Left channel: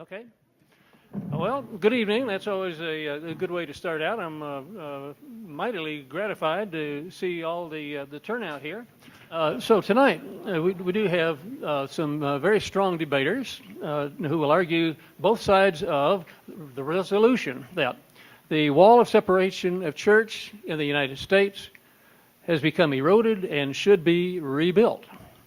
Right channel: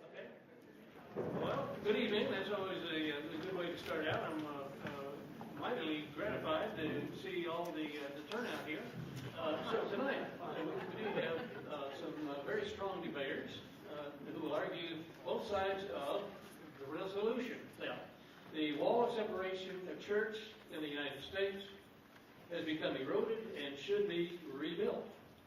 Okay. Well, good evening. That's always a good way to start out. I'm mightily gratified to see all the turnout here. So tonight we do have some very strong debaters who will argue both sides of the resolution that the wall of separation of church in the United States has become eroded and should be rebuilt.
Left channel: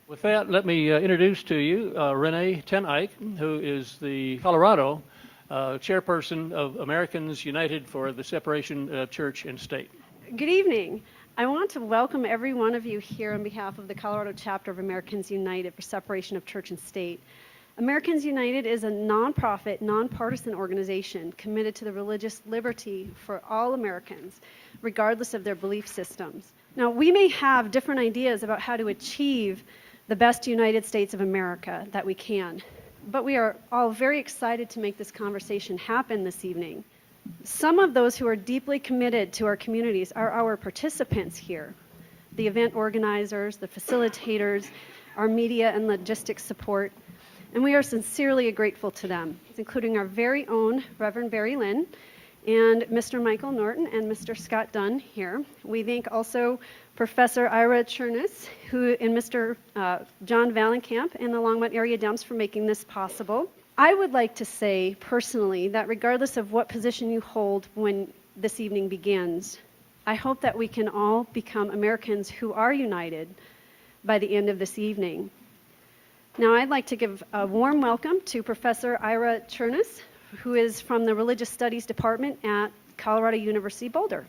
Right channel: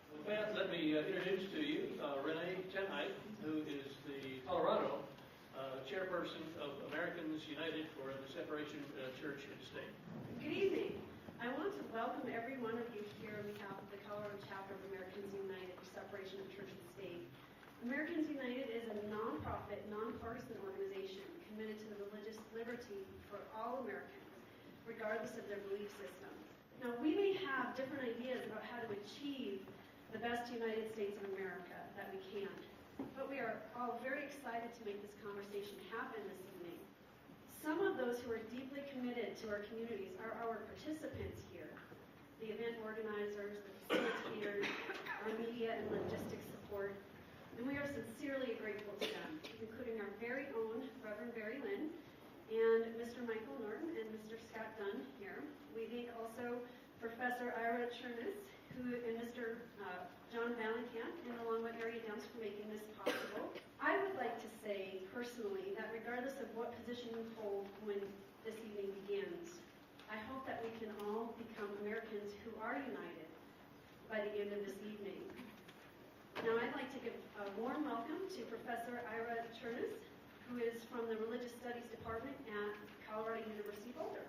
With that, let me introduce to you Renee Ten Eyck, who is the Colorado chairperson of Americans United for the Separation of Church and State. Good evening. I want to welcome every one of you here on behalf of the Colorado chapter of Americans United for Separation of Church and State. Americans United is a nonprofit, nonpartisan organization committed to the religious liberty for all Americans, regardless of their belief systems. Now, we may have different ideas about how to achieve the best United States of America that we can, but we are all very excited to make this conversation happen this evening. Some of those who are deeply committed to our communities are our participants here, the event organizers, the facilitators, our media and logistics support, and we are sincerely grateful to them, including our very own Reverend Barry Lynn and Mr. Michael Norton and Mr. Scott Dunn here. We thank also Professor Ira Chernus, and Mr. John Valenkamp and the Longmont area Dems for making this possible. I would like to say personally that regardless of what position you hold when this evening begins, I hope that we can all become Americans who are united by the end of this evening. Now I'd like to give a warm welcome to Professor Ira Chernus, who is from the Religious Studies Department at Colorado University Boulder.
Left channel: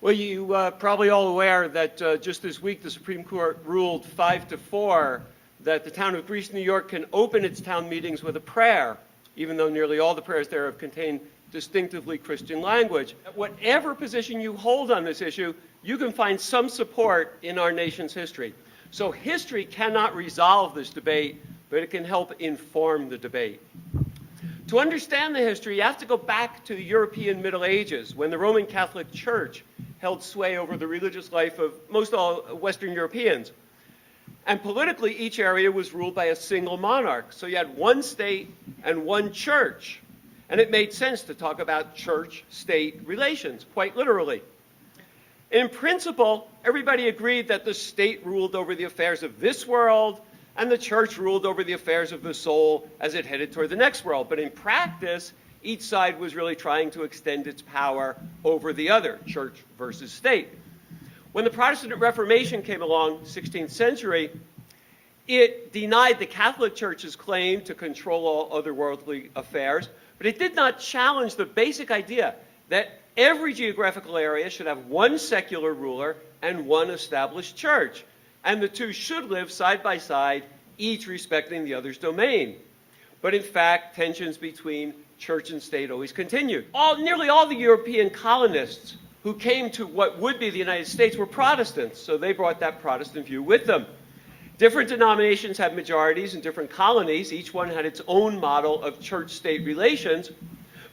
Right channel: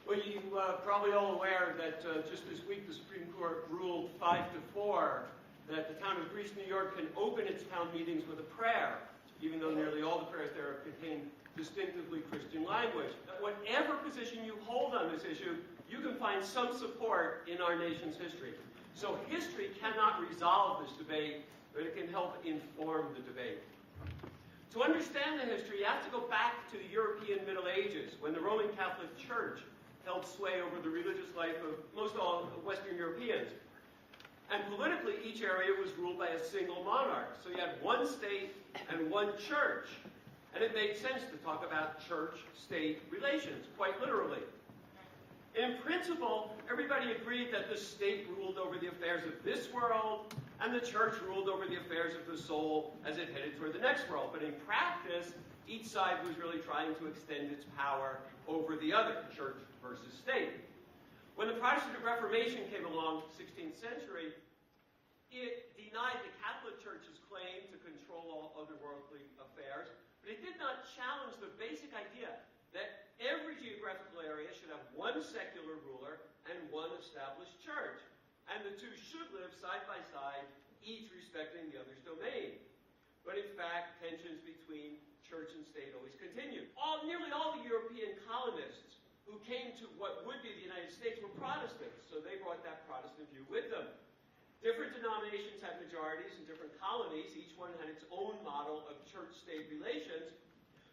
Well, you probably all aware that just this week the Supreme Court ruled 5-4 that the town of Greece, New York can open its town meetings with a prayer, even though nearly all the prayers there have contained distinctively Christian language. Whatever position you hold on this issue, you can find some support in our nation's history. So history cannot resolve this debate, but it can help inform the debate. To understand the history, you have to go back to the European Middle Ages, when the Roman Catholic Church held sway over the religious life of most all Western Europeans. And politically, each area was ruled by a single monarch. So you had one state and one church. And it made sense to talk about church-state relations, quite literally. In principle, everybody agreed that the state ruled over the affairs of this world, and the church ruled over the affairs of the soul as it headed toward the next world. But in practice, each side was really trying to extend its power over the other, church versus state. When the Protestant Reformation came along, 16th century, it denied the Catholic Church's claim to control all otherworldly affairs, but it did not challenge the basic idea that every geographical area should have one secular ruler and one established church, and the two should live side by side, each respecting the other's domain. But in fact, tensions between church and state always continued. Nearly all the European colonists who came to what would be the United States were Protestants, so they brought that Protestant view with them. Different denominations had majorities in different colonies. Each one had its own model of church-state relations,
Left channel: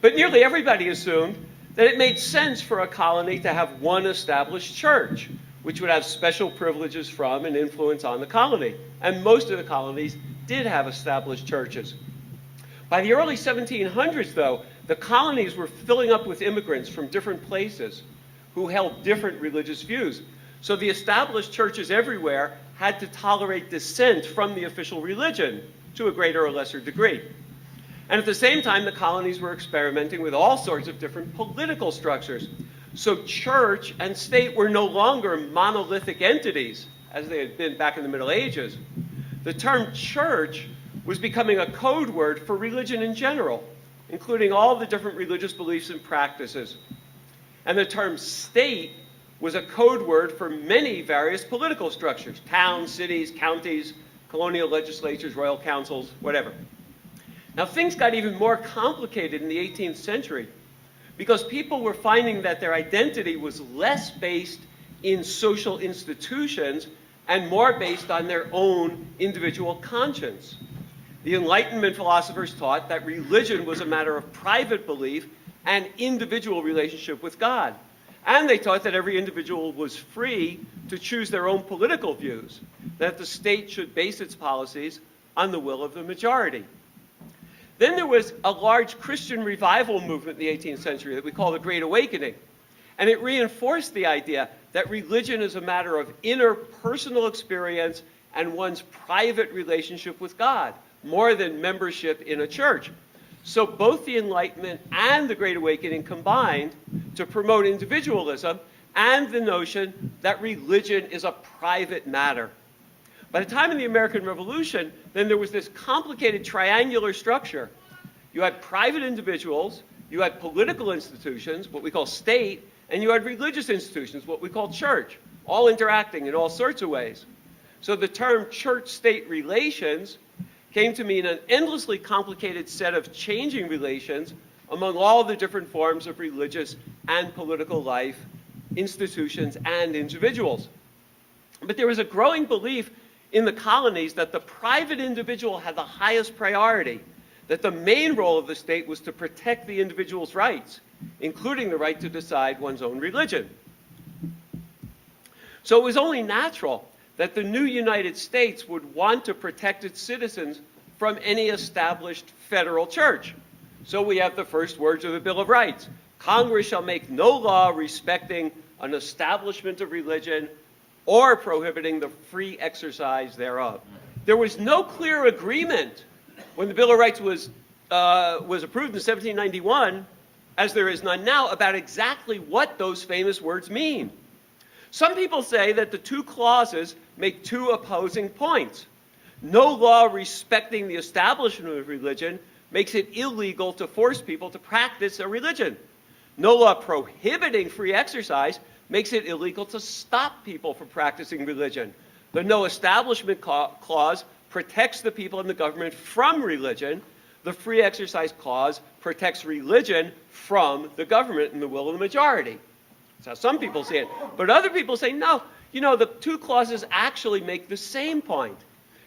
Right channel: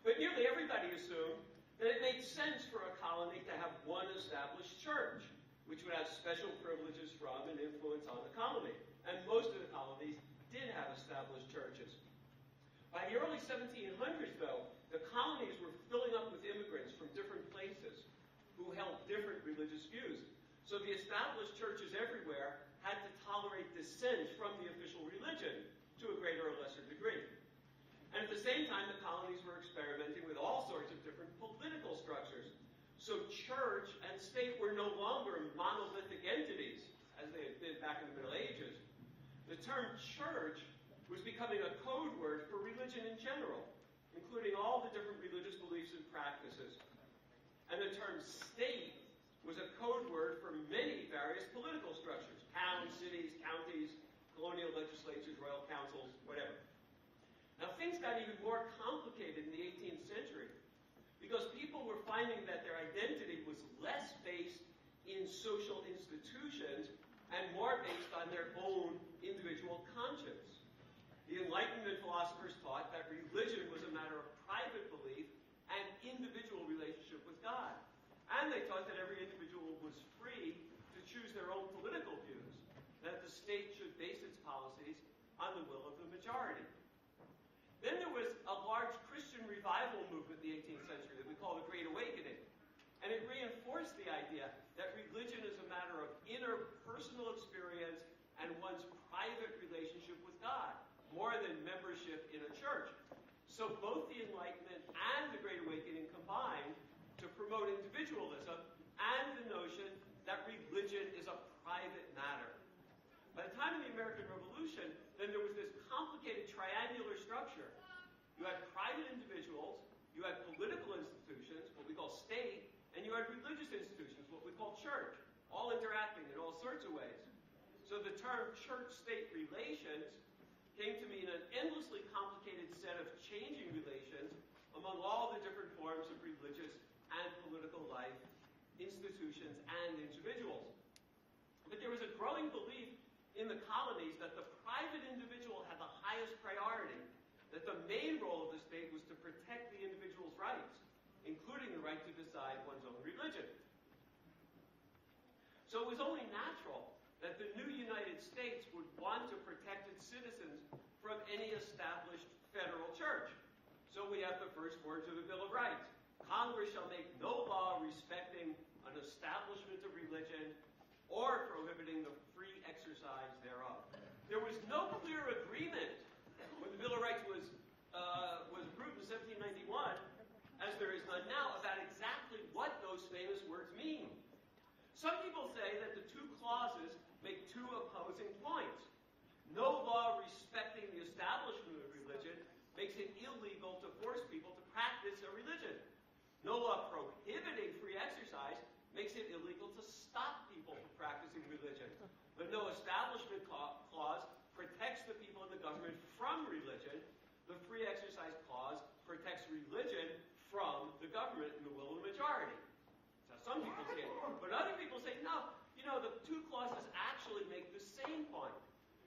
but nearly everybody assumed that it made sense for a colony to have one established church, which would have special privileges from and influence on the colony. And most of the colonies did have established churches. By the early 1700s, though, the colonies were filling up with immigrants from different places who held different religious views. So the established churches everywhere had to tolerate dissent from the official religion to a greater or lesser degree. And at the same time, the colonies were experimenting with all sorts of different political structures. So church and state were no longer monolithic entities, as they had been back in the Middle Ages. The term church was becoming a code word for religion in general, including all the different religious beliefs and practices. And the term state was a code word for many various political structures: towns, cities, counties, colonial legislatures, royal councils, whatever. Now, things got even more complicated in the 18th century because people were finding that their identity was less based in social institutions and more based on their own individual conscience. The Enlightenment philosophers taught that religion was a matter of private belief and individual relationship with God. And they taught that every individual was free to choose their own political views, that the state should base its policies on the will of the majority. Then there was a large Christian revival movement in the 18th century that we call the Great Awakening. And it reinforced the idea that religion is a matter of inner personal experience and one's private relationship with God, more than membership in a church. So both the Enlightenment and the Great Awakening combined to promote individualism and the notion that religion is a private matter. By the time of the American Revolution, then there was this complicated triangular structure. You had private individuals, you had political institutions, what we call state, and you had religious institutions, what we call church, all interacting in all sorts of ways. So the term church-state relations came to mean an endlessly complicated set of changing relations among all the different forms of religious and political life, institutions, and individuals. But there was a growing belief in the colonies that the private individual had the highest priority, that the main role of the state was to protect the individual's rights, including the right to decide one's own religion. So it was only natural that the new United States would want to protect its citizens from any established federal church. So we have the first words of the Bill of Rights. Congress shall make no law respecting an establishment of religion or prohibiting the free exercise thereof. There was no clear agreement when the Bill of Rights was approved in 1791, as there is none now, about exactly what those famous words mean. Some people say that the two clauses make two opposing points. No law respecting the establishment of religion makes it illegal to force people to practice a religion. No law prohibiting free exercise makes it illegal to stop people from practicing religion. The no establishment clause protects the people and the government from religion. The free exercise clause protects religion from the government and the will of the majority. That's how some people see it. But other people say, no, the two clauses actually make the same point.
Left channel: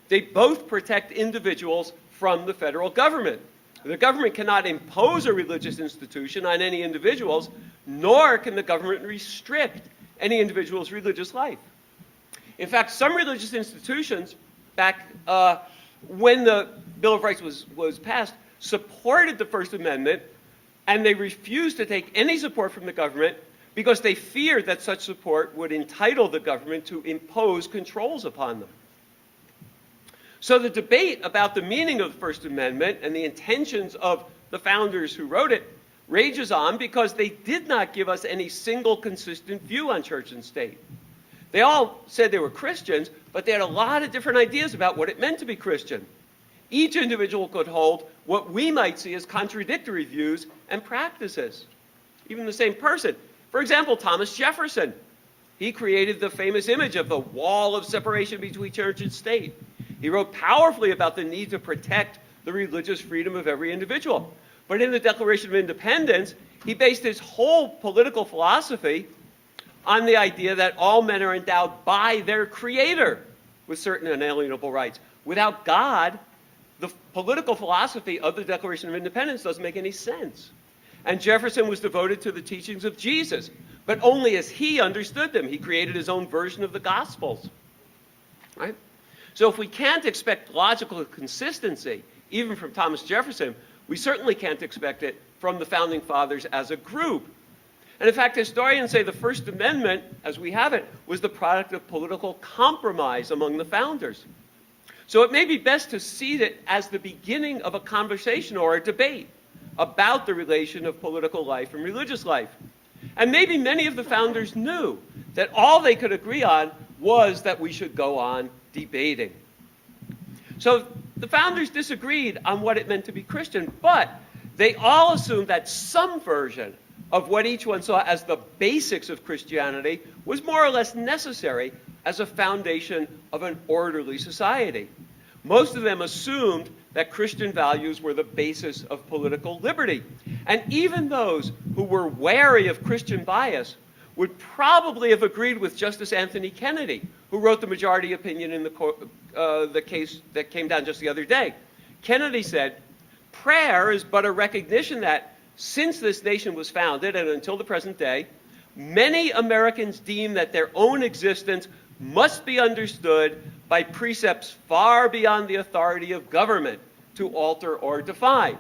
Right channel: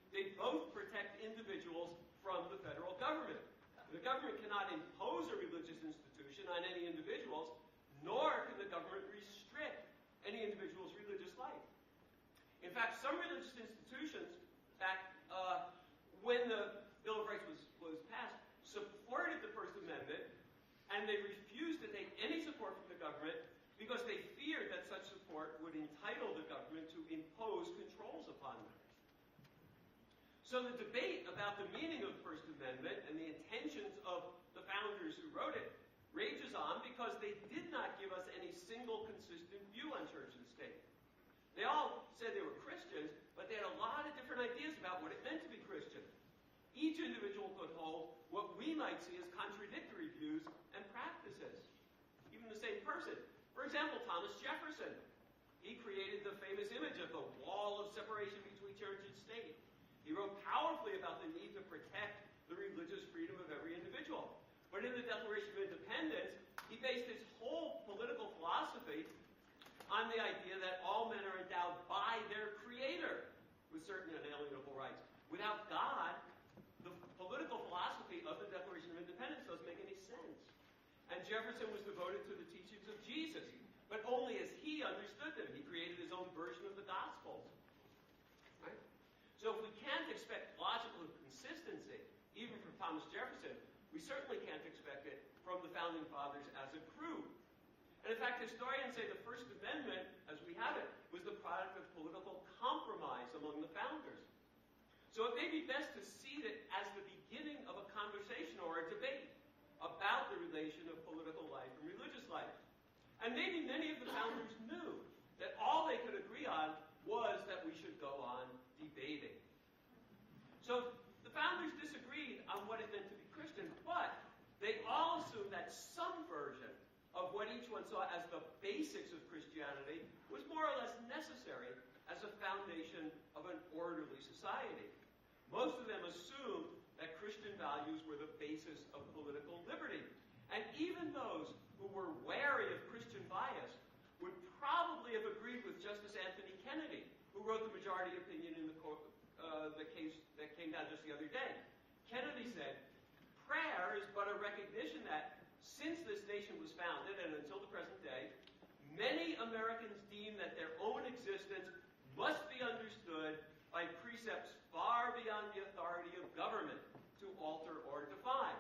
They both protect individuals from the federal government. The government cannot impose a religious institution on any individuals, nor can the government restrict any individual's religious life. In fact, some religious institutions, back when the Bill of Rights was passed, supported the First Amendment, and they refused to take any support from the government because they feared that such support would entitle the government to impose controls upon them. So the debate about the meaning of the First Amendment and the intentions of the founders who wrote it rages on because they did not give us any single consistent view on church and state. They all said they were Christians, but they had a lot of different ideas about what it meant to be Christian. Each individual could hold what we might see as contradictory views and practices, even the same person. For example, Thomas Jefferson. He created the famous image of the wall of separation between church and state. He wrote powerfully about the need to protect the religious freedom of every individual. But in the Declaration of Independence, he based his whole political philosophy on the idea that all men are endowed by their Creator with certain inalienable rights. Without God, the political philosophy of the Declaration of Independence doesn't make any sense. And Jefferson was devoted to the teachings of Jesus, but only as he understood them. He created his own version of the Gospels. Right? So if we can't expect logical consistency, even from Thomas Jefferson, we certainly can't expect it from the Founding Fathers as a group. And in fact, historians say the First Amendment, as we have it, was the product of political compromise among the founders. So it may be best to see it as the beginning of a conversation or a debate about the relation of political life and religious life. And maybe many of the founders knew that all they could agree on was that we should go on debating. So the founders disagreed on what it meant to be Christian, but they all assumed that some version of what each one saw as the basics of Christianity was more or less necessary as a foundation of an orderly society. Most of them assumed that Christian values were the basis of political liberty. And even those who were wary of Christian bias would probably have agreed with Justice Anthony Kennedy, who wrote the majority opinion in the case that came down just the other day. Kennedy said, prayer is but a recognition that since this nation was founded and until the present day, many Americans deem that their own existence must be understood by precepts far beyond the authority of government, to alter or define.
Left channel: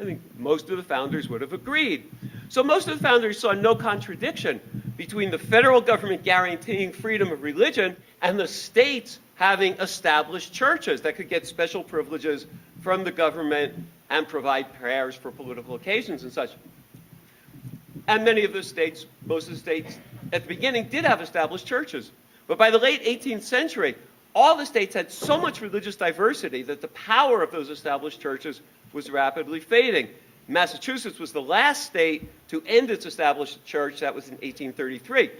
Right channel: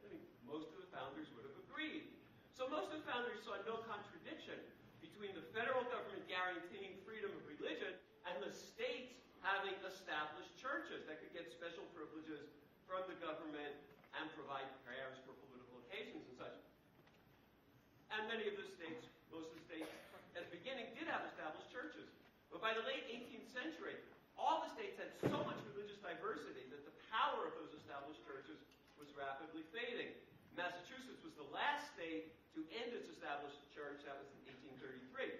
I think most of the founders would have agreed. So most of the founders saw no contradiction between the federal government guaranteeing freedom of religion and the states having established churches that could get special privileges from the government and provide prayers for political occasions and such. And many of the states, most of the states at the beginning did have established churches. But by the late 18th century, all the states had so much religious diversity that the power of those established churches was rapidly fading. Massachusetts was the last state to end its established church. That was in 1833.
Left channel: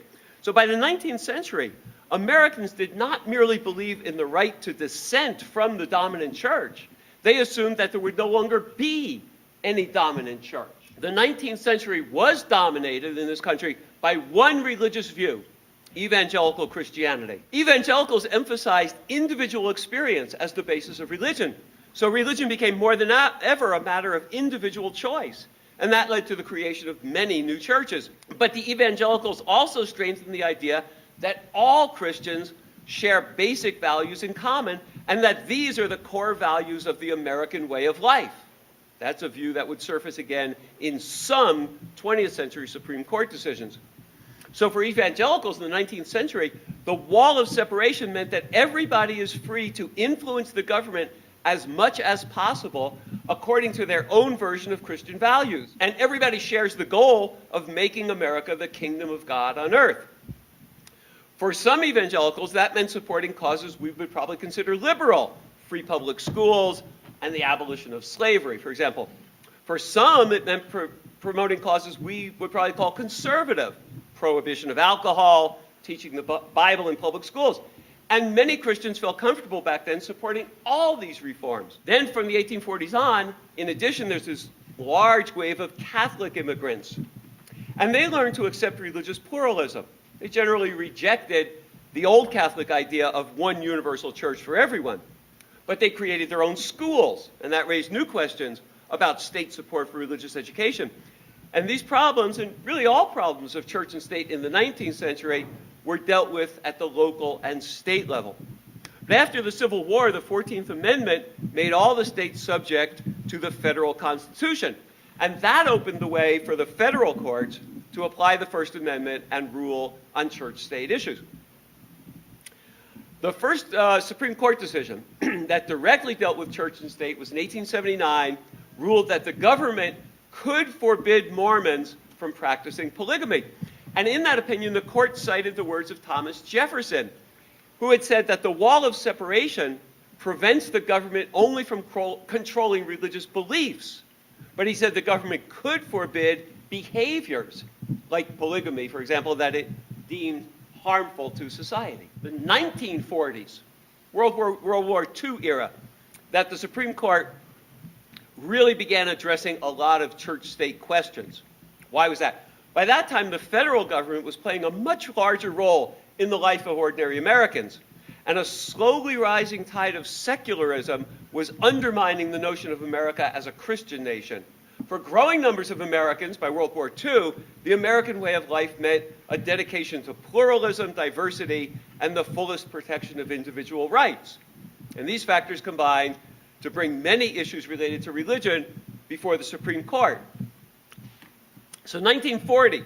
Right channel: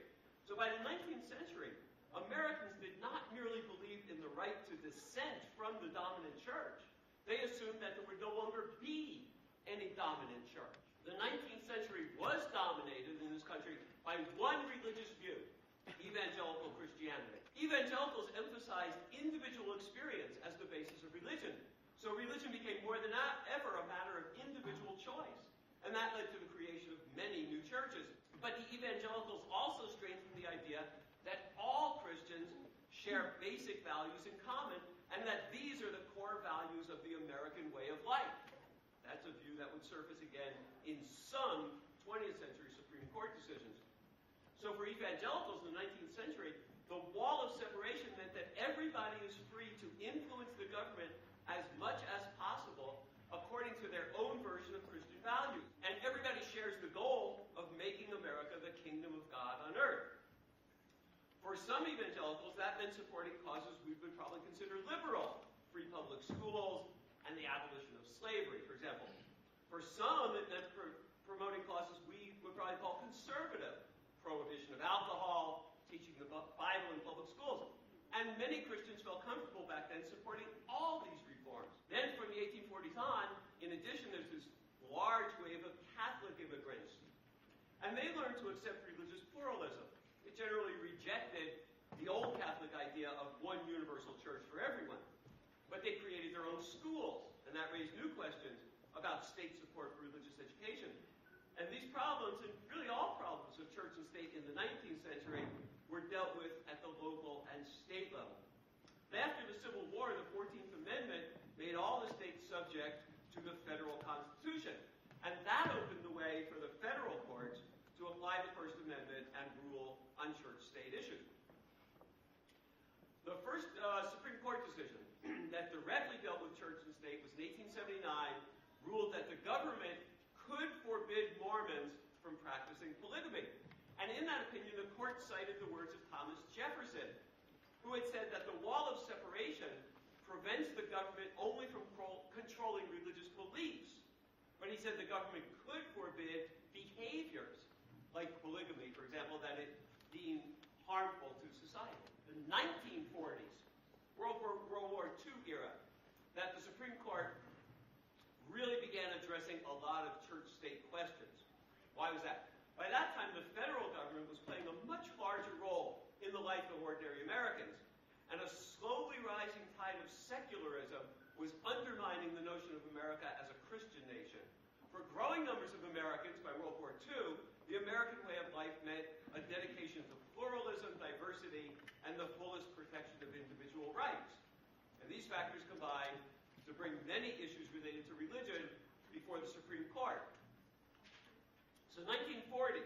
So by the 19th century, Americans did not merely believe in the right to dissent from the dominant church. They assumed that there would no longer be any dominant church. The 19th century was dominated in this country by one religious view: evangelical Christianity. Evangelicals emphasized individual experience as the basis of religion. So religion became more than ever a matter of individual choice. And that led to the creation of many new churches. But the evangelicals also strengthened the idea that all Christians share basic values in common, and that these are the core values of the American way of life. That's a view that would surface again in some 20th century Supreme Court decisions. So for evangelicals in the 19th century, the wall of separation meant that everybody is free to influence the government as much as possible according to their own version of Christian values. And everybody shares the goal of making America the kingdom of God on earth. For some evangelicals, that meant supporting causes we would probably consider liberal: free public schools and the abolition of slavery, for example. For some, it meant promoting causes we would probably call conservative: prohibition of alcohol, teaching the Bible in public schools. And many Christians felt comfortable back then supporting all these reforms. Then from the 1840s on, in addition, there's this large wave of Catholic immigrants. And they learned to accept religious pluralism. They generally rejected the old Catholic idea of one universal church for everyone. But they created their own schools, and that raised new questions about state support for religious education. And these problems, and really all problems of church and state in the 19th century, were dealt with at the local and state level. But after the Civil War, the 14th Amendment made all the states subject to the federal Constitution. And that opened the way for the federal courts to apply the First Amendment and rule on church-state issues. The first Supreme Court decision that directly dealt with church and state was in 1879, ruled that the government could forbid Mormons from practicing polygamy. And in that opinion, the court cited the words of Thomas Jefferson, who had said that the wall of separation prevents the government only from controlling religious beliefs. But he said the government could forbid behaviors, like polygamy, for example, that it deemed harmful to society. The 1940s, World War II era, that the Supreme Court really began addressing a lot of church-state questions. Why was that? By that time, the federal government was playing a much larger role in the life of ordinary Americans, and a slowly rising tide of secularism was undermining the notion of America as a Christian nation. For growing numbers of Americans by World War II, the American way of life meant a dedication to pluralism, diversity, and the fullest protection of individual rights. And these factors combined to bring many issues related to religion before the Supreme Court. So 1940,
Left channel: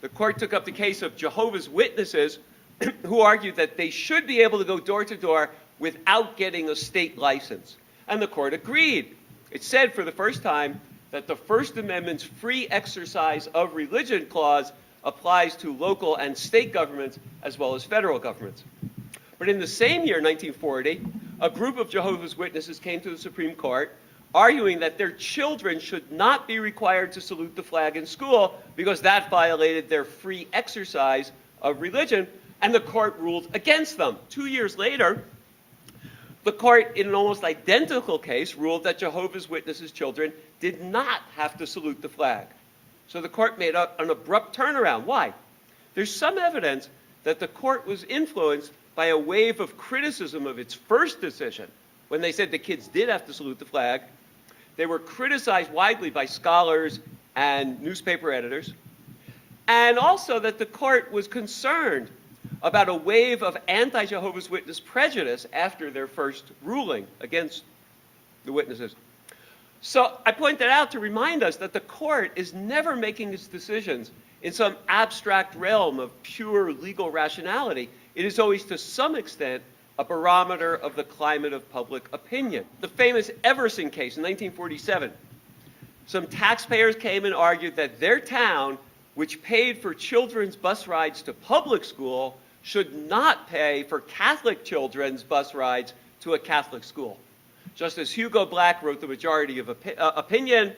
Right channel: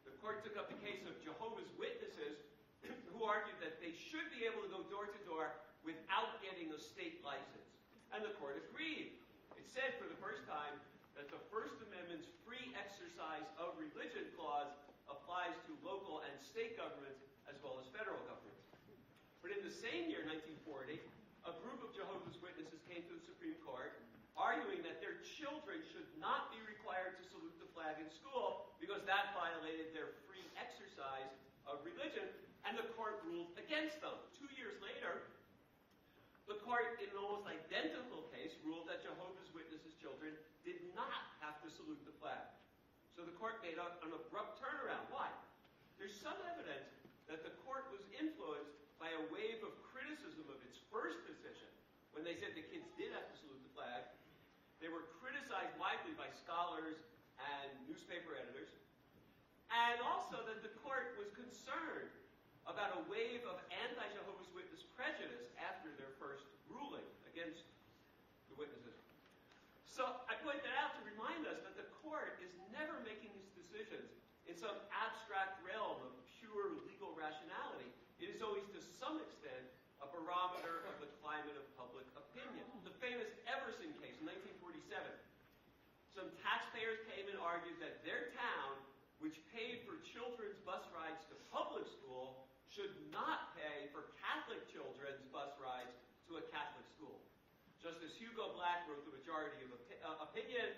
the court took up the case of Jehovah's Witnesses who argued that they should be able to go door to door without getting a state license. And the court agreed. It said for the first time that the First Amendment's free exercise of religion clause applies to local and state governments as well as federal governments. But in the same year, 1940, a group of Jehovah's Witnesses came to the Supreme Court arguing that their children should not be required to salute the flag in school because that violated their free exercise of religion, and the court ruled against them. 2 years later, the court, in an almost identical case, ruled that Jehovah's Witnesses' children did not have to salute the flag. So the court made an abrupt turnaround. Why? There's some evidence that the court was influenced by a wave of criticism of its first decision. When they said the kids did have to salute the flag, they were criticized widely by scholars and newspaper editors, and also that the court was concerned about a wave of anti-Jehovah's Witness prejudice after their first ruling against the witnesses. So I point that out to remind us that the court is never making its decisions in some abstract realm of pure legal rationality. It is always, to some extent, a barometer of the climate of public opinion. The famous Everson case in 1947. Some taxpayers came and argued that their town, which paid for children's bus rides to public school, should not pay for Catholic children's bus rides to a Catholic school. Justice Hugo Black wrote the majority of opinion,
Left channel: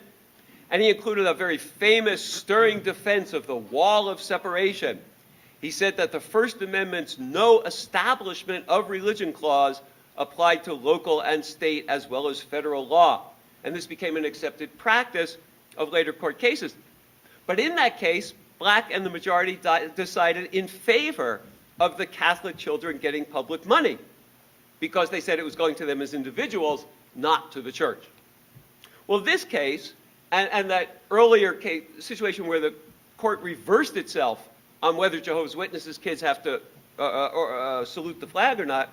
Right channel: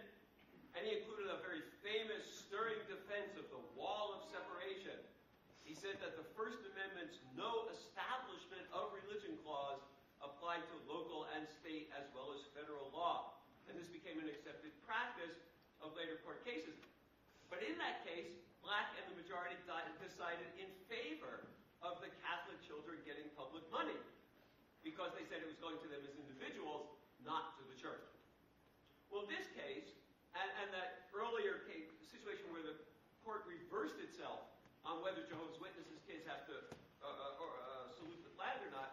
and he included a very famous, stirring defense of the wall of separation. He said that the First Amendment's no establishment of religion clause applied to local and state as well as federal law. And this became an accepted practice of later court cases. But in that case, Black and the majority decided in favor of the Catholic children getting public money, because they said it was going to them as individuals, not to the church. Well, this case, and that earlier case, situation where the court reversed itself on whether Jehovah's Witnesses kids have to salute the flag or not,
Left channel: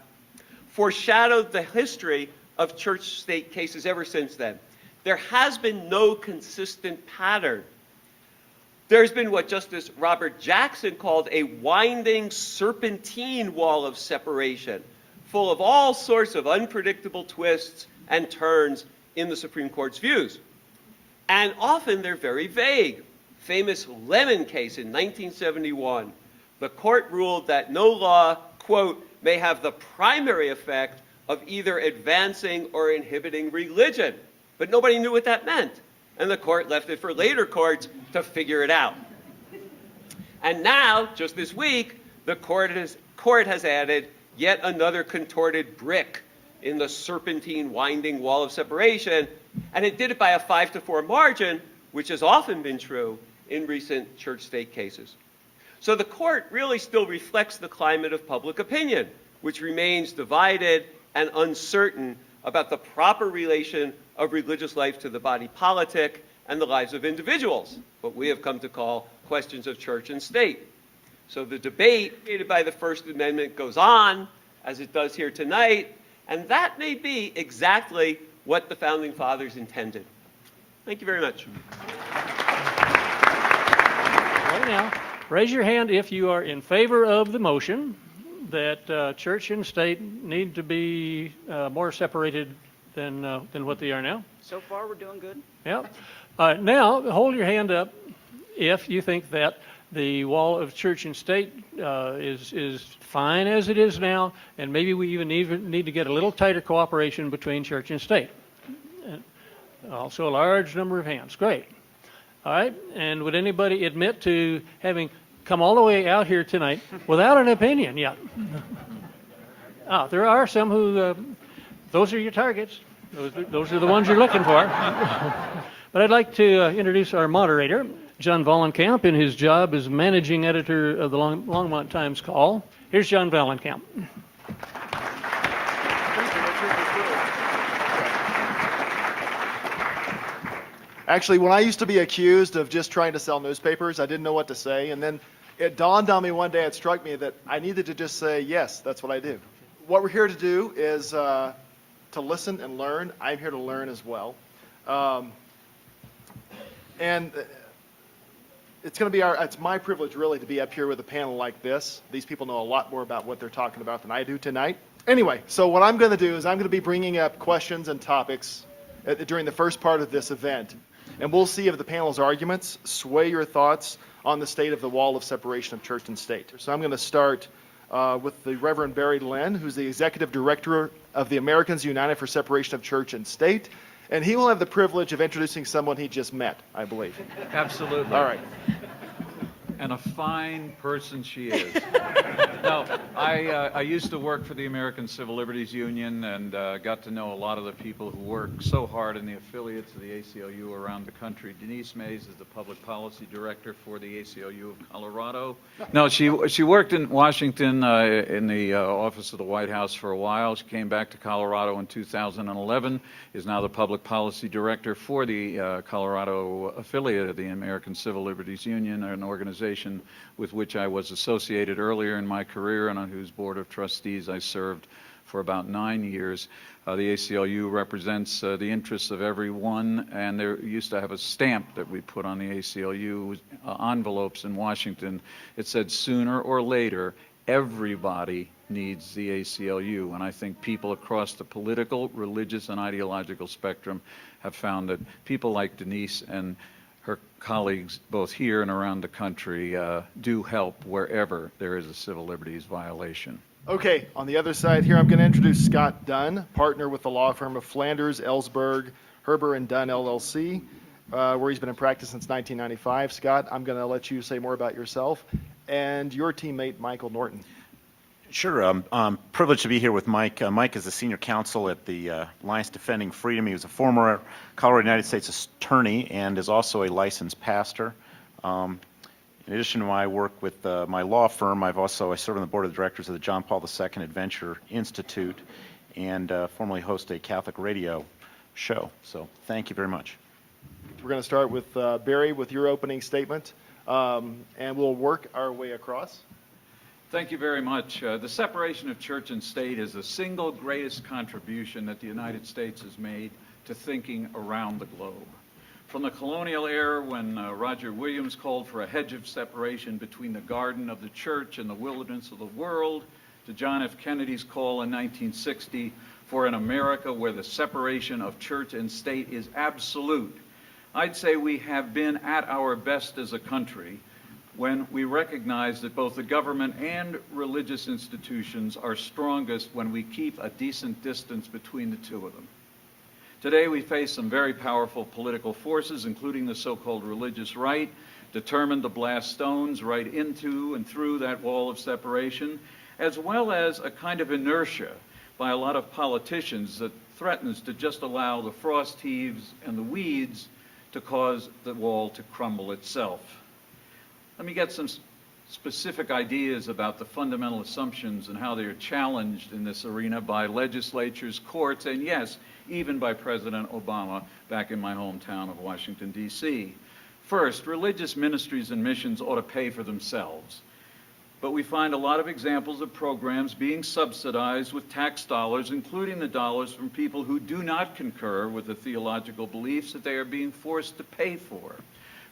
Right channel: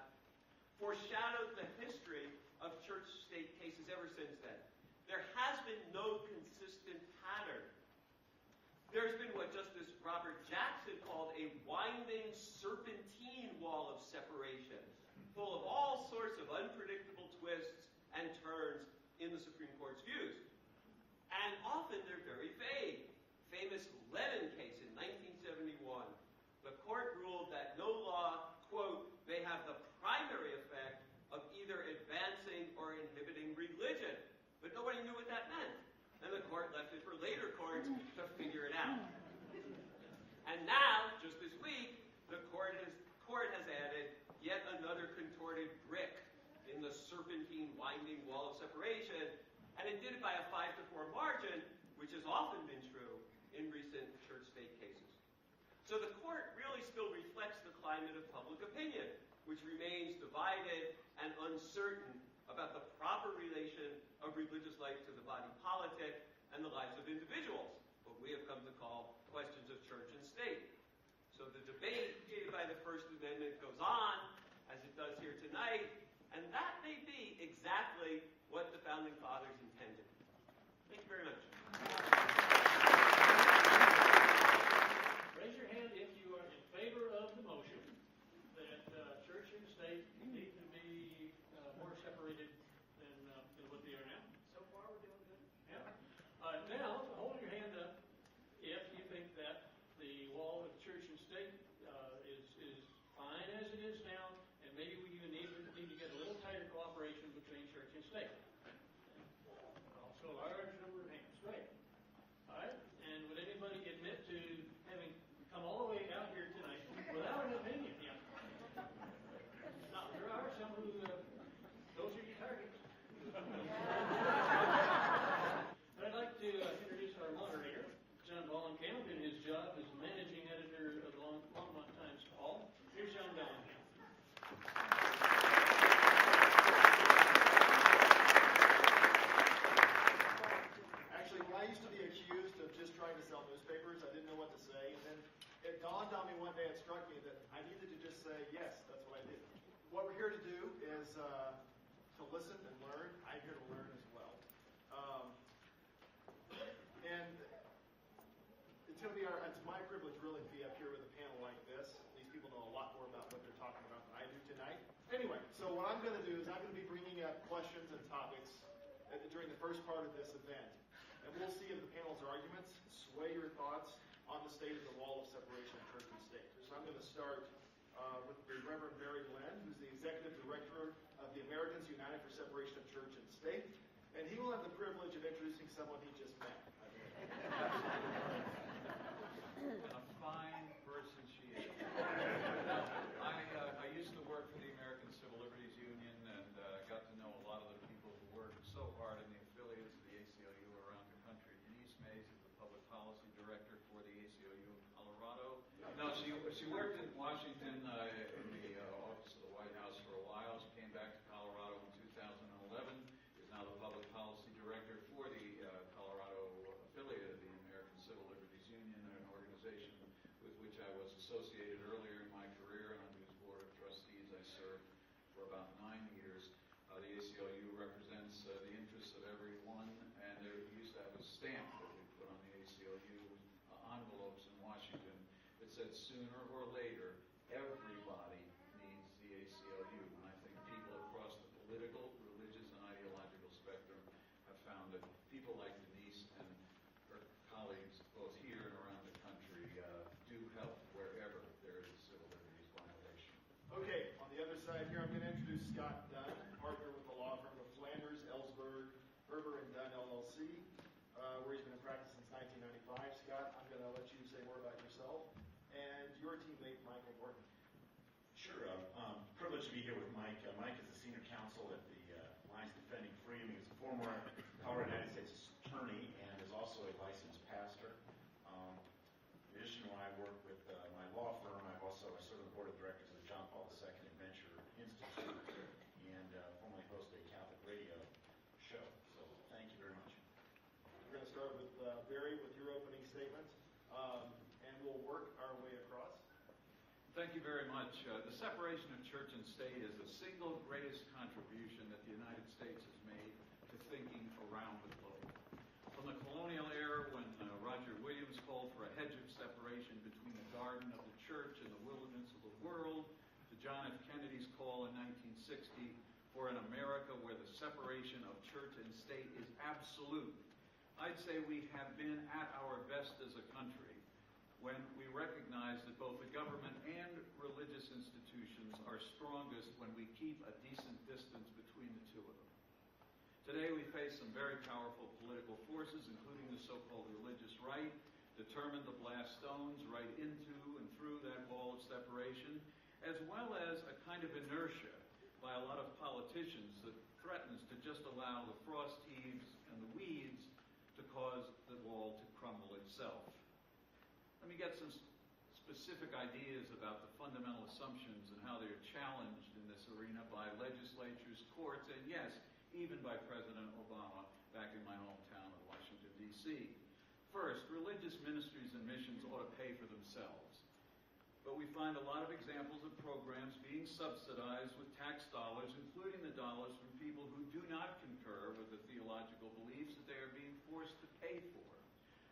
foreshadowed the history of church-state cases ever since then. There has been no consistent pattern. There's been what Justice Robert Jackson called a winding serpentine wall of separation, full of all sorts of unpredictable twists and turns in the Supreme Court's views. And often they're very vague. Famous Lemon case in 1971. The court ruled that no law, quote, may have the primary effect of either advancing or inhibiting religion. But nobody knew what that meant. And the court left it for later courts to figure it out. And now, just this week, the court has added yet another contorted brick in the serpentine winding wall of separation, and it did it by a 5-4 margin, which has often been true in recent church-state cases. So the court really still reflects the climate of public opinion, which remains divided and uncertain about the proper relation of religious life to the body politic and the lives of individuals, what we have come to call questions of church and state. So the debate created by the First Amendment goes on, as it does here tonight, and that may be exactly what the Founding Fathers intended. Thank you very much. Right now, raise your hand if you are in favor of the motion that church and state need to be more separated than what they are now. So far, we're doing good. Yeah. Now, hold your hand up if you think that the wall of church and state is fine as it is now, and maybe we even need to get a little tighter cooperation between church and state. And also a large number of hands. Great. All right. And would anybody admit to having come all the way out here tonight without an opinion yet? There are some who, those are your targets. Those are the ones you're looking for. But I'd like to introduce our moderator, John Vollenkamp, in his job as managing editor of the Longmont Times Call. Here's John Vollenkamp. Actually, when I used to be accused of just trying to sell newspapers, I didn't know what to say. And then it dawned on me one day, it struck me that I needed to just say, yes, that's what I do. What we're here to do is to listen and learn. I'm here to learn as well. And it's going to be it's my privilege really to be up here with a panel like this. These people know a lot more about what they're talking about than I do tonight. Anyway, so what I'm going to do is I'm going to be bringing up questions and topics during the first part of this event. And we'll see if the panel's arguments sway your thoughts on the state of the wall of separation of church and state. So I'm going to start with the Reverend Barry Lynn, who's the Executive Director of the Americans United for Separation of Church and State. And he will have the privilege of introducing someone he just met, I believe. Absolutely. All right. And a fine person she is. No, I used to work for the American Civil Liberties Union and got to know a lot of the people who work so hard in the affiliates of the ACLU around the country. Denise Mays is the public policy director for the ACLU of Colorado. No, she worked in Washington in the office of the White House for a while. She came back to Colorado in 2011, is now the public policy director for the Colorado affiliate of the American Civil Liberties Union, an organization with which I was associated earlier in my career and on whose board of trustees I served for about 9 years. The ACLU represents the interests of everyone, and there used to have a stamp that we put on the ACLU envelopes in Washington. It said, sooner or later, everybody needs the ACLU. And I think people across the political, religious, and ideological spectrum have found that people like Denise and her colleagues, both here and around the country, do help wherever there is a civil liberties violation. Okay, on the other side here, I'm going to introduce Scott Dunn, partner with the law firm of Flanders, Ellsberg, Herber and Dunn LLC, where he's been in practice since 1995. Scott, I'm going to let you say more about yourself and your teammate, Michael Norton. Sure. I'm privileged to be here with Mike. Mike is the senior counsel at the Alliance Defending Freedom. He was a former Colorado United States attorney and is also a licensed pastor. In addition to my work with my law firm, I serve on the board of directors of the John Paul II Adventure Institute and formerly host a Catholic radio show. So thank you very much. We're going to start with Barry with your opening statement, and we'll work our way across. Thank you very much. The separation of church and state is the single greatest contribution that the United States has made to thinking around the globe. From the colonial era, when Roger Williams called for a hedge of separation between the garden of the church and the wilderness of the world, to John F. Kennedy's call in 1960 for an America where the separation of church and state is absolute, I'd say we have been at our best as a country when we recognize that both the government and religious institutions are strongest when we keep a decent distance between the two of them. Today we face some very powerful political forces, including the so-called religious right, determined to blast stones right into and through that wall of separation, as well as a kind of inertia by a lot of politicians that threatens to just allow the frost heaves and the weeds to cause the wall to crumble itself. Let me get some specific ideas about the fundamental assumptions and how they are challenged in this arena by legislatures, courts, and yes, even by President Obama back in my hometown of Washington, D.C. First, religious ministries and missions ought to pay for themselves. But we find a lot of examples of programs being subsidized with tax dollars, including the dollars from people who do not concur with the theological beliefs that they are being forced to pay for.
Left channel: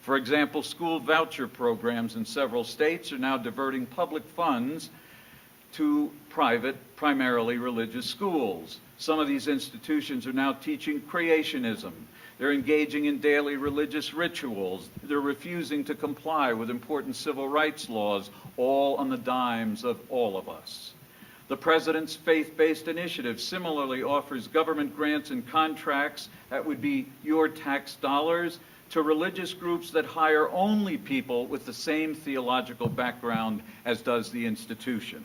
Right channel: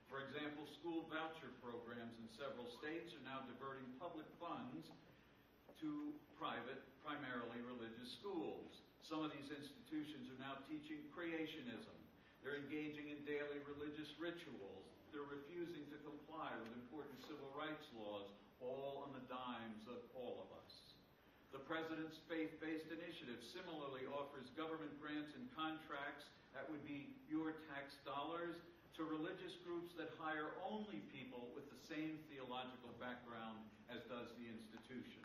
For example, school voucher programs in several states are now diverting public funds to private, primarily religious schools. Some of these institutions are now teaching creationism. They're engaging in daily religious rituals. They're refusing to comply with important civil rights laws, all on the dimes of all of us. The President's faith-based initiative similarly offers government grants and contracts that would be your tax dollars to religious groups that hire only people with the same theological background as does the institution.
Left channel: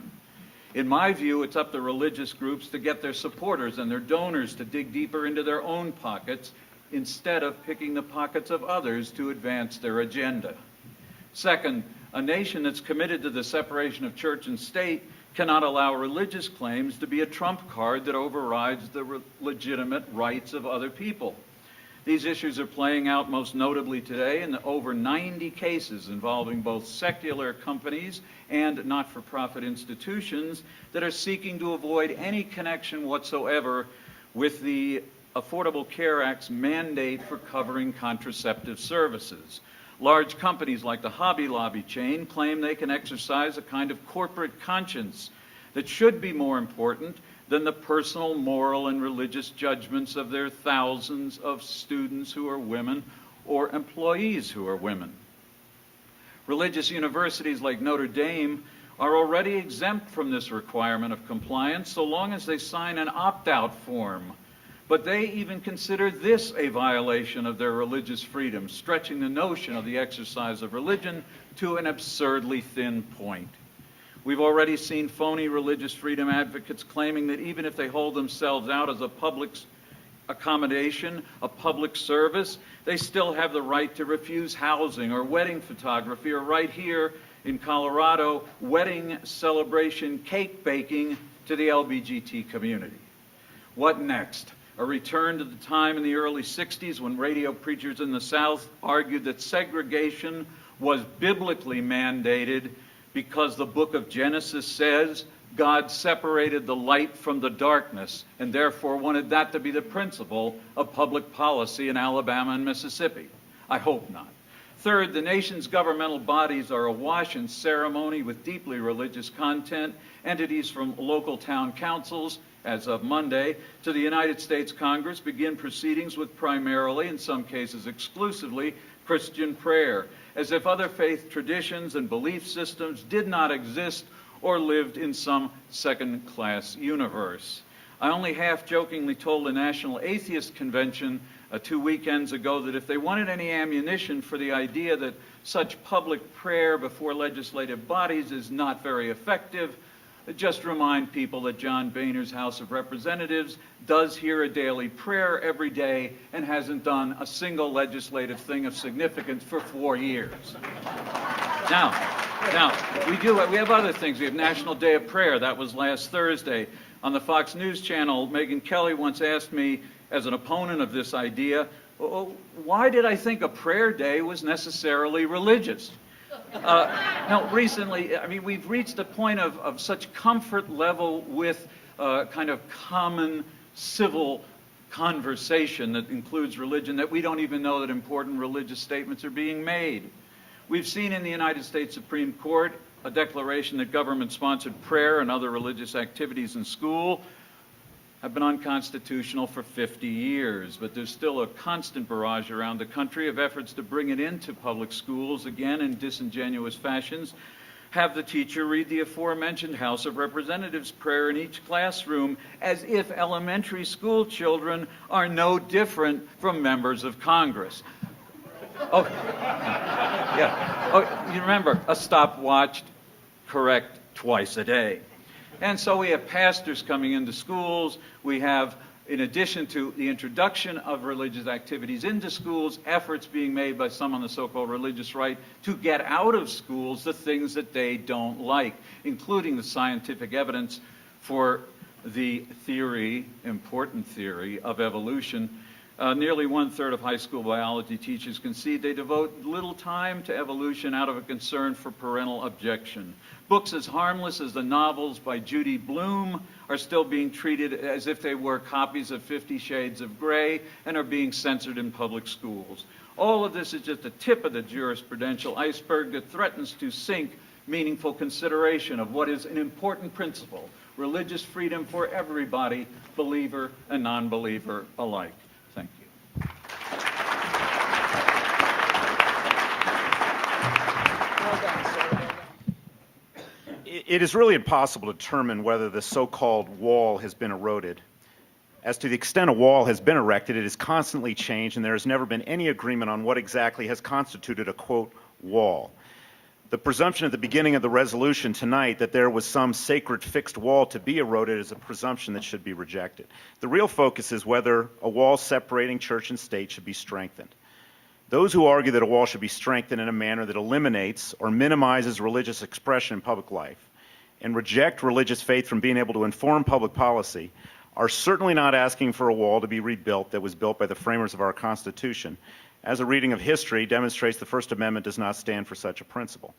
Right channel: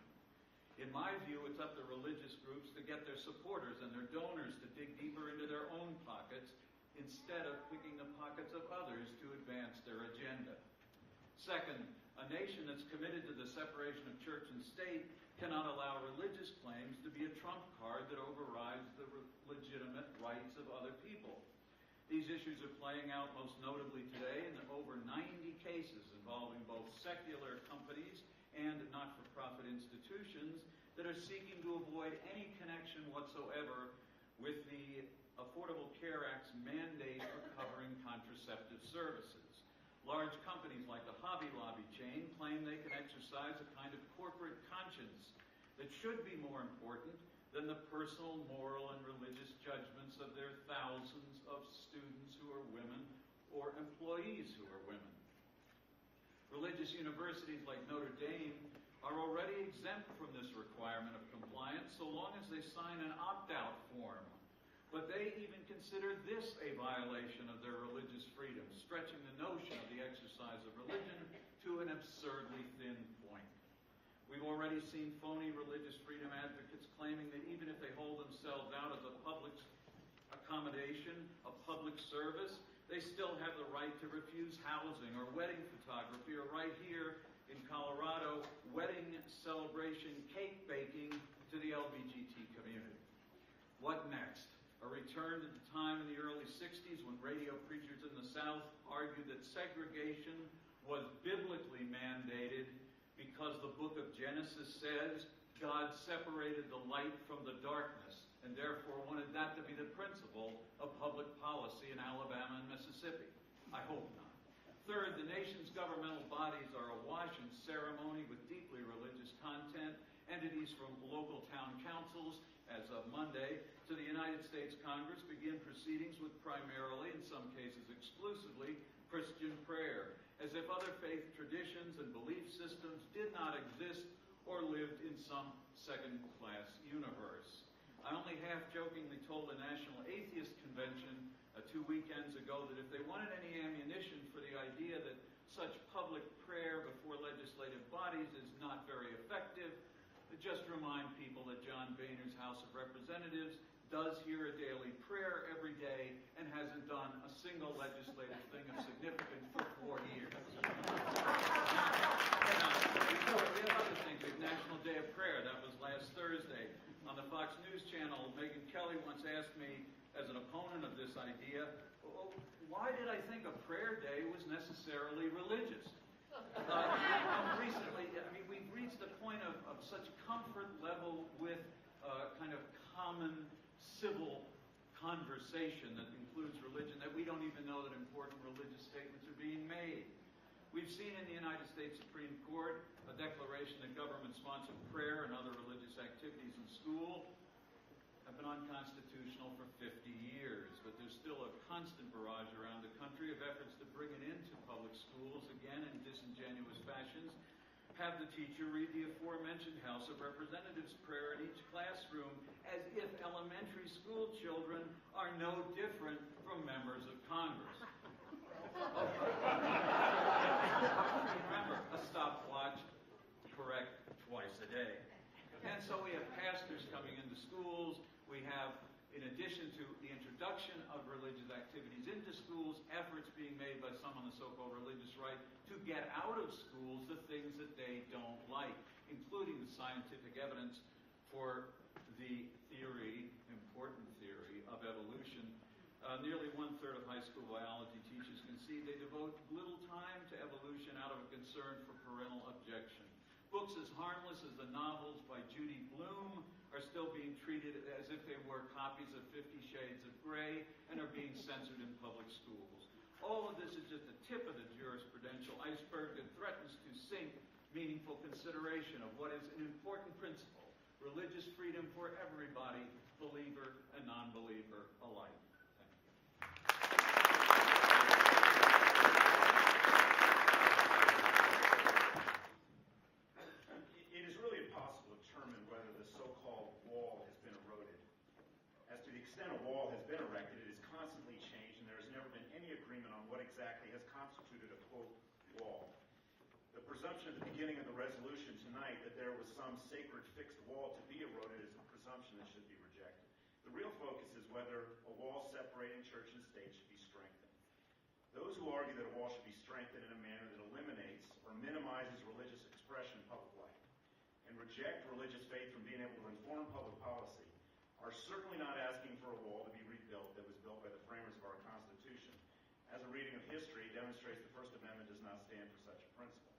In my view, it's up to religious groups to get their supporters and their donors to dig deeper into their own pockets instead of picking the pockets of others to advance their agenda. Second, a nation that's committed to the separation of church and state cannot allow religious claims to be a trump card that overrides the legitimate rights of other people. These issues are playing out most notably today in the over 90 cases involving both secular companies and not-for-profit institutions that are seeking to avoid any connection whatsoever with the Affordable Care Act's mandate for covering contraceptive services. Large companies like the Hobby Lobby chain claim they can exercise a kind of corporate conscience that should be more important than the personal, moral, and religious judgments of their thousands of students who are women or employees who are women. Religious universities like Notre Dame are already exempt from this requirement of compliance so long as they sign an opt-out form. But they even consider this a violation of their religious freedom, stretching the notion of the exercise of religion to an absurdly thin point. We've already seen phony religious freedom advocates claiming that even if they hold themselves out as a public accommodation, a public service, they still have the right to refuse housing or wedding photography, or right here in Colorado, wedding celebration cake baking to the LBGT community. What next? A return to the time in the early 60s when radio preachers in the South argued that segregation was biblically mandated because the book of Genesis says, God separated the light from the darkness and therefore wanted that to be the principle of public policy in Alabama and Mississippi? I hope not. Third, the nation's governmental bodies are awash in ceremony with deeply religious content. Entities from local town councils, as of Monday, to the United States Congress begin proceedings with primarily, in some cases exclusively, Christian prayer, as if other faith traditions and belief systems did not exist or lived in some second-class universe. I only half-jokingly told the National Atheist Convention 2 weekends ago that if they wanted any ammunition for the idea that such public prayer before legislative bodies is not very effective, just remind people that John Boehner's House of Representatives does hear a daily prayer every day and hasn't done a single legislative thing of significance for 4 years. Now, we have other things. We have National Day of Prayer. That was last Thursday. On the Fox News channel, Megyn Kelly once asked me, as an opponent of this idea, why did I think a prayer day was necessarily religious? No, recently, I mean, we've reached a point of such comfort level with kind of common civil conversation that includes religion that we don't even know that important religious statements are being made. We've seen in the United States Supreme Court a declaration that government-sponsored prayer and other religious activities in school have been unconstitutional for 50 years, but there's still a constant barrage around the country of efforts to bring it into public schools, again in disingenuous fashions. Have the teacher read the aforementioned House of Representatives prayer in each classroom as if elementary school children are no different from members of Congress. Oh, yeah. Oh, you remember, a stopwatch, correct twice a day. And so we have pastors coming into schools. We have, in addition to the introduction of religious activities into schools, efforts being made by some on the so-called religious right to get out of schools the things that they don't like, including the scientific evidence for the theory, important theory, of evolution. Nearly 1/3 of high school biology teachers concede they devote little time to evolution out of a concern for parental objection. Books as harmless as the novels by Judy Blume are still being treated as if they were copies of 50 Shades of Grey and are being censored in public schools. All of this is just the tip of the jurisprudential iceberg that threatens to sink meaningful consideration of what is an important principle: religious freedom for everybody, believer and non-believer alike. Thank you. It is really impossible to determine whether the so-called wall has been eroded. As to the extent a wall has been erected, it has constantly changed, and there has never been any agreement on what exactly has constituted a, quote, wall. The presumption at the beginning of the resolution tonight that there was some sacred fixed wall to be eroded is a presumption that should be rejected. The real focus is whether a wall separating church and state should be strengthened. Those who argue that a wall should be strengthened in a manner that eliminates or minimizes religious expression in public life and reject religious faith from being able to inform public policy are certainly not asking for a wall to be rebuilt that was built by the framers of our Constitution. As a reading of history demonstrates, the First Amendment does not stand for such a principle.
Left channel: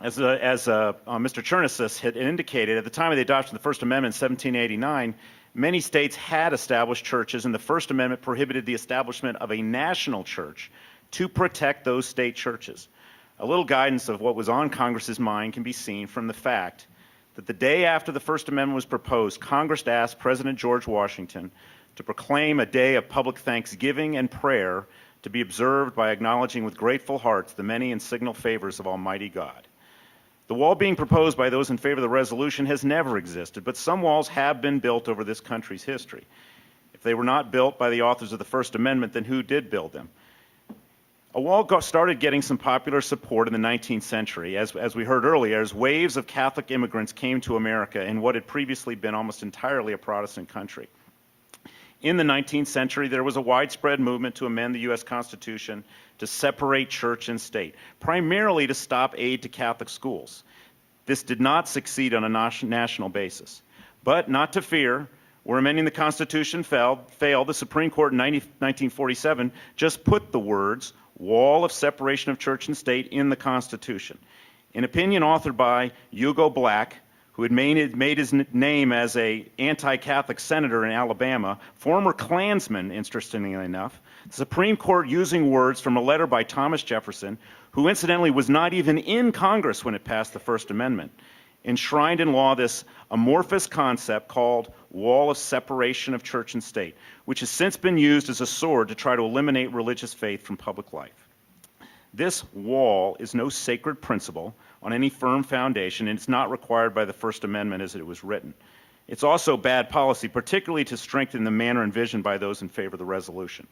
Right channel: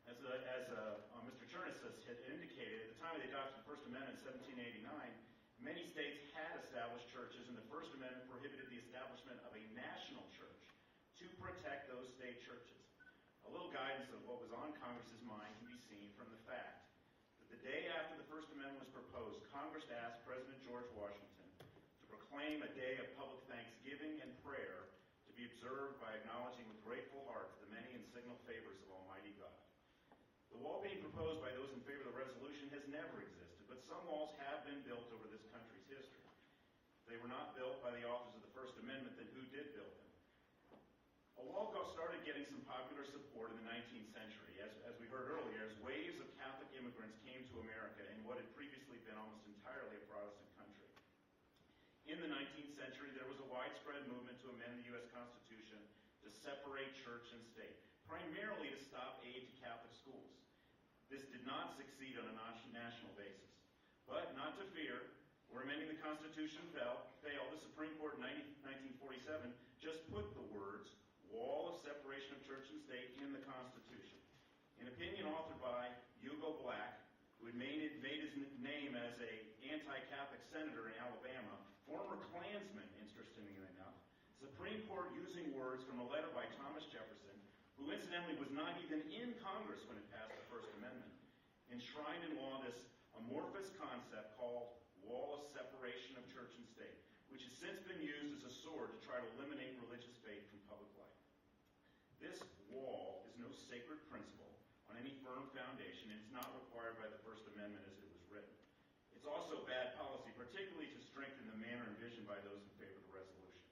As Mr. Chernessis had indicated, at the time of the adoption of the First Amendment in 1789, many states had established churches, and the First Amendment prohibited the establishment of a national church to protect those state churches. A little guidance of what was on Congress's mind can be seen from the fact that the day after the First Amendment was proposed, Congress asked President George Washington to proclaim a day of public thanksgiving and prayer to be observed by acknowledging with grateful hearts the many and signal favors of Almighty God. The wall being proposed by those in favor of the resolution has never existed, but some walls have been built over this country's history. If they were not built by the authors of the First Amendment, then who did build them? A wall started getting some popular support in the 19th century, as we heard earlier, as waves of Catholic immigrants came to America in what had previously been almost entirely a Protestant country. In the 19th century, there was a widespread movement to amend the U.S. Constitution to separate church and state, primarily to stop aid to Catholic schools. This did not succeed on a national basis. But not to fear, where amending the Constitution failed, the Supreme Court in 1947 just put the words wall of separation of church and state in the Constitution. An opinion authored by Hugo Black, who had made his name as an anti-Catholic senator in Alabama, former Klansman, interestingly enough, the Supreme Court using words from a letter by Thomas Jefferson, who incidentally was not even in Congress when it passed the First Amendment, enshrined in law this amorphous concept called wall of separation of church and state, which has since been used as a sword to try to eliminate religious faith from public life. This wall is no sacred principle on any firm foundation, and it's not required by the First Amendment as it was written. It's also bad policy, particularly to strengthen the manner envisioned by those in favor of the resolution.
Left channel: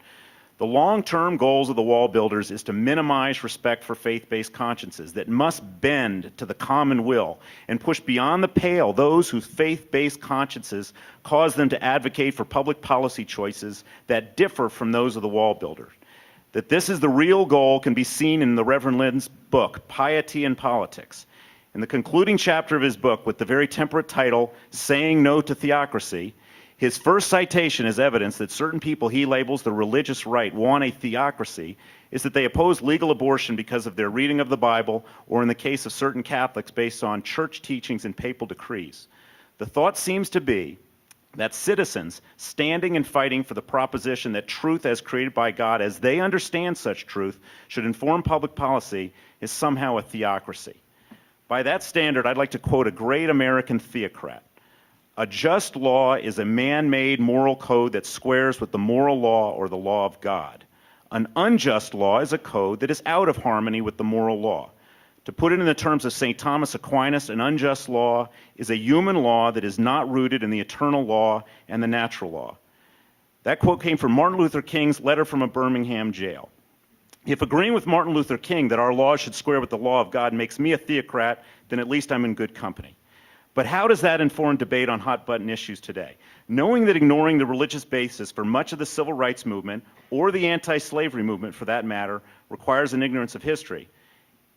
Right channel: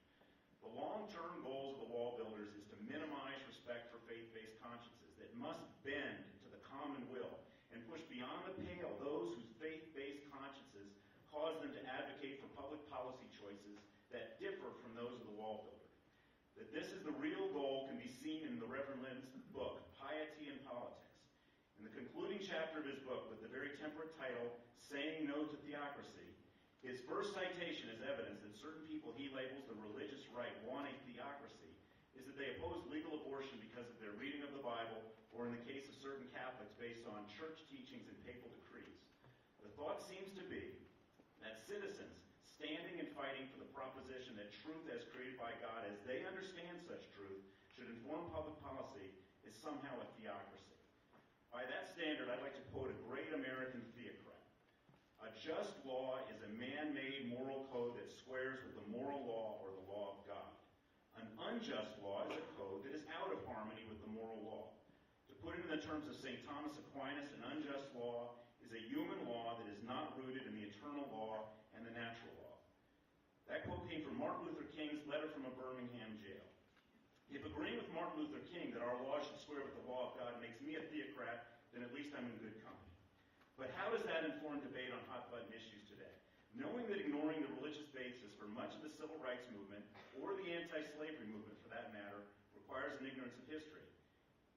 The long-term goals of the wall builders is to minimize respect for faith-based consciences that must bend to the common will and push beyond the pale those whose faith-based consciences cause them to advocate for public policy choices that differ from those of the wall builders. That this is the real goal can be seen in the Reverend Lynn's book, Piety and Politics. In the concluding chapter of his book, with the very temperate title, Saying No to Theocracy, his first citation as evidence that certain people he labels the religious right want a theocracy is that they oppose legal abortion because of their reading of the Bible, or in the case of certain Catholics, based on church teachings and papal decrees. The thought seems to be that citizens standing and fighting for the proposition that truth as created by God, as they understand such truth, should inform public policy is somehow a theocracy. By that standard, I'd like to quote a great American theocrat. A just law is a man-made moral code that squares with the moral law or the law of God. An unjust law is a code that is out of harmony with the moral law. To put it in the terms of St. Thomas Aquinas, an unjust law is a human law that is not rooted in the eternal law and the natural law. That quote came from Martin Luther King's letter from a Birmingham jail. If agreeing with Martin Luther King that our laws should square with the law of God makes me a theocrat, then at least I'm in good company. But how does that inform debate on hot-button issues today? Knowing that ignoring the religious basis for much of the civil rights movement, or the anti-slavery movement for that matter, requires an ignorance of history.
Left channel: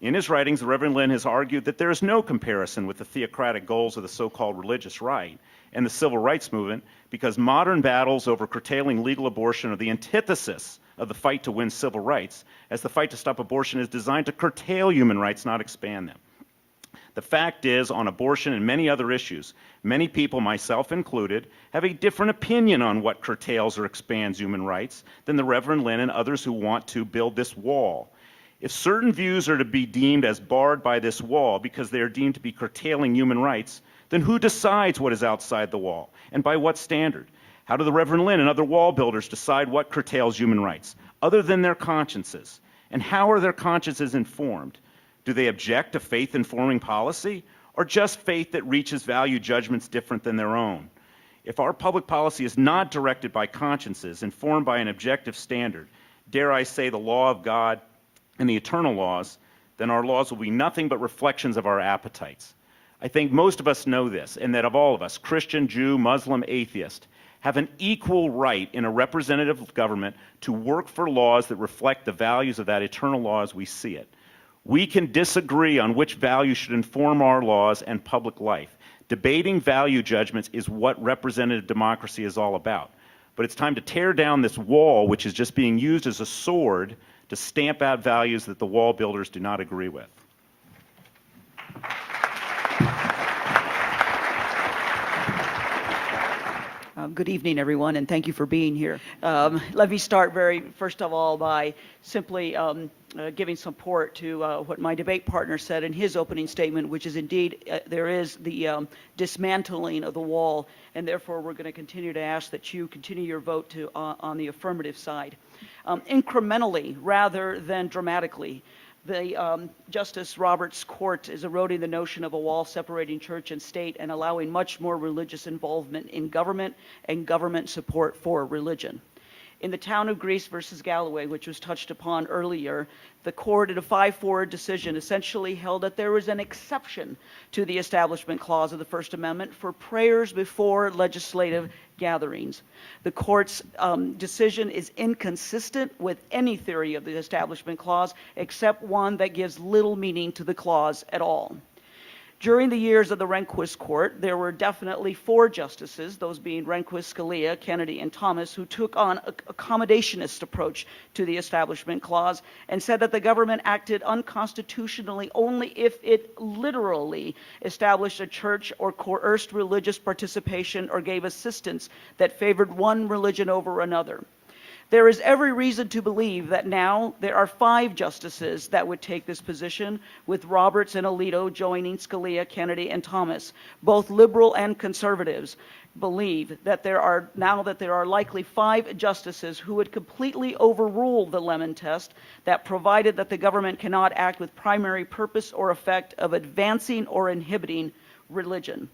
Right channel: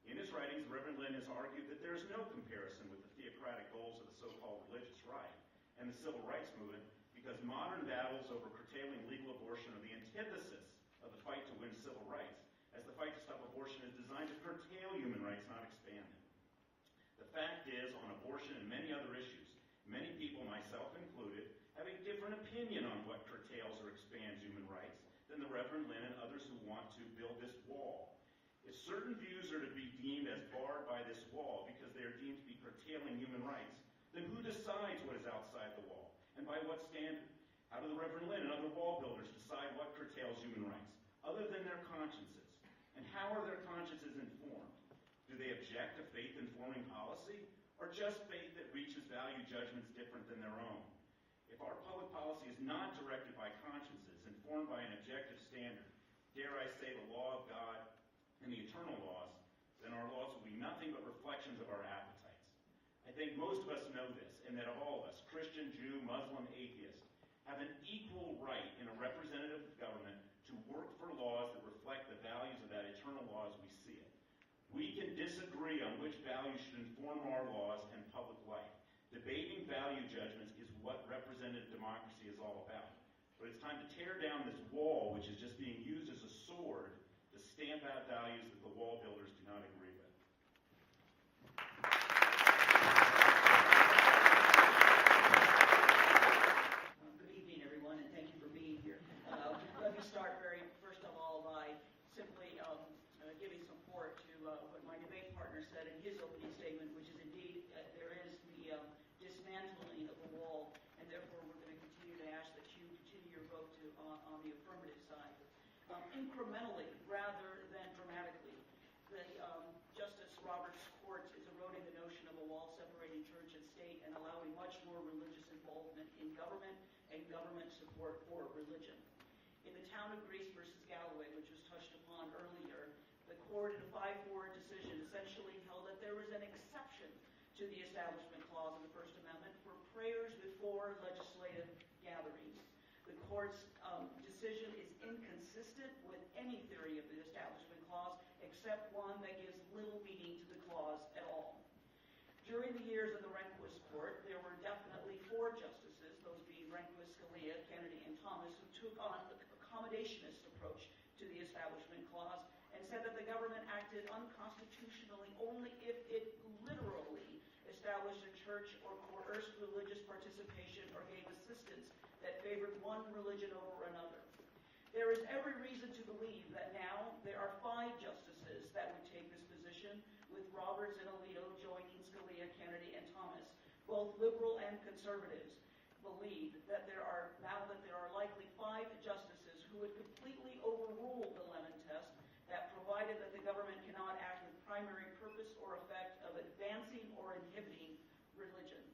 In his writings, the Reverend Lynn has argued that there is no comparison with the theocratic goals of the so-called religious right and the civil rights movement, because modern battles over curtailing legal abortion are the antithesis of the fight to win civil rights, as the fight to stop abortion is designed to curtail human rights, not expand them. The fact is, on abortion and many other issues, many people, myself included, have a different opinion on what curtails or expands human rights than the Reverend Lynn and others who want to build this wall. If certain views are to be deemed as barred by this wall because they are deemed to be curtailing human rights, then who decides what is outside the wall, and by what standard? How do the Reverend Lynn and other wall builders decide what curtails human rights, other than their consciences? And how are their consciences informed? Do they object to faith informing policy, or just faith that reaches value judgments different than their own? If our public policy is not directed by consciences, informed by an objective standard, dare I say the law of God and the eternal laws, then our laws will be nothing but reflections of our appetites. I think most of us know this, and that of all of us, Christian, Jew, Muslim, atheist, have an equal right in a representative government to work for laws that reflect the values of that eternal law as we see it. We can disagree on which values should inform our laws and public life. Debating value judgments is what representative democracy is all about. But it's time to tear down this wall, which is just being used as a sword to stamp out values that the wall builders do not agree with. Good evening, everyone, and thank you for being here. Let me start first of all by simply giving support to what my debate partner said in his opening statement, which is indeed there is the dismantling of the wall, and therefore we're going to continue to ask that you continue your vote on the affirmative side. Incrementally rather than dramatically, the Justice Roberts Court is eroding the notion of a wall separating church and state and allowing much more religious involvement in government and government support for religion. In the town of Greece versus Galloway, which was touched upon earlier, the court in a 5-4 decision essentially held that there was an exception to the Establishment Clause of the First Amendment for prayers before legislative gatherings. The court's decision is inconsistent with any theory of the Establishment Clause except one that gives little meaning to the clause at all. During the years of the Rehnquist court, there were definitely 4 justices, those being Rehnquist, Scalia, Kennedy, and Thomas, who took on an accommodationist approach to the Establishment Clause and said that the government acted unconstitutionally only if it literally established a church or coerced religious participation or gave assistance that favored one religion over another. There is every reason to believe that now there are 5 justices that would take this position, with Roberts and Alito joining Scalia, Kennedy, and Thomas. Both liberal and conservatives believe that there are likely 5 justices who would completely overrule the Lemon Test that provided that the government cannot act with primary purpose or effect of advancing or inhibiting religion.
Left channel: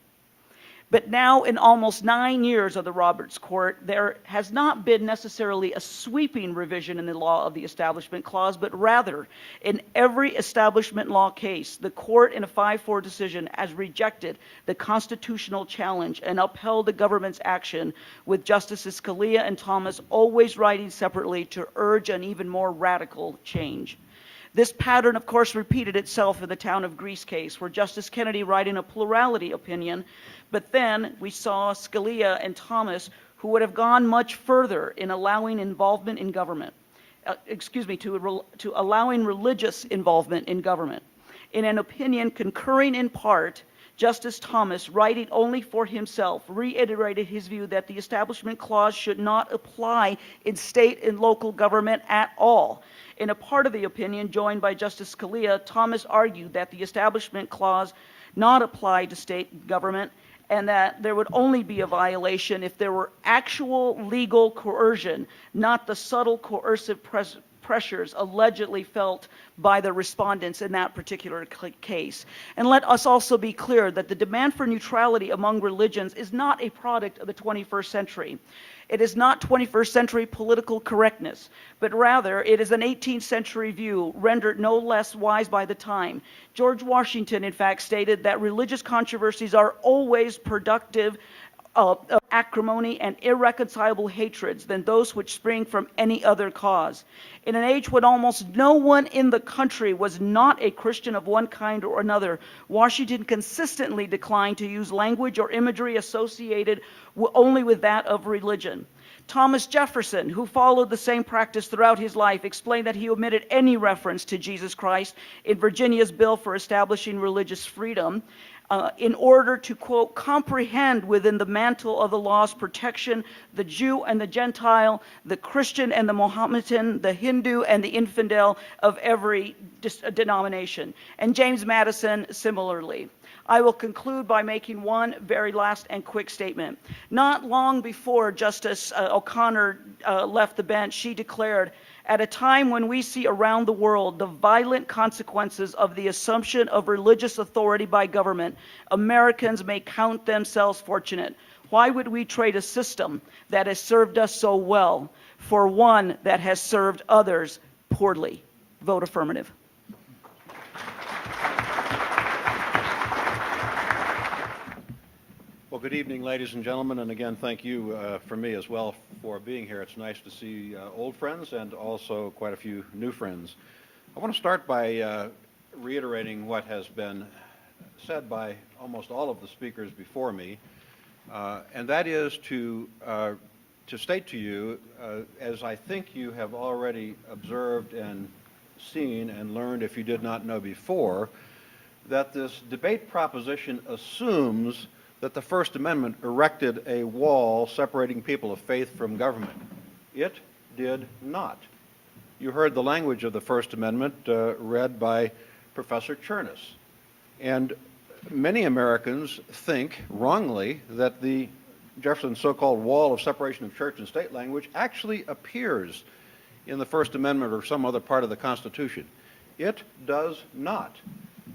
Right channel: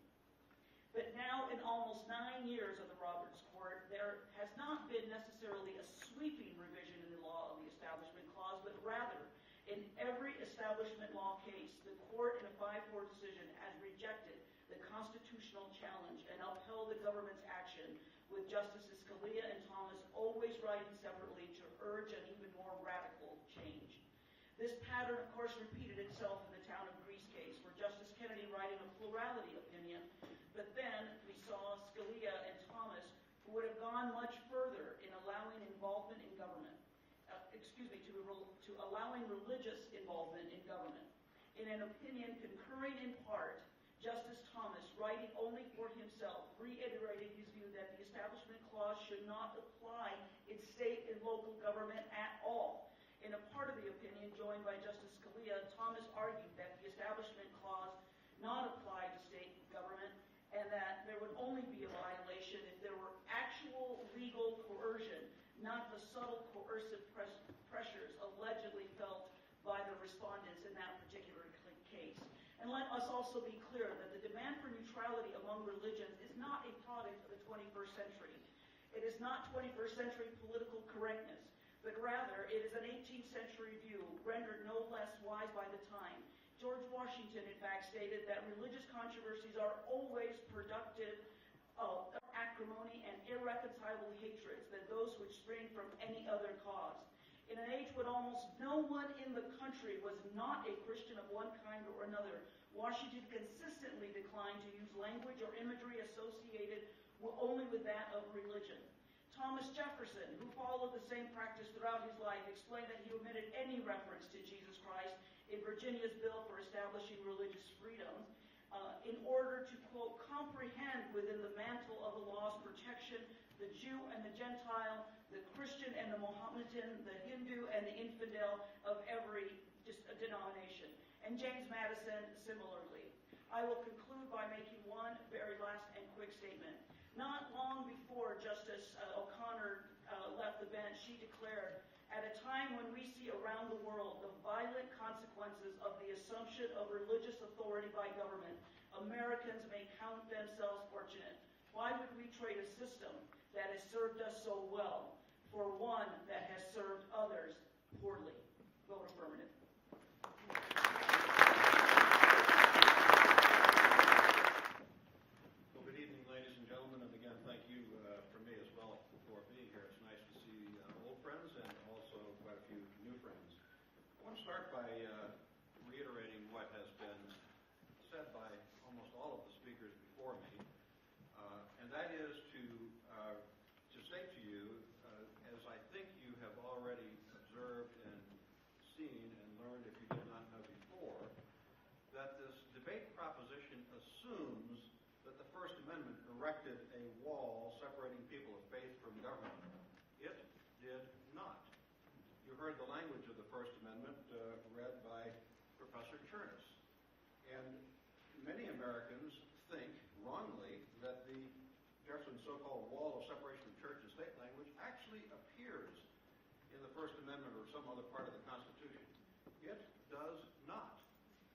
But now, in almost 9 years of the Roberts Court, there has not been necessarily a sweeping revision in the law of the Establishment Clause, but rather, in every establishment law case, the court in a 5-4 decision has rejected the constitutional challenge and upheld the government's action, with Justices Scalia and Thomas always writing separately to urge an even more radical change. This pattern, of course, repeated itself in the Town of Greece case, where Justice Kennedy, writing a plurality opinion, but then we saw Scalia and Thomas, who would have gone much further in allowing involvement in government, to allowing religious involvement in government. In an opinion concurring in part, Justice Thomas, writing only for himself, reiterated his view that the Establishment Clause should not apply in state and local government at all. In a part of the opinion joined by Justice Scalia, Thomas argued that the Establishment Clause not apply to state government, and that there would only be a violation if there were actual legal coercion, not the subtle coercive pressures allegedly felt by the respondents in that particular case. And let us also be clear that the demand for neutrality among religions is not a product of the 21st century. It is not 21st century political correctness, but rather it is an 18th century view rendered no less wise by the time. George Washington, in fact, stated that religious controversies are always productive of acrimony and irreconcilable hatreds than those which spring from any other cause. In an age when almost no one in the country was not a Christian of one kind or another, Washington consistently declined to use language or imagery associated only with that of religion. Thomas Jefferson, who followed the same practice throughout his life, explained that he omitted any reference to Jesus Christ in Virginia's bill for establishing religious freedom, in order to, quote, comprehend within the mantle of the law's protection the Jew and the Gentile, the Christian and the Mohammedan, the Hindu and the infidel of every denomination. And James Madison similarly. I will conclude by making one very last and quick statement. Not long before Justice O'Connor left the bench, she declared, "At a time when we see around the world the violent consequences of the assumption of religious authority by government, Americans may count themselves fortunate. Why would we trade a system that has served us so well for one that has served others poorly?" Vote affirmative. Well, good evening, ladies and gentlemen, and again, thank you for me as well for being here. It's nice to see old friends and also quite a few new friends. I want to start by reiterating what has been said by almost all of the speakers before me, and that is to state to you, as I think you have already observed and seen and learned if you did not know before, that this debate proposition assumes that the First Amendment erected a wall separating people of faith from government. It did not. You heard the language of the First Amendment read by Professor Chernus. And many Americans think, wrongly, that the Jefferson's so-called wall of separation of church and state language actually appears in the First Amendment or some other part of the Constitution. It does not.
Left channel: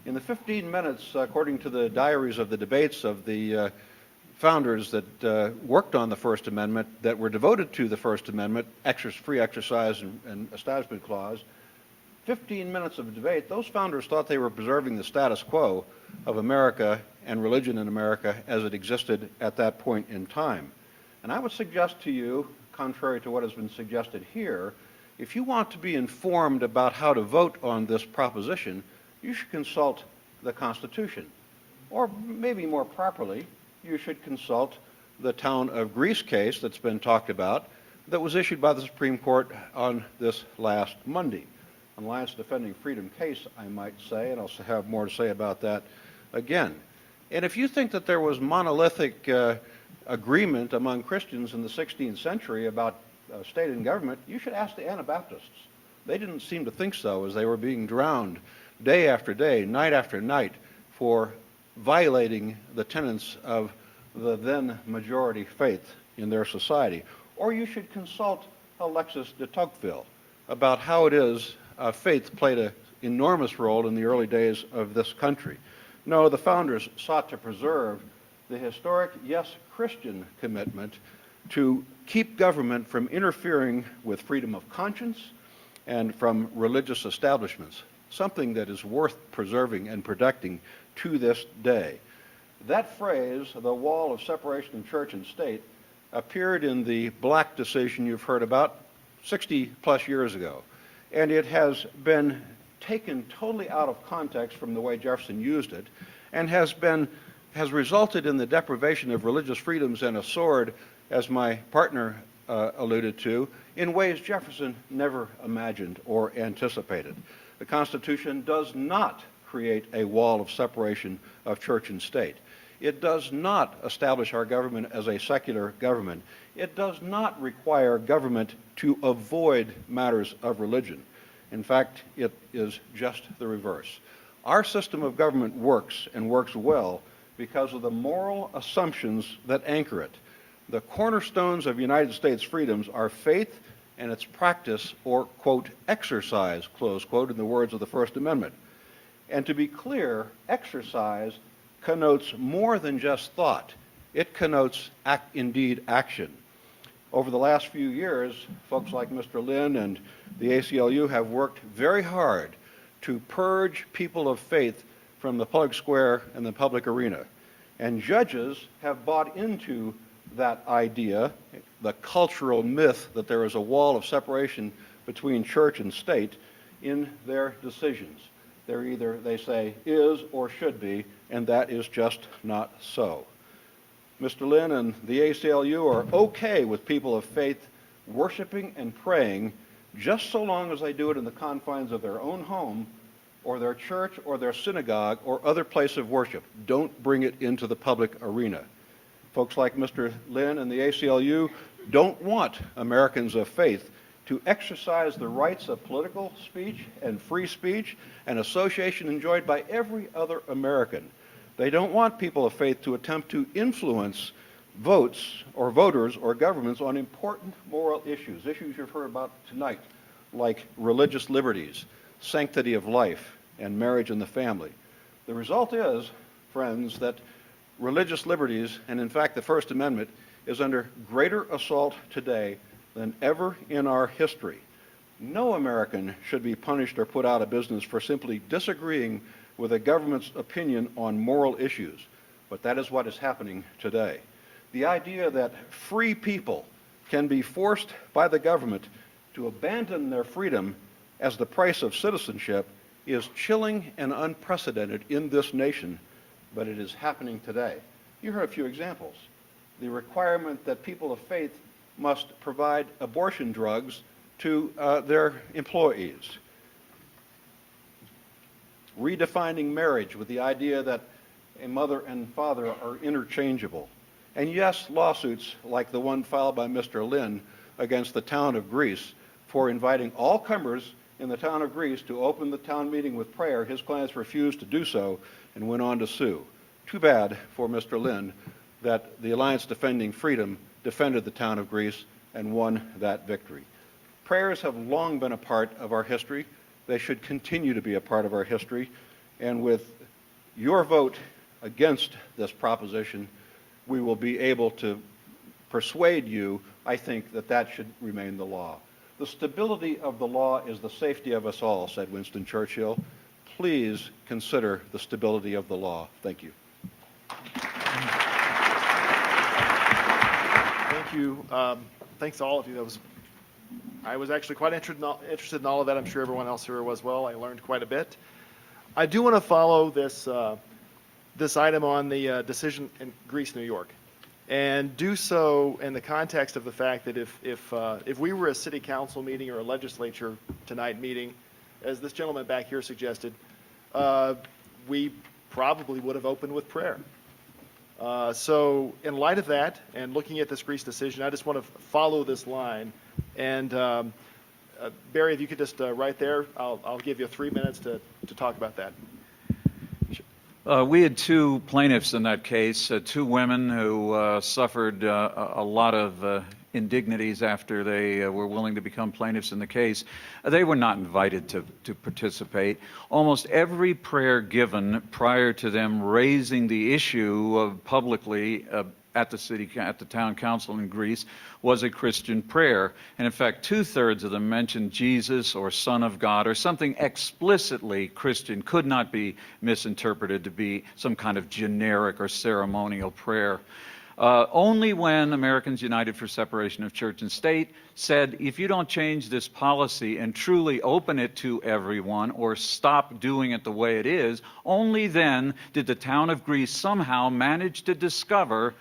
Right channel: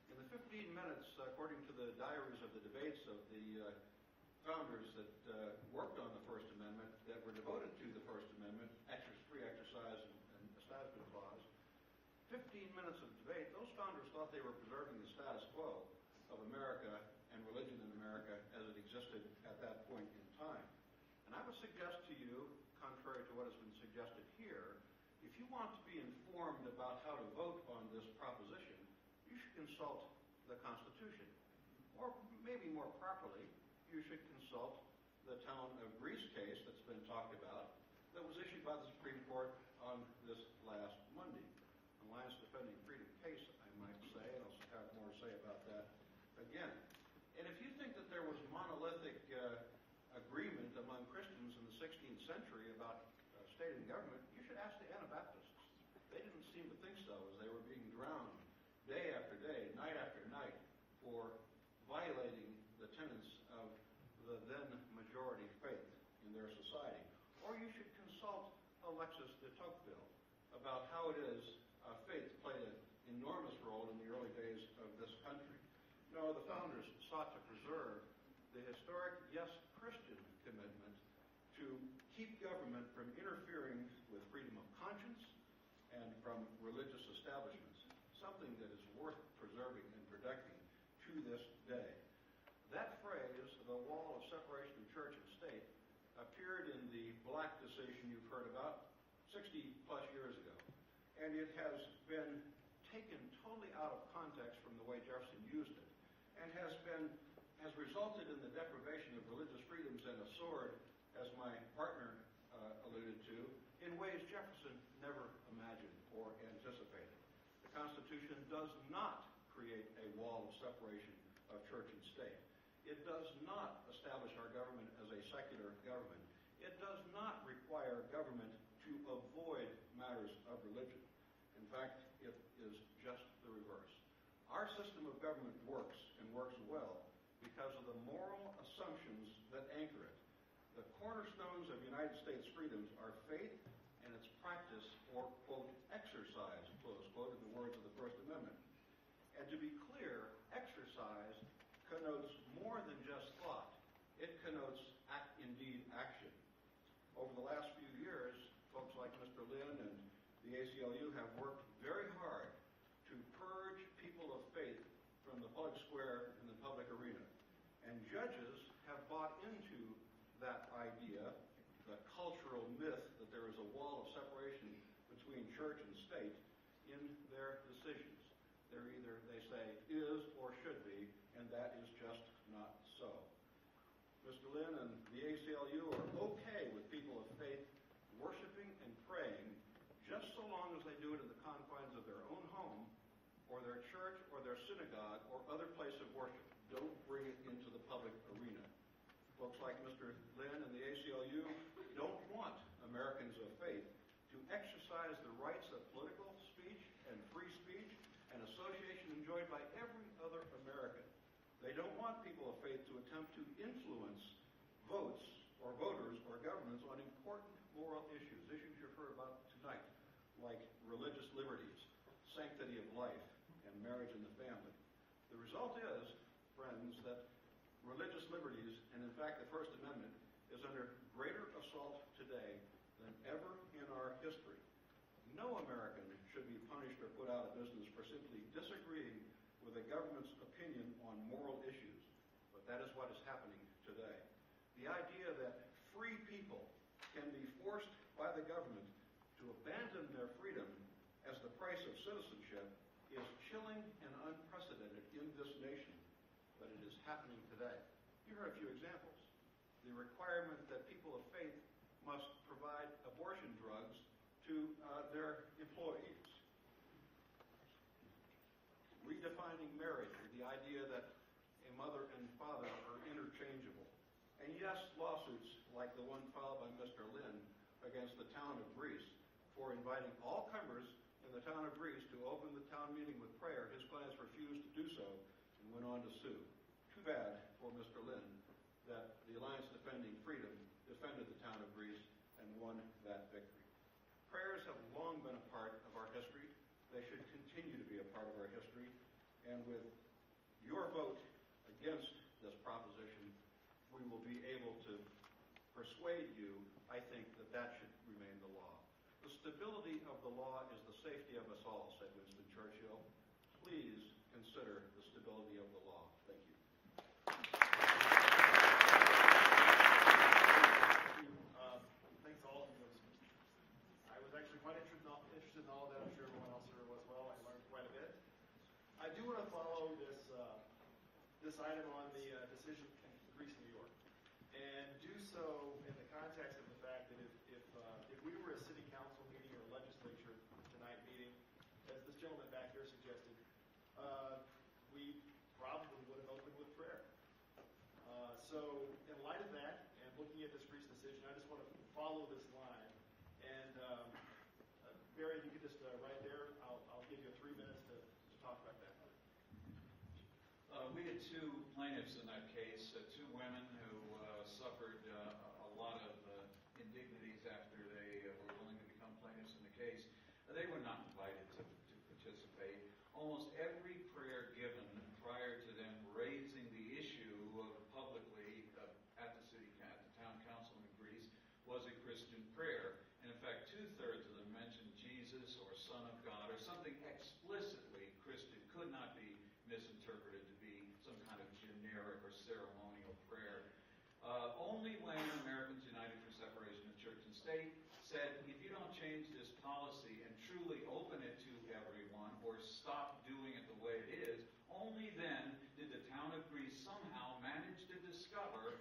In the 15 minutes, according to the diaries of the debates of the founders that worked on the First Amendment, that were devoted to the First Amendment, free exercise and Establishment Clause, 15 minutes of debate, those founders thought they were preserving the status quo of America and religion in America as it existed at that point in time. And I would suggest to you, contrary to what has been suggested here, if you want to be informed about how to vote on this proposition, you should consult the Constitution. Or maybe more properly, you should consult the town of Greece case that's been talked about that was issued by the Supreme Court on this last Monday. An Alliance Defending Freedom case, I might say, and I'll have more to say about that again. And if you think that there was monolithic agreement among Christians in the 16th century about state and government, you should ask the Anabaptists. They didn't seem to think so as they were being drowned day after day, night after night, for violating the tenets of the then majority faith in their society. Or you should consult Alexis de Tocqueville about how it is faith played an enormous role in the early days of this country. No, the founders sought to preserve the historic, yes, Christian commitment to keep government from interfering with freedom of conscience and from religious establishments, something that is worth preserving and protecting to this day. That phrase, the wall of separation of church and state, appeared in the Black decision you've heard about 60 plus years ago. And it has been taken totally out of context from the way Jefferson used it, and has resulted in the deprivation of religious freedoms and a sword, as my partner alluded to, in ways Jefferson never imagined or anticipated. The Constitution does not create a wall of separation of church and state. It does not establish our government as a secular government. It does not require government to avoid matters of religion. In fact, it is just the reverse. Our system of government works, and works well, because of the moral assumptions that anchor it. The cornerstones of United States freedoms are faith and its practice, or, quote, exercise, close quote, in the words of the First Amendment. And to be clear, exercise connotes more than just thought. It connotes, indeed, action. Over the last few years, folks like Mr. Lynn and the ACLU have worked very hard to purge people of faith from the public square and the public arena. And judges have bought into that idea, the cultural myth that there is a wall of separation between church and state, in their decisions. They're either, they say, is or should be, and that is just not so. Mr. Lynn and the ACLU are okay with people of faith worshiping and praying just so long as they do it in the confines of their own home or their church or their synagogue or other place of worship. Don't bring it into the public arena. Folks like Mr. Lynn and the ACLU don't want Americans of faith to exercise the rights of political speech and free speech and association enjoyed by every other American. They don't want people of faith to attempt to influence votes or voters or governments on important moral issues you've heard about tonight, like religious liberties, sanctity of life, and marriage and the family. The result is, friends, that religious liberties, and in fact the First Amendment, is under greater assault today than ever in our history. No American should be punished or put out of business for simply disagreeing with a government's opinion on moral issues, but that is what is happening today. The idea that free people can be forced by the government to abandon their freedom as the price of citizenship is chilling and unprecedented in this nation, but it is happening today. You heard a few examples. The requirement that people of faith must provide abortion drugs to their employees. Redefining marriage with the idea that a mother and father are interchangeable. And yes, lawsuits like the one filed by Mr. Lynn against the town of Greece for inviting all comers in the town of Greece to open the town meeting with prayer. His clients refused to do so and went on to sue. Too bad for Mr. Lynn that the Alliance Defending Freedom defended the town of Greece and won that victory. Prayers have long been a part of our history. They should continue to be a part of our history. And with your vote against this proposition, we will be able to persuade you, I think, that that should remain the law. The stability of the law is the safety of us all, said Winston Churchill. Please consider the stability of the law. Thank you. Thank you. Thanks to all of you. I was actually quite interested in all of that. I'm sure everyone else here was well. I learned quite a bit. I do want to follow this this item on the decision in Greece, New York, and do so in the context of the fact that if we were a city council meeting or a legislature tonight meeting, as this gentleman back here suggested, we probably would have opened with prayer. So in light of that, and looking at this Greece decision, I just want to follow this line. And Barry, if you could just right there, I'll give you 3 minutes to talk about that. We had two plaintiffs in that case, two women who suffered a lot of indignities after they were willing to become plaintiffs in the case. They were not invited to participate. Almost every prayer given prior to them raising the issue publicly at the town council in Greece was a Christian prayer. And in fact, 2/3 of them mentioned Jesus or Son of God or something explicitly Christian, could not be misinterpreted to be some kind of generic or ceremonial prayer. Only when Americans United for Separation of Church and State said, if you don't change this policy and truly open it to everyone or stop doing it the way it is, only then did the town of Greece somehow manage to discover,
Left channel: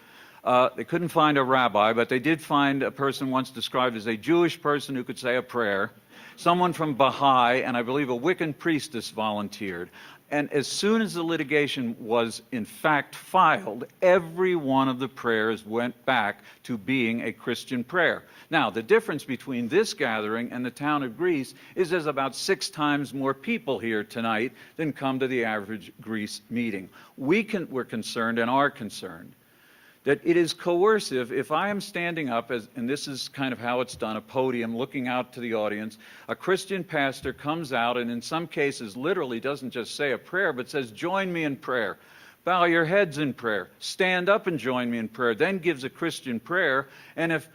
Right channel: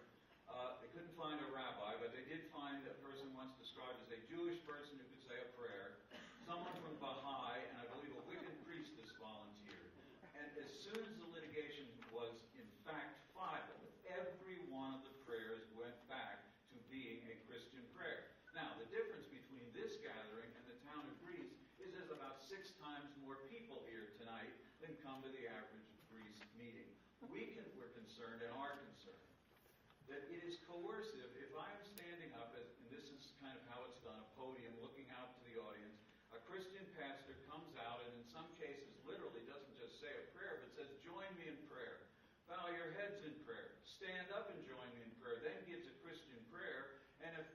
they couldn't find a rabbi, but they did find a person once described as a Jewish person who could say a prayer, someone from Baha'i, and I believe a Wiccan priestess volunteered. And as soon as the litigation was in fact filed, every one of the prayers went back to being a Christian prayer. Now, the difference between this gathering and the town of Greece is there's about 6 times more people here tonight than come to the average Greece meeting. We're concerned and are concerned that it is coercive if I am standing up, and this is kind of how it's done, a podium looking out to the audience, a Christian pastor comes out and in some cases literally doesn't just say a prayer, but says, join me in prayer. Bow your heads in prayer. Stand up and join me in prayer. Then gives a Christian prayer. And if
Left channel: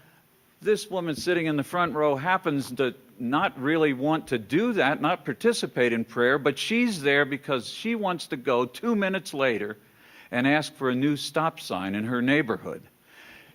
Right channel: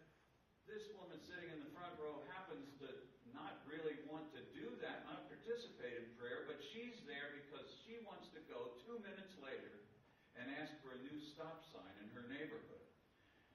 this woman sitting in the front row happens to not really want to do that, not participate in prayer, but she's there because she wants to go 2 minutes later and ask for a new stop sign in her neighborhood.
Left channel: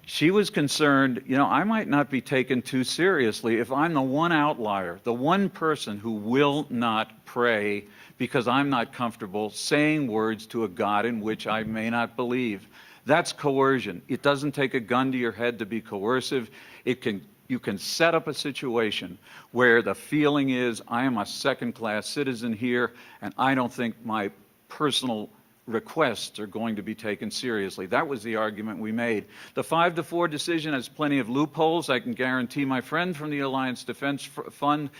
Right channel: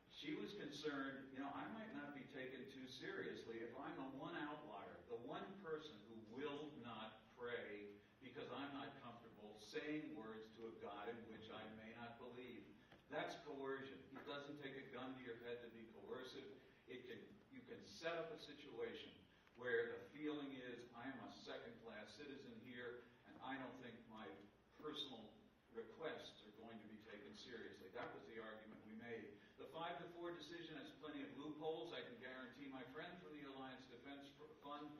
She was concerned, I might not be taken too seriously if I'm the one outlier, the one person who will not pray because I'm not comfortable saying words to a God in which I may not believe. That's coercion. It doesn't take a gun to your head to be coercive. You can set up a situation where the feeling is, I am a second-class citizen here, and I don't think my personal requests are going to be taken seriously. That was the argument we made. The 5-4 decision has plenty of loopholes. I can guarantee my friend from the Alliance Defense Fund,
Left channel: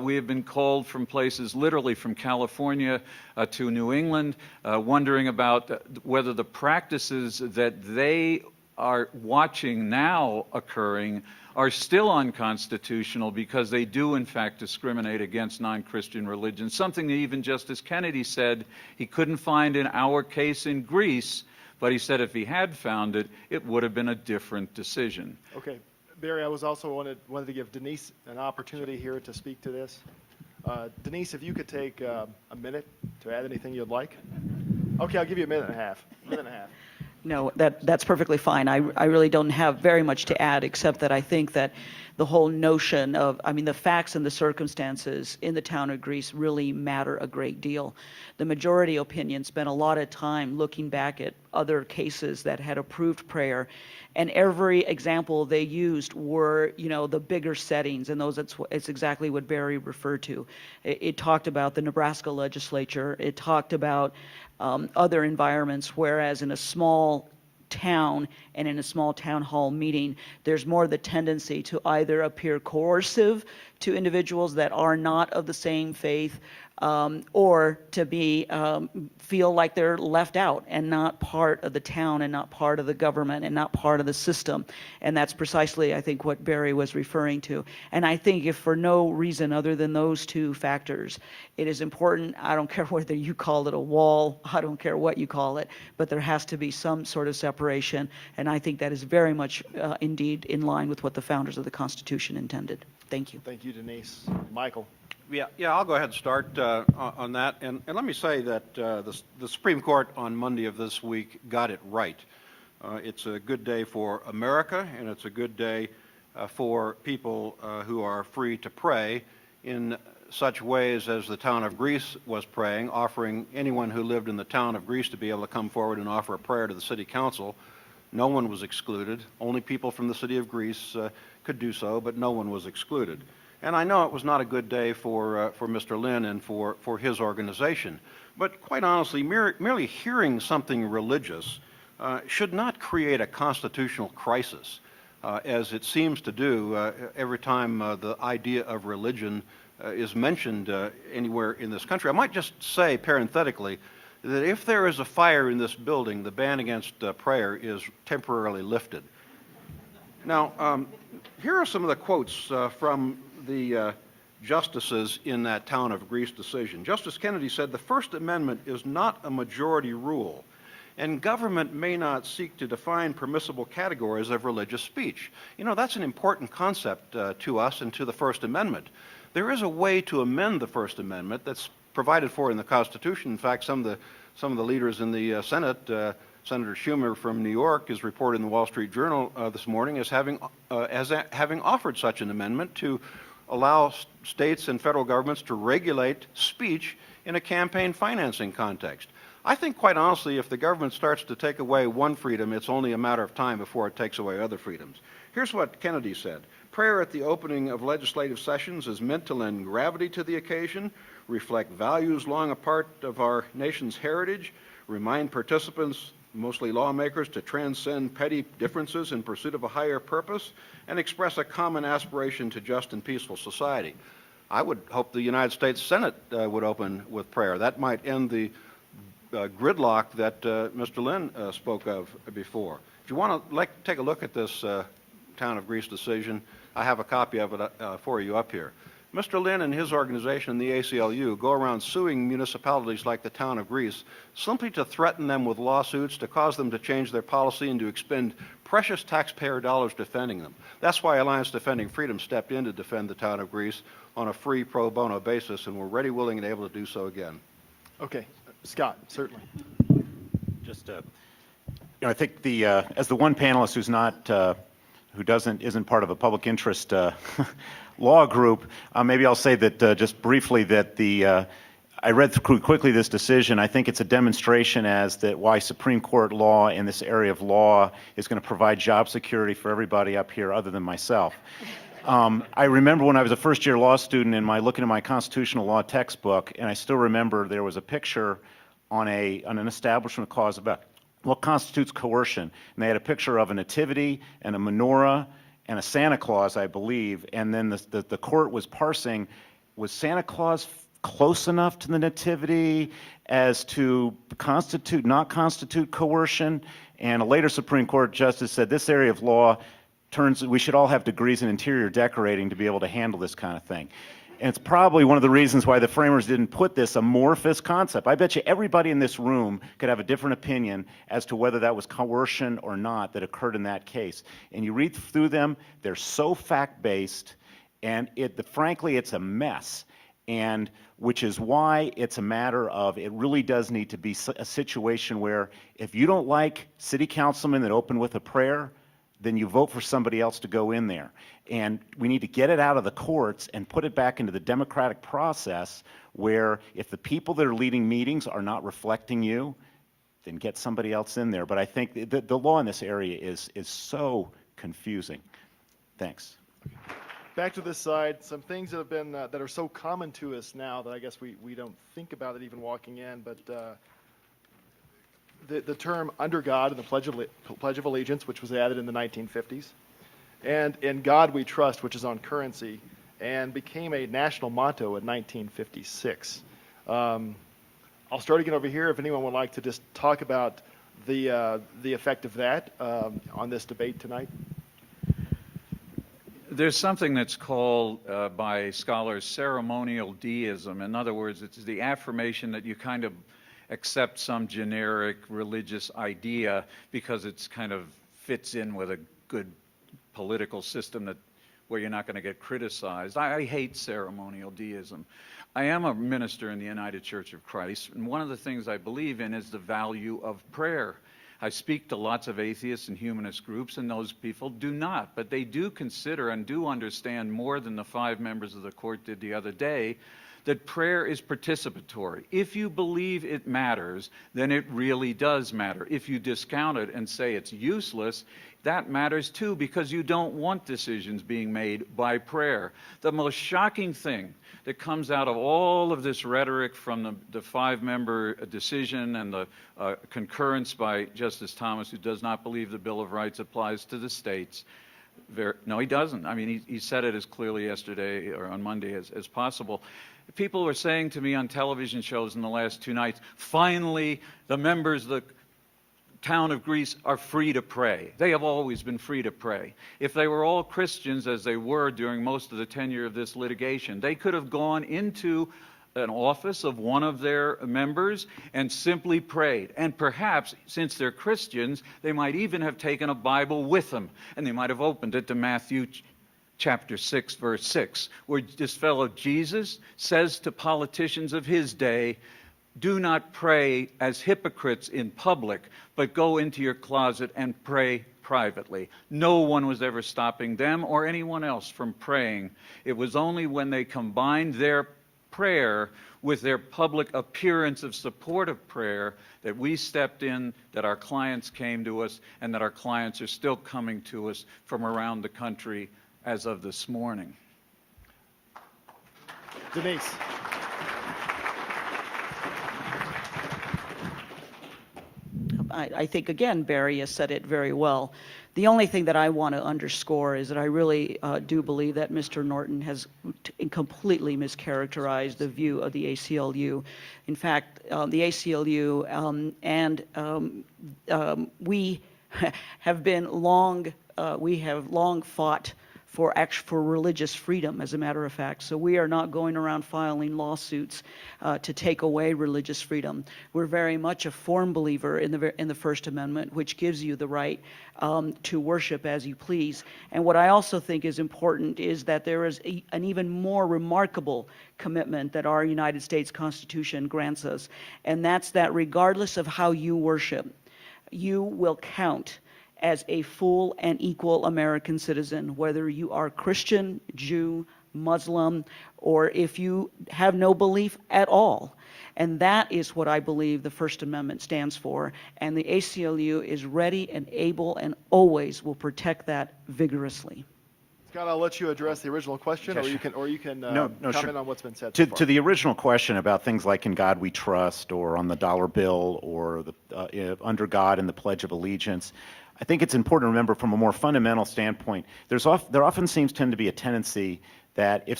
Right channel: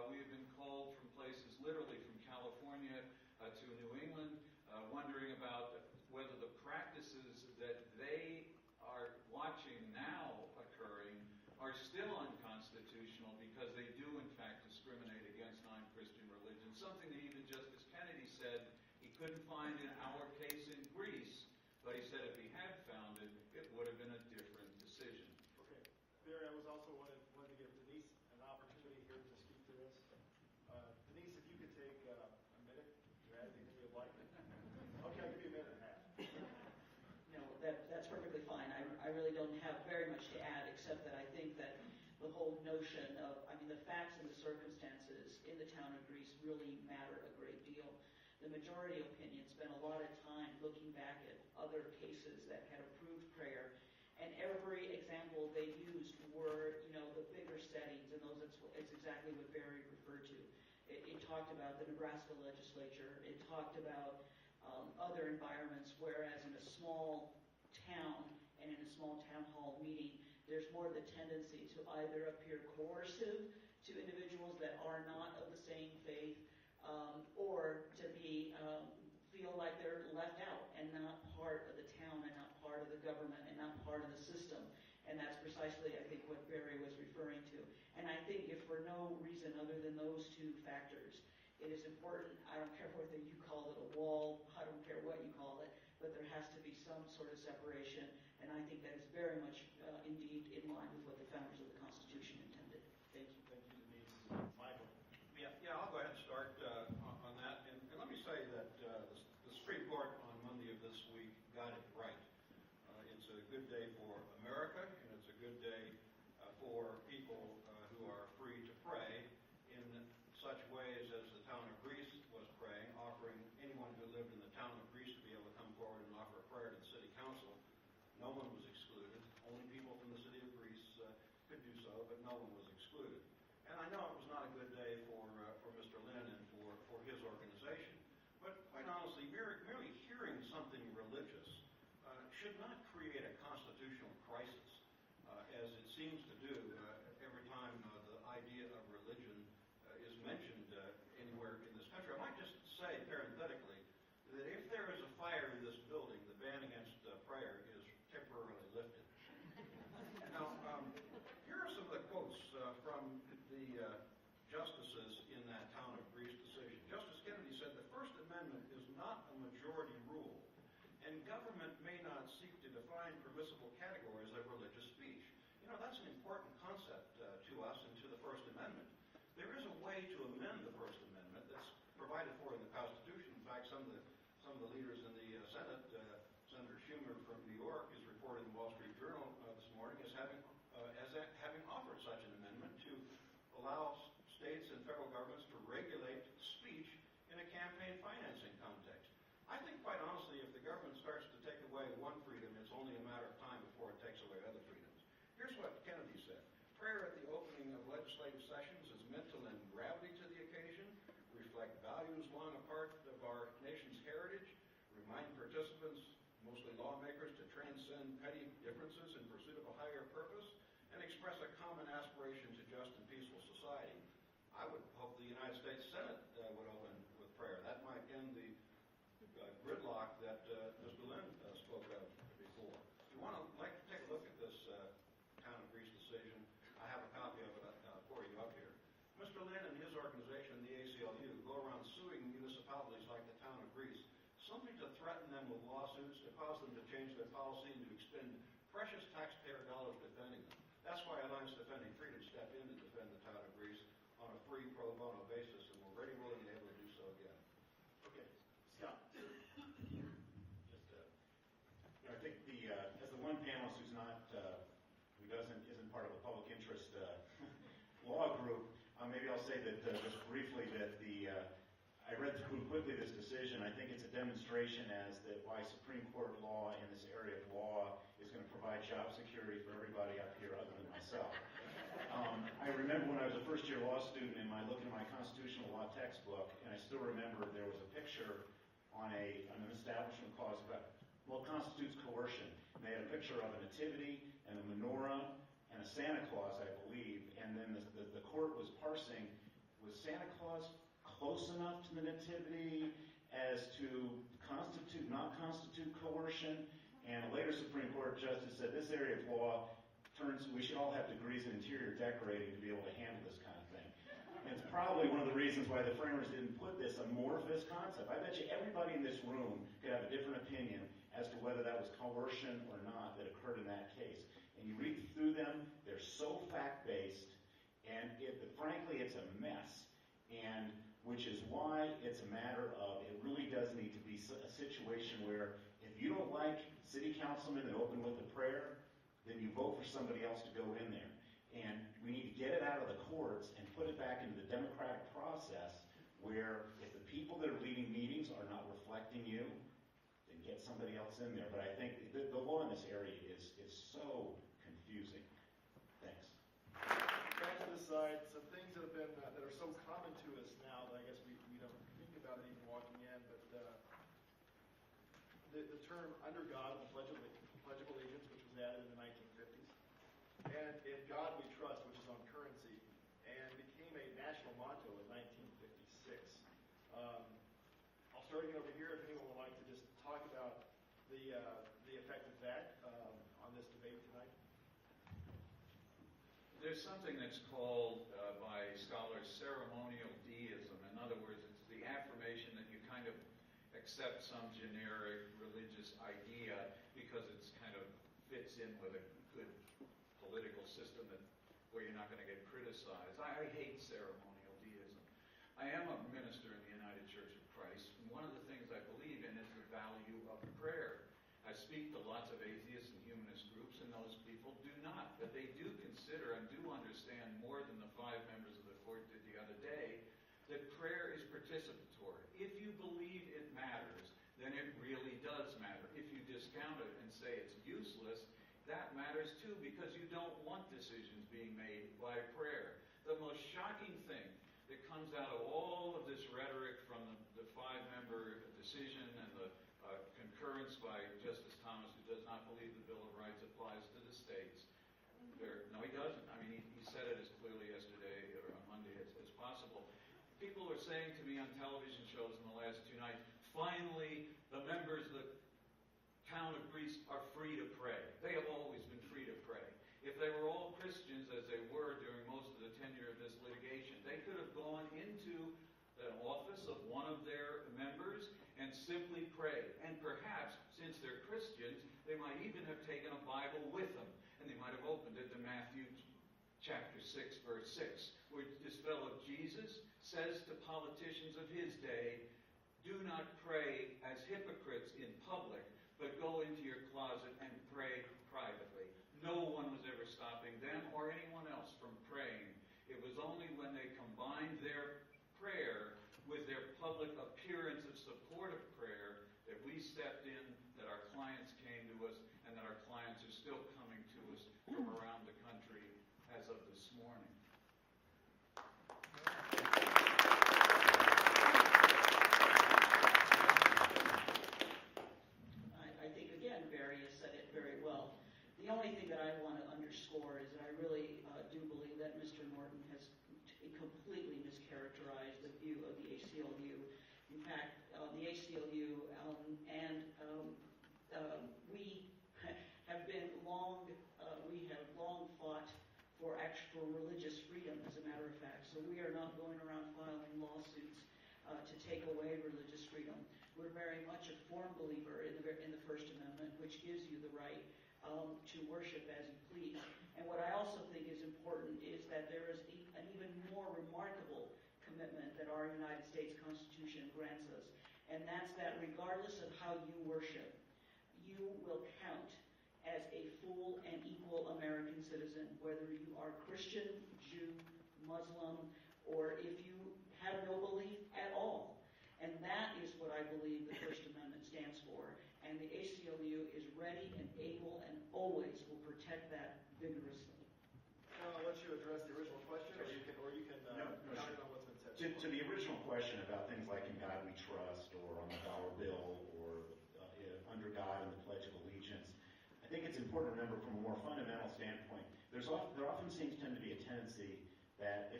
we have been called from places literally from California to New England, wondering about whether the practices that they are watching now occurring are still unconstitutional because they do in fact discriminate against non-Christian religions, something that even Justice Kennedy said he couldn't find in our case in Greece, but he said if he had found it, it would have been a different decision. Okay, Barry, I was also wanted to give Denise an opportunity here to speak to this. Denise, if you could take a minute to add anything you'd like. Okay, I'll give you a minute and a half. No, that's perfectly fine. I really don't have very much to add, except that I think that the whole notion of, the facts and the circumstances in the town of Greece really matter a great deal. The majority opinion spent a lot of time looking back at other cases that had approved prayer, and every example they used were, the bigger settings, and it's exactly what Barry referred to. It talked about the Nebraska legislature. It talked about other environments, whereas in a small town and in a small town hall meeting, there's more the tendency to either appear coercive to individuals that are not of the same faith, or to feel like they're left out and not part of the town and not part of the government and not part of the system. And that's precisely, I think, what Barry was referring to. And I think if for no reason other than those two factors, it is important, I don't care whether you call it a wall, I don't care what you call it, but there has to be some sort of separation. And I think that is very much indeed in line with what the founders of the Constitution intended. Thank you. Thank you, Denise. Michael. Yeah, I'll go ahead and start on that. And let me say that the Supreme Court on Monday of this week got it right. It's a good day for America, and it's a good day for people who are free to pray in such ways as the town of Greece was praying, offering anyone who lived in the town of Greece to be able to come forward and offer a prayer to the city council. No one was excluded. Only people from the city of Greece could do so, but no one was excluded. And I know it was not a good day for Mr. Lynn and for his organization. But quite honestly, merely hearing something religious should not create a constitutional crisis, as it seems to do every time the idea of religion is mentioned anywhere in this country. I might just say parenthetically that if there is a fire in this building, the ban against prayer is temporarily lifted. Now, here are some of the quotes from the justices in that town of Greece decision. Justice Kennedy said, "The First Amendment is not a majority rule, and government may not seek to define permissible categories of religious speech." You know, that's an important concept to us and to the First Amendment. There is a way to amend the First Amendment that's provided for in the Constitution. In fact, some of the leaders in the Senate, Senator Schumer from New York, is reported in the Wall Street Journal this morning as having offered such an amendment to allow states and federal governments to regulate speech in a campaign financing context. I think, quite honestly, if the government starts to take away one freedom, it's only a matter of time before it takes away other freedoms. Here's what Kennedy said: "Prayer at the opening of legislative sessions is meant to lend gravity to the occasion, reflect values long a part of our nation's heritage, remind participants, mostly lawmakers, to transcend petty differences in pursuit of a higher purpose, and express a common aspiration to just and peaceful society." I would hope the United States Senate would open with prayer. That might end the gridlock that Mr. Lynn spoke of before. If you want to take a look at this town of Greece decision, I have a copy of it for you up here. Mr. Lynn and his organization, the ACLU, go around suing municipalities like the town of Greece simply to threaten them with lawsuits, to cause them to change their policy, and to expend precious taxpayer dollars defending them. That's why Alliance Defending Freedom stepped in to defend the town of Greece on a free pro bono basis, and we're ready, willing, and able to do so again. Okay, Scott, certainly. Just, I think as the one panelist who's not, isn't part of a public interest law group, maybe I'll say that just briefly that I read through quickly this decision. I think it's a demonstration as that why Supreme Court law in this area of law is going to provide job security for everybody up here other than myself. I remember when I was a first-year law student and looking at my constitutional law textbook, and I still remember there was a picture on an establishment clause about what constitutes coercion, and they had a picture of a nativity and a menorah and a Santa Claus, I believe, and then the court was parsing, was Santa Claus close enough to the nativity as to not constitute coercion? And a later Supreme Court justice said this area of law we should all have degrees in interior decorating to be able to handle this kind of thing. And it's probably one of the reasons why the framers didn't put this amorphous concept. I bet you everybody in this room could have a different opinion as to whether that was coercion or not that occurred in that case. And you read through them, they're so fact-based, and frankly, it's a mess. And which is why it's a matter of, it really does need to be a situation where if you don't like city councilmen that open with a prayer, then you vote for somebody else to go in there. And we need to get it out of the courts and put it back into the democratic process where if the people that are leading meetings are not reflecting you, then get somebody else in there. But I think the law in this area is so confusing. Thanks. Back to this side, some things that have been that are so common to us now that I guess we don't think about it even walking in, but the term "under God" in the Pledge of Allegiance, which was added in the 1950s, and "In God We Trust," which is on currency, and became a national motto in 1956. I'll start again over here if anyone would like to just talk about the effect of that on this debate tonight. There's something that's called by scholars ceremonial deism. In other words, it's the affirmation that you kind of accept some generic religious idea because it's kind of fits in with a good political system where you're not going to get criticized. I hate ceremonial deism. I am a minister in the United Church of Christ, and one of the things I believe in is the value of prayer. I speak to lots of atheists and humanist groups, and those people do not. But they do consider and do understand more than the 5 members of the court did the other day that prayer is participatory. If you believe it matters, then it really does matter. If you discount it and say it's useless, that matters too, because you don't want decisions being made by prayer. The most shocking thing that comes out of all of this rhetoric from the 5-member decision and the concurrence by Justice Thomas, who does not believe the Bill of Rights applies to the states. No, he doesn't. I mean, he said it as clearly yesterday or on Monday as possible. People were saying to me on television shows in the last 2 nights, finally, the members of the town of Greece are free to pray. They have always been free to pray. If they were all Christians, as they were during most of the tenure of this litigation, they could have gone into an office of one of their members and simply prayed. And perhaps, since they're Christians, they might even have taken a Bible with them, and they might have opened it to Matthew chapter 6, verse 6, where this fellow Jesus says to politicians of his day, do not pray as hypocrites in public, but go into your closet and pray privately. No one was ever stopping them or anyone else from praying. It was only when they combined their prayer with their public appearance of support of prayer that we stepped in, that our clients came to us, and that our clients are still coming to us from around the country as of this morning. Denise. I think, again, Barry has said it very well. The only thing that I want to underscore is that I really do believe that Mr. Norton has completely mischaracterized the view of the ACLU. In fact, the ACLU we have long fought for religious freedom, as a matter of fact. So we are not going around filing lawsuits to take away religious freedom. We're very much a form believer in the First Amendment, which gives you the right to worship as you please. And what I also think is important is that there is an even more remarkable commitment that our United States Constitution grants us, and that's that regardless of how you worship, you will count as a full and equal American citizen, whether you are Christian, Jew, Muslim, or if you have no belief at all. And that is what I believe the First Amendment stands for. And the ACLU is ready and able and always will protect that vigorously. Scott, I'll let you address the original question, Okay, or you can No, comment sure. on what's been said so To far. the original question about things like In God We Trust, or on the dollar bill, or Under God and the Pledge of Allegiance, I think it's important to remember from a more fundamental standpoint, there often tend to be a tendency that if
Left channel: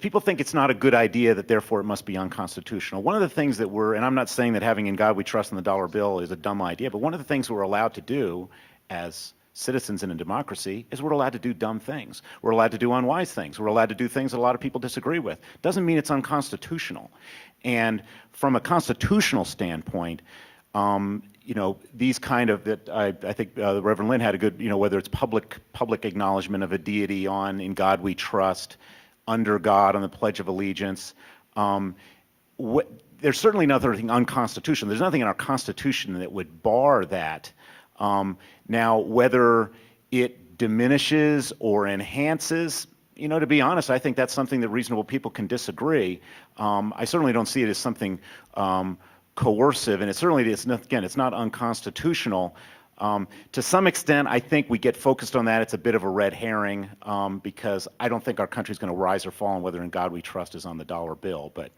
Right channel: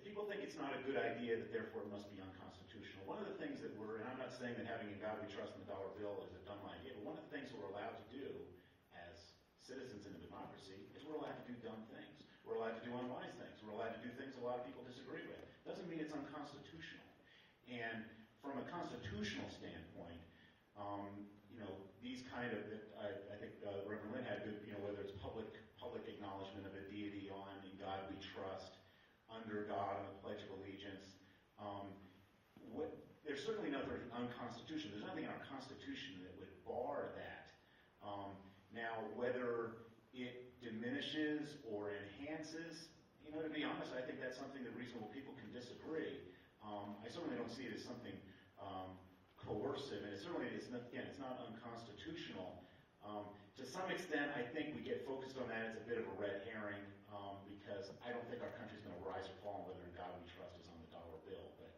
people think it's not a good idea, that therefore it must be unconstitutional. One of the things that and I'm not saying that having In God We Trust and the dollar bill is a dumb idea, but one of the things we're allowed to do as citizens in a democracy is we're allowed to do dumb things. We're allowed to do unwise things. We're allowed to do things that a lot of people disagree with. Doesn't mean it's unconstitutional. And from a constitutional standpoint, these kind of I think the Reverend Lynn had a good, whether it's public acknowledgement of a deity on In God We Trust, Under God on the Pledge of Allegiance. There's certainly nothing unconstitutional. There's nothing in our Constitution that would bar that. Now, whether it diminishes or enhances, to be honest, I think that's something that reasonable people can disagree. I certainly don't see it as something coercive, and it's not unconstitutional. To some extent, I think we get focused on that. It's a bit of a red herring because I don't think our country's going to rise or fall on whether In God We Trust is on the dollar bill. But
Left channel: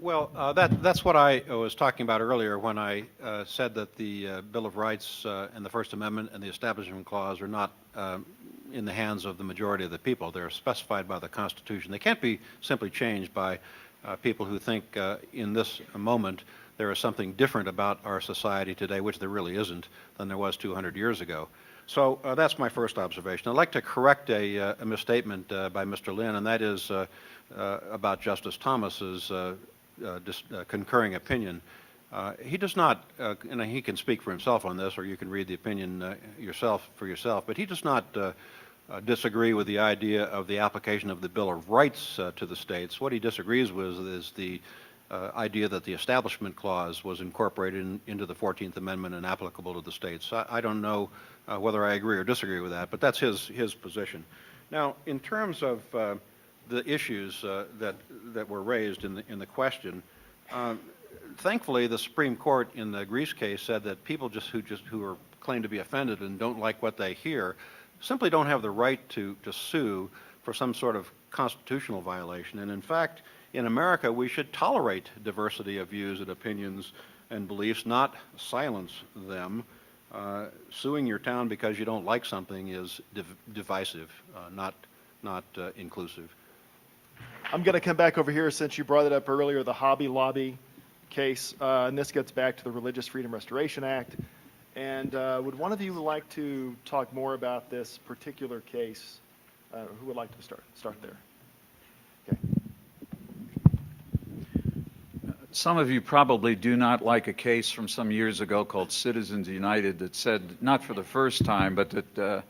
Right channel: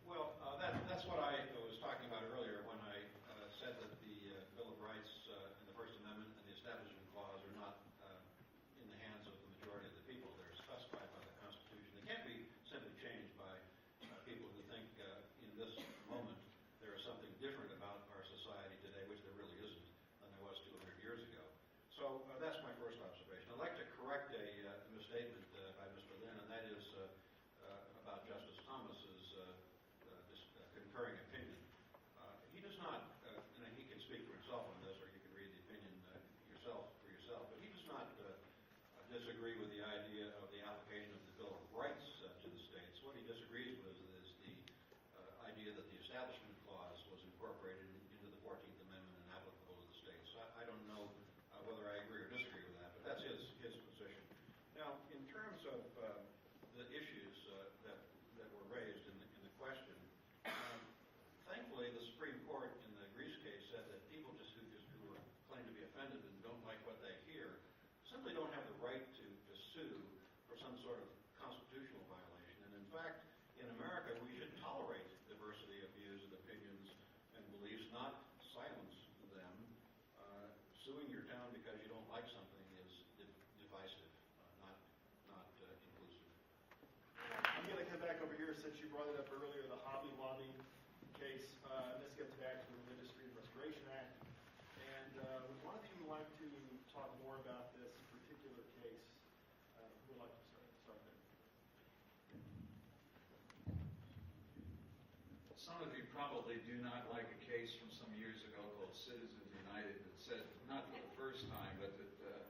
Well, that's what I was talking about earlier when I said that the Bill of Rights and the First Amendment and the Establishment Clause are not in the hands of the majority of the people. They're specified by the Constitution. They can't be simply changed by people who think in this moment there is something different about our society today, which there really isn't, than there was 200 years ago. So that's my first observation. I'd like to correct a misstatement by Mr. Lynn, and that is about Justice Thomas's concurring opinion. He does not, and he can speak for himself on this, or you can read the opinion for yourself, but he does not disagree with the idea of the application of the Bill of Rights to the states. What he disagrees with is the idea that the Establishment Clause was incorporated into the 14th Amendment and applicable to the states. I don't know whether I agree or disagree with that, but that's his position. Now, in terms of the issues that were raised in the question, thankfully, the Supreme Court in the Greece case said that people who are claim to be offended and don't like what they hear simply don't have the right to sue for some sort of constitutional violation. And in fact, in America, we should tolerate diversity of views and opinions and beliefs, not silence them. Suing your town because you don't like something is divisive, not inclusive. I'm going to come back over here since you brought it up earlier, the Hobby Lobby case, and this gets back to the Religious Freedom Restoration Act. And would one of you like to talk more about this particular case? Who would like to start there? Okay. Some of you probably do not like a case from some years ago called Citizens United that said, not for the first time, but that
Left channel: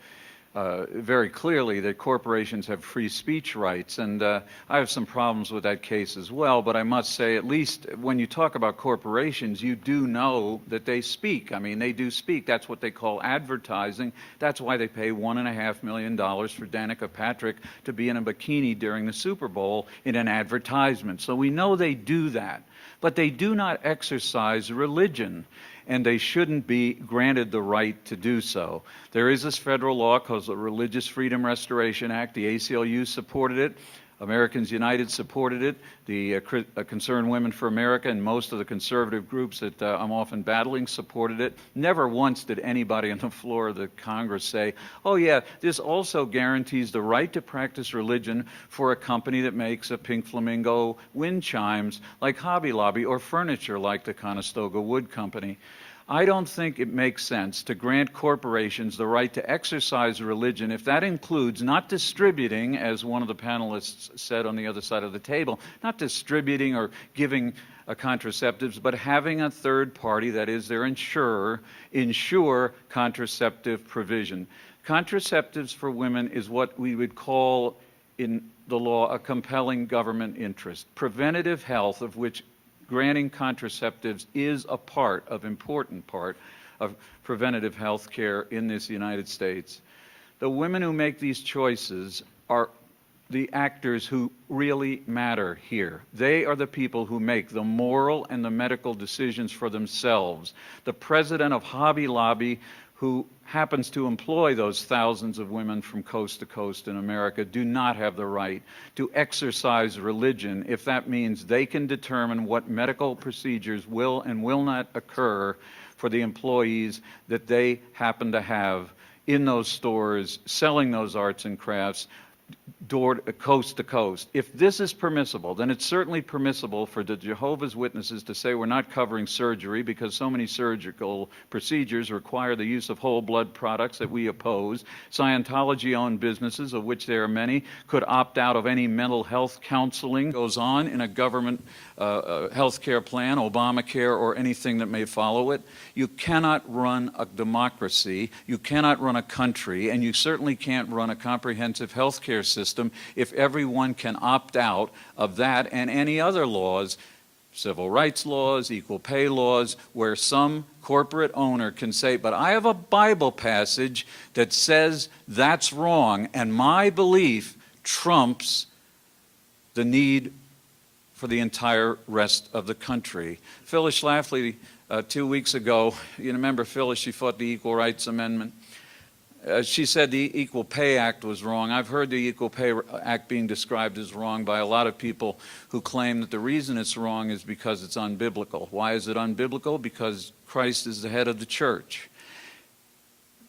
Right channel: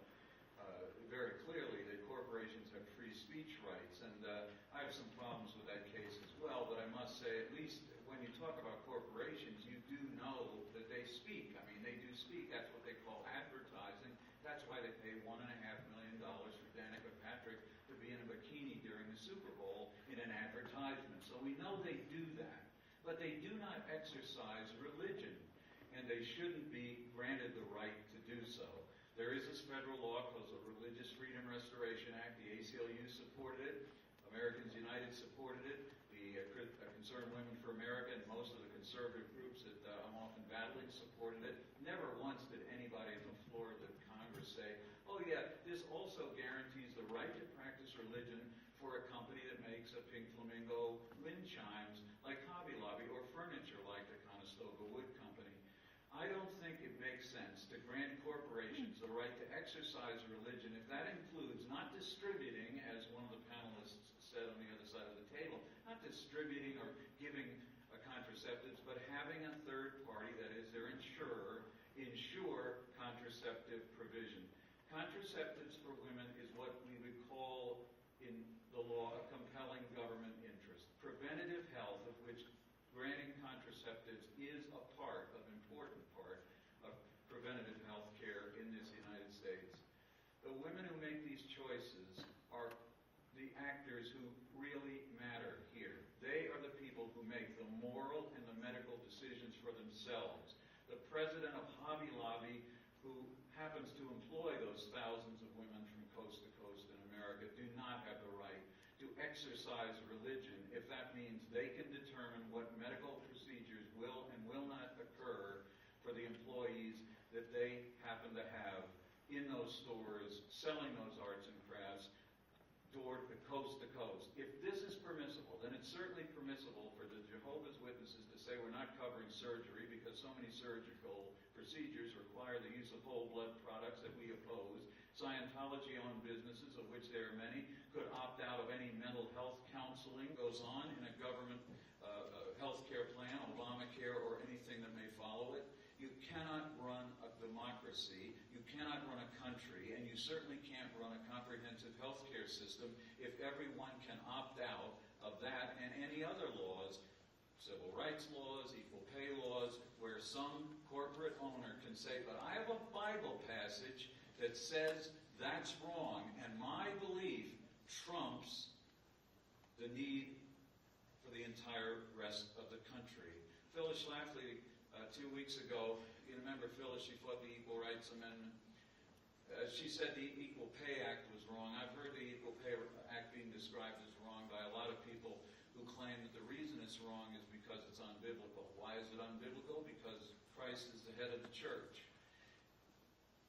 very clearly that corporations have free speech rights. And I have some problems with that case as well, but I must say, at least when you talk about corporations, you do know that they speak. I mean, they do speak. That's what they call advertising. That's why they pay $1.5 million for Danica Patrick to be in a bikini during the Super Bowl in an advertisement. So we know they do that. But they do not exercise religion, and they shouldn't be granted the right to do so. There is this federal law called the Religious Freedom Restoration Act. The ACLU supported it. Americans United supported it. The Concerned Women for America and most of the conservative groups that I'm often battling supported it. Never once did anybody on the floor of the Congress say, oh yeah, this also guarantees the right to practice religion for a company that makes a pink flamingo wind chimes like Hobby Lobby or furniture like the Conestoga Wood Company. I don't think it makes sense to grant corporations the right to exercise religion if that includes not distributing, as one of the panelists said on the other side of the table, not distributing or giving contraceptives, but having a third party, that is their insurer, insure contraceptive provision. Contraceptives for women is what we would call in the law a compelling government interest. Preventative health, of which granting contraceptives is a important part of preventative health care in this United States. The women who make these choices are the actors who really matter here. They are the people who make the moral and the medical decisions for themselves. The president of Hobby Lobby, who happens to employ those thousands of women from coast to coast in America, do not have the right to exercise religion if that means they can determine what medical procedures will and will not occur for the employees that they happen to have in those stores selling those arts and crafts coast to coast. If this is permissible, then it's certainly permissible for the Jehovah's Witnesses to say we're not covering surgery because so many surgical procedures require the use of whole blood products that we oppose. Scientology-owned businesses, of which there are many, could opt out of any mental health counseling goes on in a government health care plan, Obamacare, or anything that may follow it. You cannot run a democracy, you cannot run a country, and you certainly can't run a comprehensive health care system if everyone can opt out of that and any other laws, civil rights laws, equal pay laws, where some corporate owner can say, but I have a Bible passage that says that's wrong, and my belief trumps the need for the entire rest of the country. Phyllis Schlafly, 2 weeks ago, you remember Phyllis, she fought the Equal Rights Amendment. She said the Equal Pay Act was wrong. I've heard the Equal Pay Act being described as wrong by a lot of people who claim that the reason it's wrong is because it's unbiblical. Why is it unbiblical? Because Christ is the head of the church.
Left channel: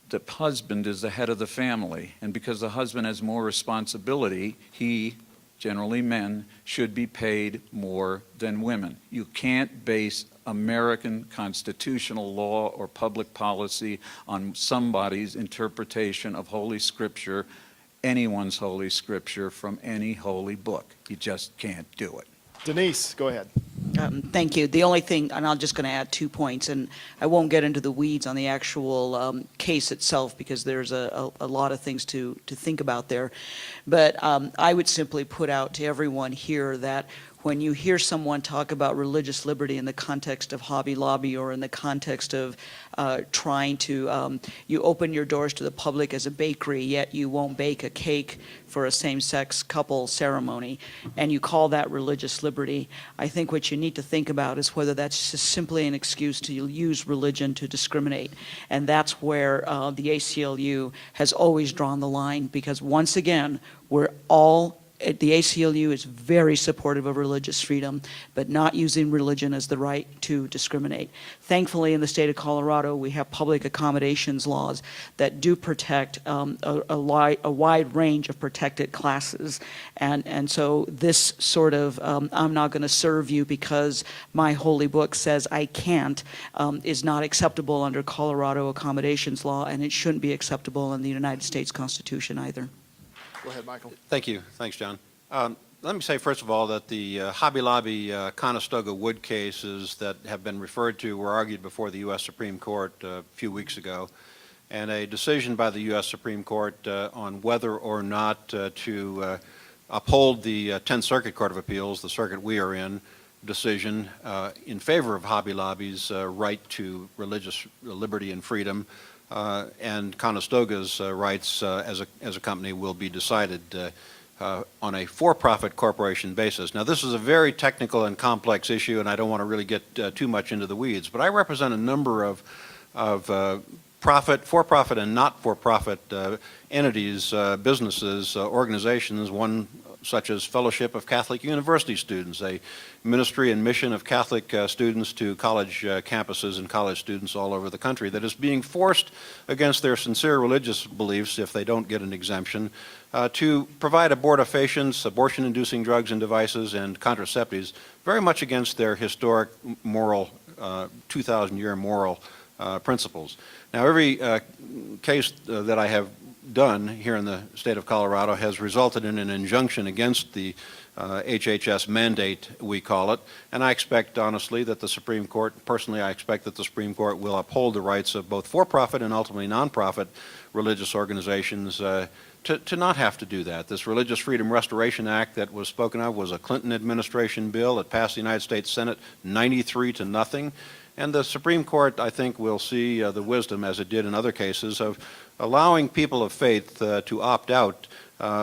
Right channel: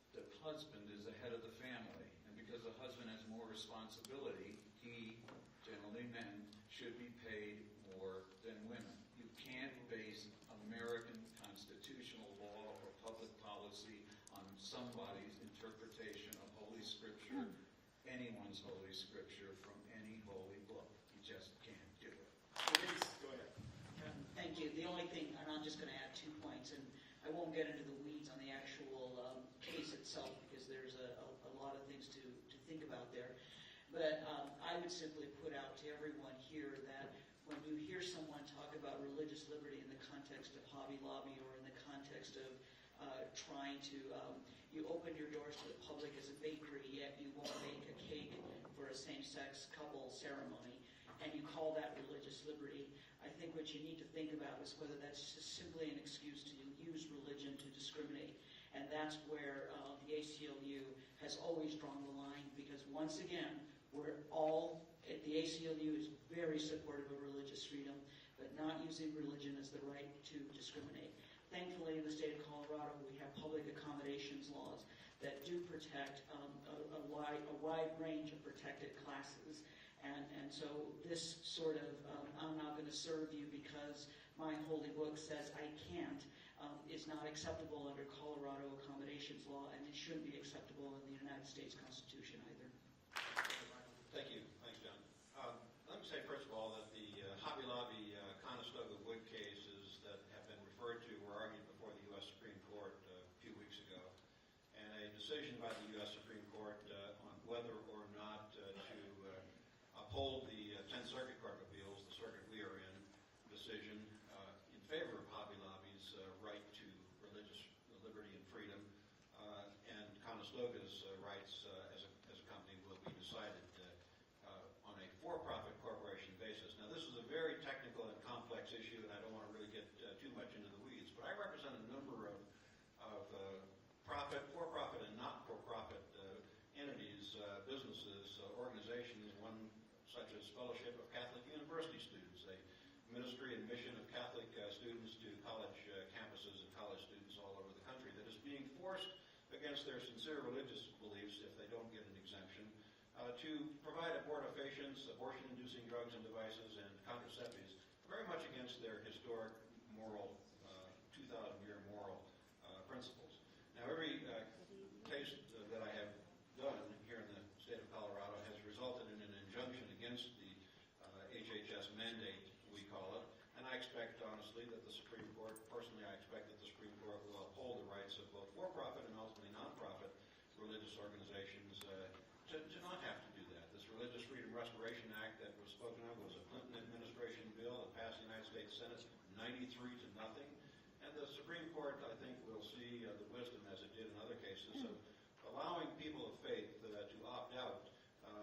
The husband is the head of the family. And because the husband has more responsibility, he, generally men, should be paid more than women. You can't base American constitutional law or public policy on somebody's interpretation of Holy Scripture, anyone's Holy Scripture from any holy book. You just can't do it. Denise, go ahead. Thank you. The only thing, and I'm just going to add 2 points, and I won't get into the weeds on the actual case itself because there's a lot of things to think about there. But I would simply put out to everyone here that when you hear someone talk about religious liberty in the context of Hobby Lobby or in the context of trying to, you open your doors to the public as a bakery, yet you won't bake a cake for a same-sex couple ceremony, and you call that religious liberty, I think what you need to think about is whether that's just simply an excuse to use religion to discriminate. And that's where the ACLU has always drawn the line, because once again, we're all the ACLU is very supportive of religious freedom, but not using religion as the right to discriminate. Thankfully, in the state of Colorado, we have public accommodations laws that do protect a wide range of protected classes. And so this sort of, I'm not going to serve you because my holy book says I can't, is not acceptable under Colorado accommodations law, and it shouldn't be acceptable in the United States Constitution either. Go ahead, Michael. Thank you. Thanks, John. Let me say, first of all, that the Hobby Lobby Conestoga wood cases that have been referred to were argued before the U.S. Supreme Court a few weeks ago, and a decision by the U.S. Supreme Court on whether or not to uphold the 10th Circuit Court of Appeals, the circuit we are in, decision in favor of Hobby Lobby's right to religious liberty and freedom, and Conestoga's rights as a company will be decided on a for-profit corporation basis. Now, this is a very technical and complex issue, and I don't want to really get too much into the weeds, but I represent a number of for-profit and not-for-profit entities, businesses, organizations, one such as Fellowship of Catholic University Students, a ministry and mission of Catholic students to college campuses and college students all over the country that is being forced against their sincere religious beliefs, if they don't get an exemption, to provide abortifacients, abortion-inducing drugs and devices, and contraceptives, very much against their historic moral, 2,000-year moral principles. Now, every case that I have done here in the state of Colorado has resulted in an injunction against the HHS mandate, we call it, and I expect, honestly, that the Supreme Court, personally, I expect that the Supreme Court will uphold the rights of both for-profit and ultimately non-profit religious organizations to not have to do that. This Religious Freedom Restoration Act that was spoken of was a Clinton administration bill. It passed the United States Senate 93-0, and the Supreme Court, I think, will see the wisdom, as it did in other cases, of allowing people of faith to opt out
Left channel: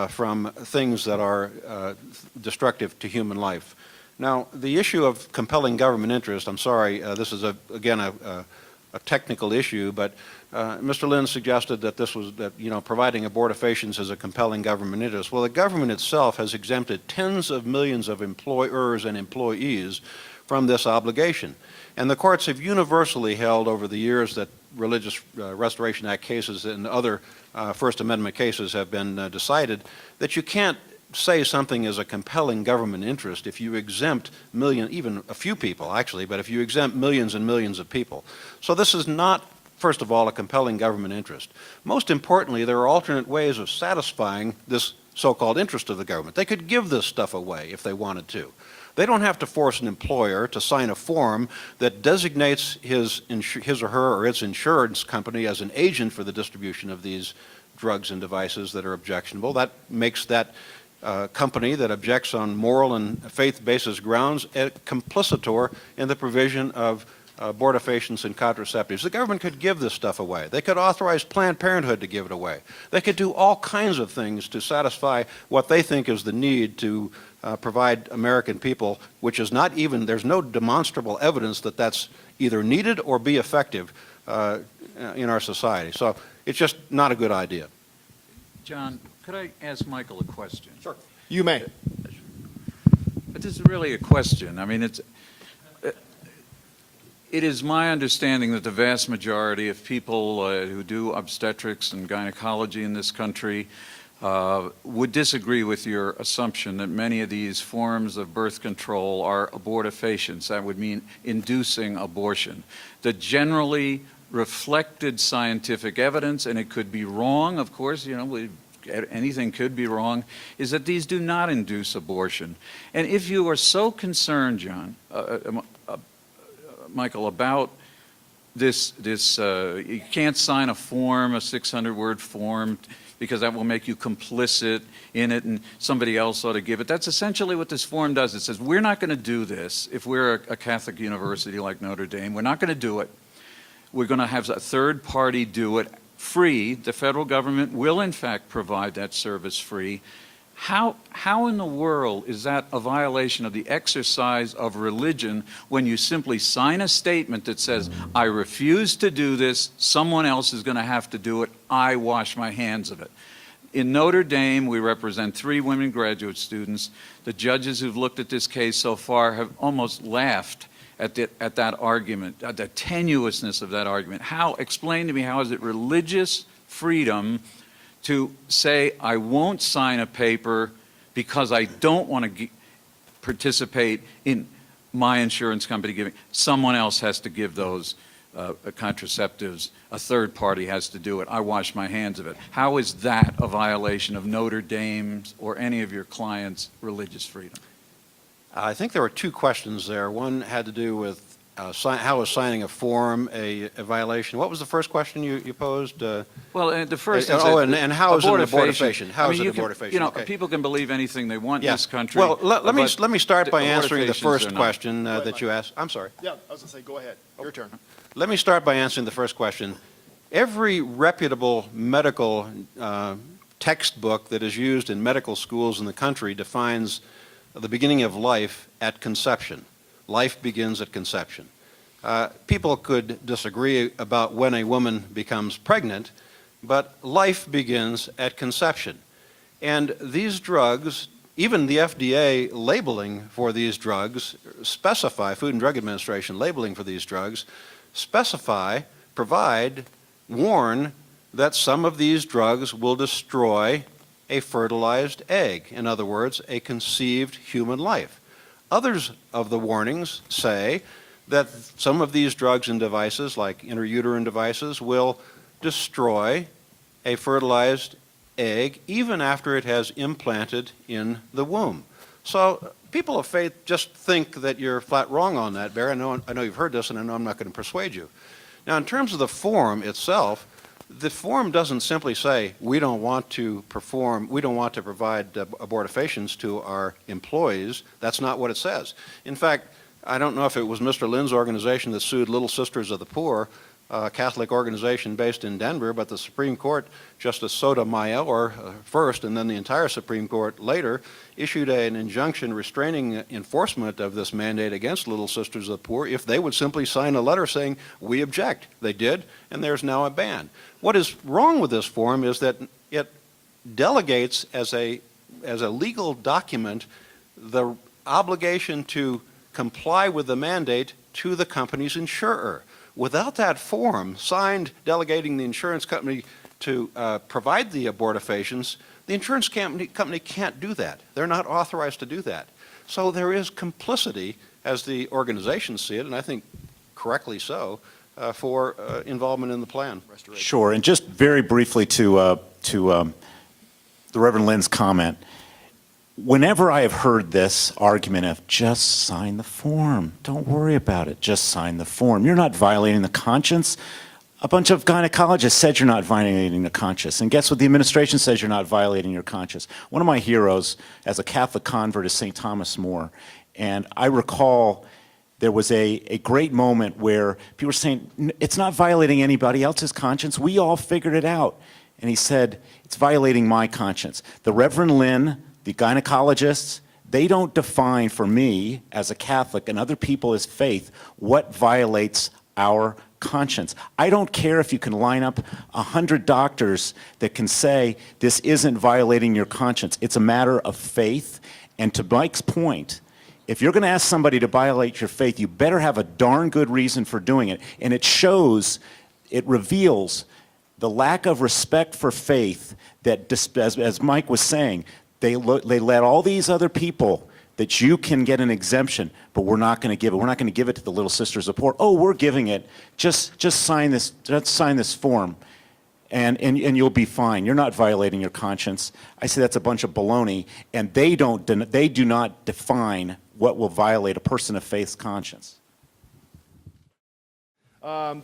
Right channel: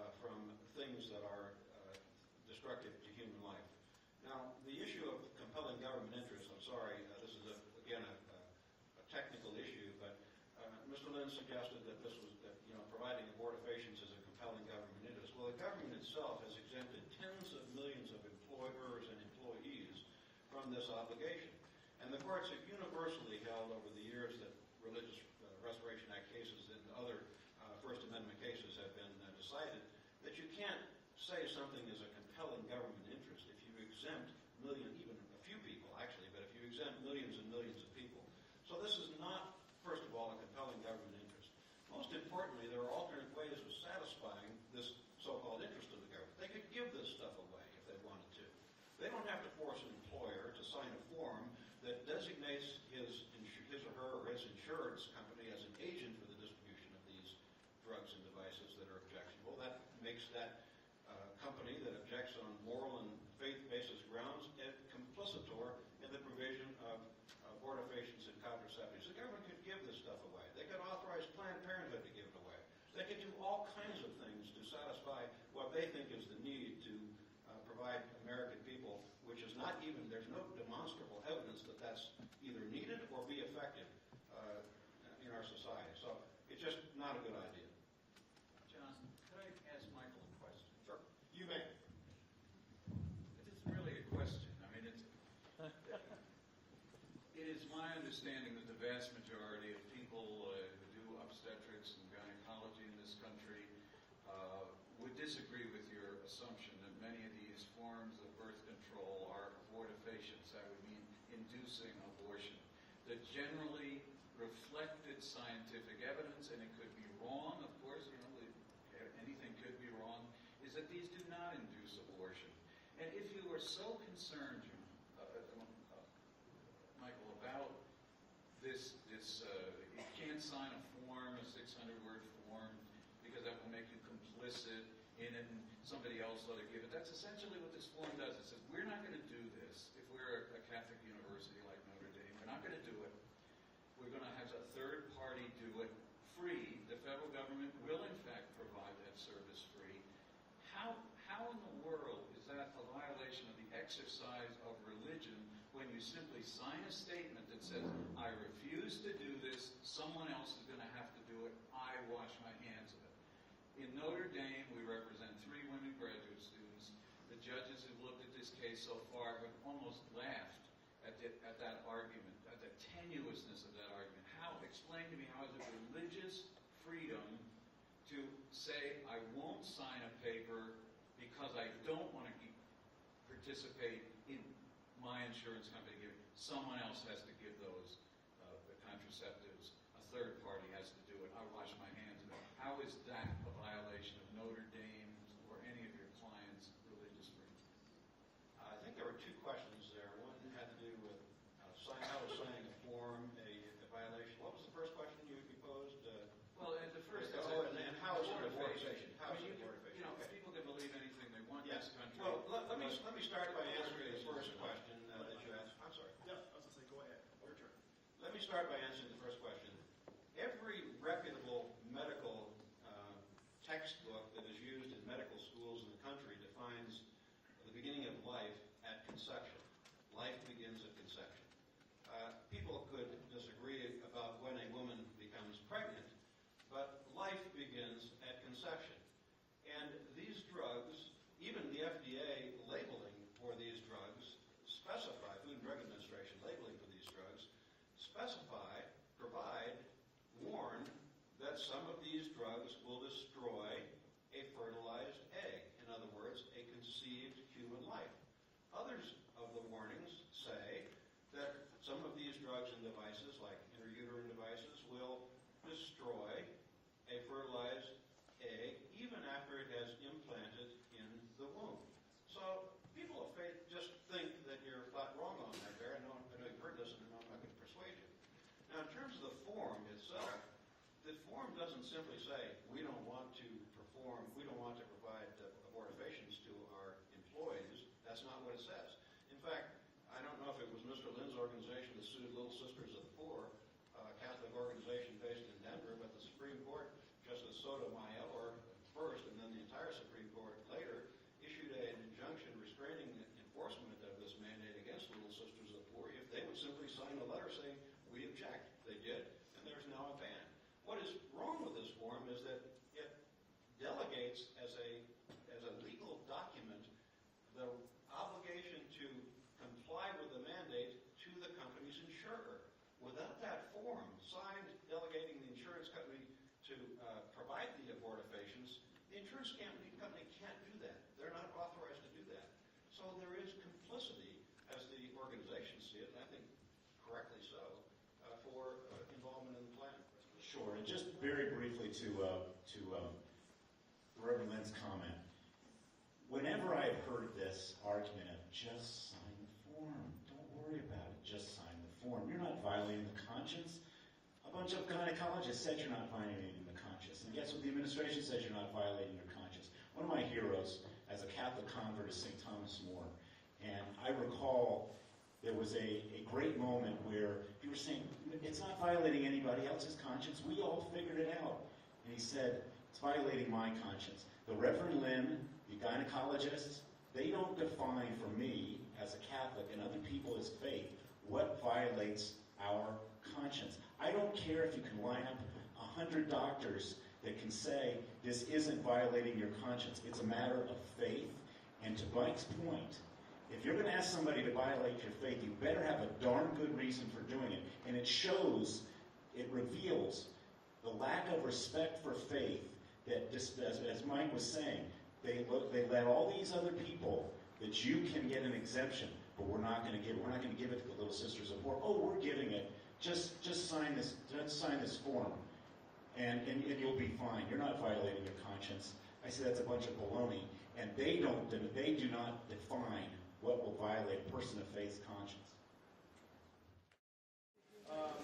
from things that are destructive to human life. Now, the issue of compelling government interest, I'm sorry, this is, again, a technical issue, but Mr. Lynn suggested that this was, providing abortifacients is a compelling government interest. Well, the government itself has exempted tens of millions of employers and employees from this obligation. And the courts have universally held over the years that Religious Restoration Act cases and other First Amendment cases have been decided that you can't say something is a compelling government interest if you exempt even a few people actually, but if you exempt millions and millions of people. So this is not, first of all, a compelling government interest. Most importantly, there are alternate ways of satisfying this so-called interest of the government. They could give this stuff away if they wanted to. They don't have to force an employer to sign a form that designates his or her or its insurance company as an agent for the distribution of these drugs and devices that are objectionable. That makes that company that objects on moral and faith-basis grounds a complicitor in the provision of abortifacients and contraceptives. The government could give this stuff away. They could authorize Planned Parenthood to give it away. They could do all kinds of things to satisfy what they think is the need to provide American people, which is not even, there's no demonstrable evidence that that's either needed or be effective in our society. So it's just not a good idea. John, could I ask Michael a question? Sure. You may. This is really a question. I mean, it is my understanding that the vast majority of people who do obstetrics and gynecology in this country would disagree with your assumption that many of these forms of birth control are abortifacients. That would mean inducing abortion. The generally reflected scientific evidence, and it could be wrong, of course, anything could be wrong, is that these do not induce abortion. And if you are so concerned, John, Michael, about this, you can't sign a form, a 600-word form, because that will make you complicit in it and somebody else ought to give it. That's essentially what this form does. It says, we're not going to do this if we're a Catholic university like Notre Dame. We're not going to do it. We're going to have a third party do it free. The federal government will, in fact, provide that service free. How in the world is that a violation of the exercise of religion when you simply sign a statement that says, I refuse to do this, someone else is going to have to do it, I wash my hands of it? In Notre Dame, we represent 3 women graduate students. The judges who've looked at this case so far have almost laughed at that argument, at the tenuousness of that argument. Explain to me, how is it religious freedom to say, I won't sign a paper because I don't want to participate in my insurance company giving. Someone else has to give those contraceptives. A third party has to do it. I wash my hands of it. How is that a violation of Notre Dame's or any of your clients' religious freedom? I think there were 2 questions there. One had to do with how is signing a form a violation? What was the first question you posed? Well, the first is and how is it an abortifacient? How is it abortifacient? You know, Okay. people can believe anything they want in this country. Well, let me start by answering the abortifacients first are not. question that you asked. I'm sorry. Yeah, I was going to say, go ahead. Your turn. Let me start by answering the first question. Every reputable medical textbook that is used in medical schools in the country defines the beginning of life at conception. Life begins at conception. People could disagree about when a woman becomes pregnant, but life begins at conception. And these drugs, even the FDA labeling for these drugs, specify, Food and Drug Administration labeling for these drugs, specify, provide, warn that some of these drugs will destroy a fertilized egg. In other words, a conceived human life. Others of the warnings say that some of these drugs and devices, like intrauterine devices, will destroy a fertilized egg even after it has implanted in the womb. So people of faith just think that you're flat wrong on that, Barry. I know you've heard this, and I know I'm not going to persuade you. Now, in terms of the form itself, the form doesn't simply say we don't want to provide abortifacients to our employees. That's not what it says. In fact, I don't know if it was Mr. Lynn's organization that sued Little Sisters of the Poor, a Catholic organization based in Denver, but the Supreme Court, Justice Sotomayor first, and then the entire Supreme Court later, issued an injunction restraining enforcement of this mandate against Little Sisters of the Poor if they would simply sign a letter saying, we object. They did, and there's now a ban. What is wrong with this form is that it delegates as a legal document the obligation to comply with the mandate to the company's insurer. Without that form signed delegating the insurance company to provide the abortifacients, the insurance company can't do that. They're not authorized to do that. So there is complicity, as the organizations see it, and I think correctly so, for involvement in the plan. Sure, and just very briefly to the Reverend Lynn's comment, whenever I have heard this argument of just sign the form, don't worry about it, just sign the form. You're not violating the conscience. A bunch of gynecologists said you're not violating the conscience. And guess what? The administration says you're not violating your conscience. One of my heroes as a Catholic convert is St. Thomas More. And I recall there was a great moment where people were saying, it's not violating anybody else's conscience. We all figured it out. And he said, it's violating my conscience. The Reverend Lynn, the gynecologists, they don't define for me as a Catholic and other people as faith what violates our conscience. I don't care if you can line up 100 doctors that can say this isn't violating your conscience. It's a matter of faith. And to Mike's point, if you're going to ask somebody to violate your faith, you better have a darn good reason for doing it. And it shows, it reveals the lack of respect for faith that, as Mike was saying, they let all these other people that you can get an exemption, but we're not going to give it. We're not going to give it to the Little Sisters of the Poor. Oh, we're giving it. Just sign this. Just sign this form, and you'll be fine. You're not violating your conscience. I say that's a bunch of baloney, and they do not define what will violate a person of faith's conscience.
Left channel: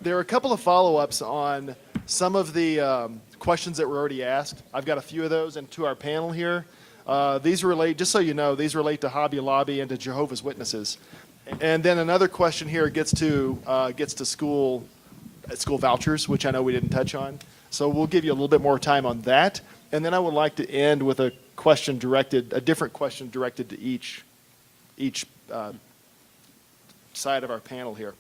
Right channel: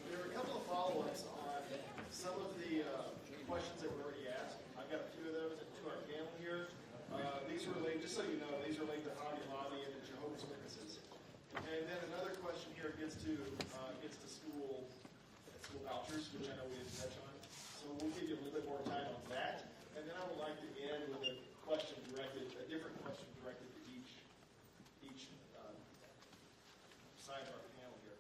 There are a couple of follow-ups on some of the questions that were already asked. I've got a few of those, and to our panel here. These relate, just so you know, these relate to Hobby Lobby and to Jehovah's Witnesses. And then another question here gets to school vouchers, which I know we didn't touch on. So we'll give you a little bit more time on that. And then I would like to end with a different question directed to each side of our panel here.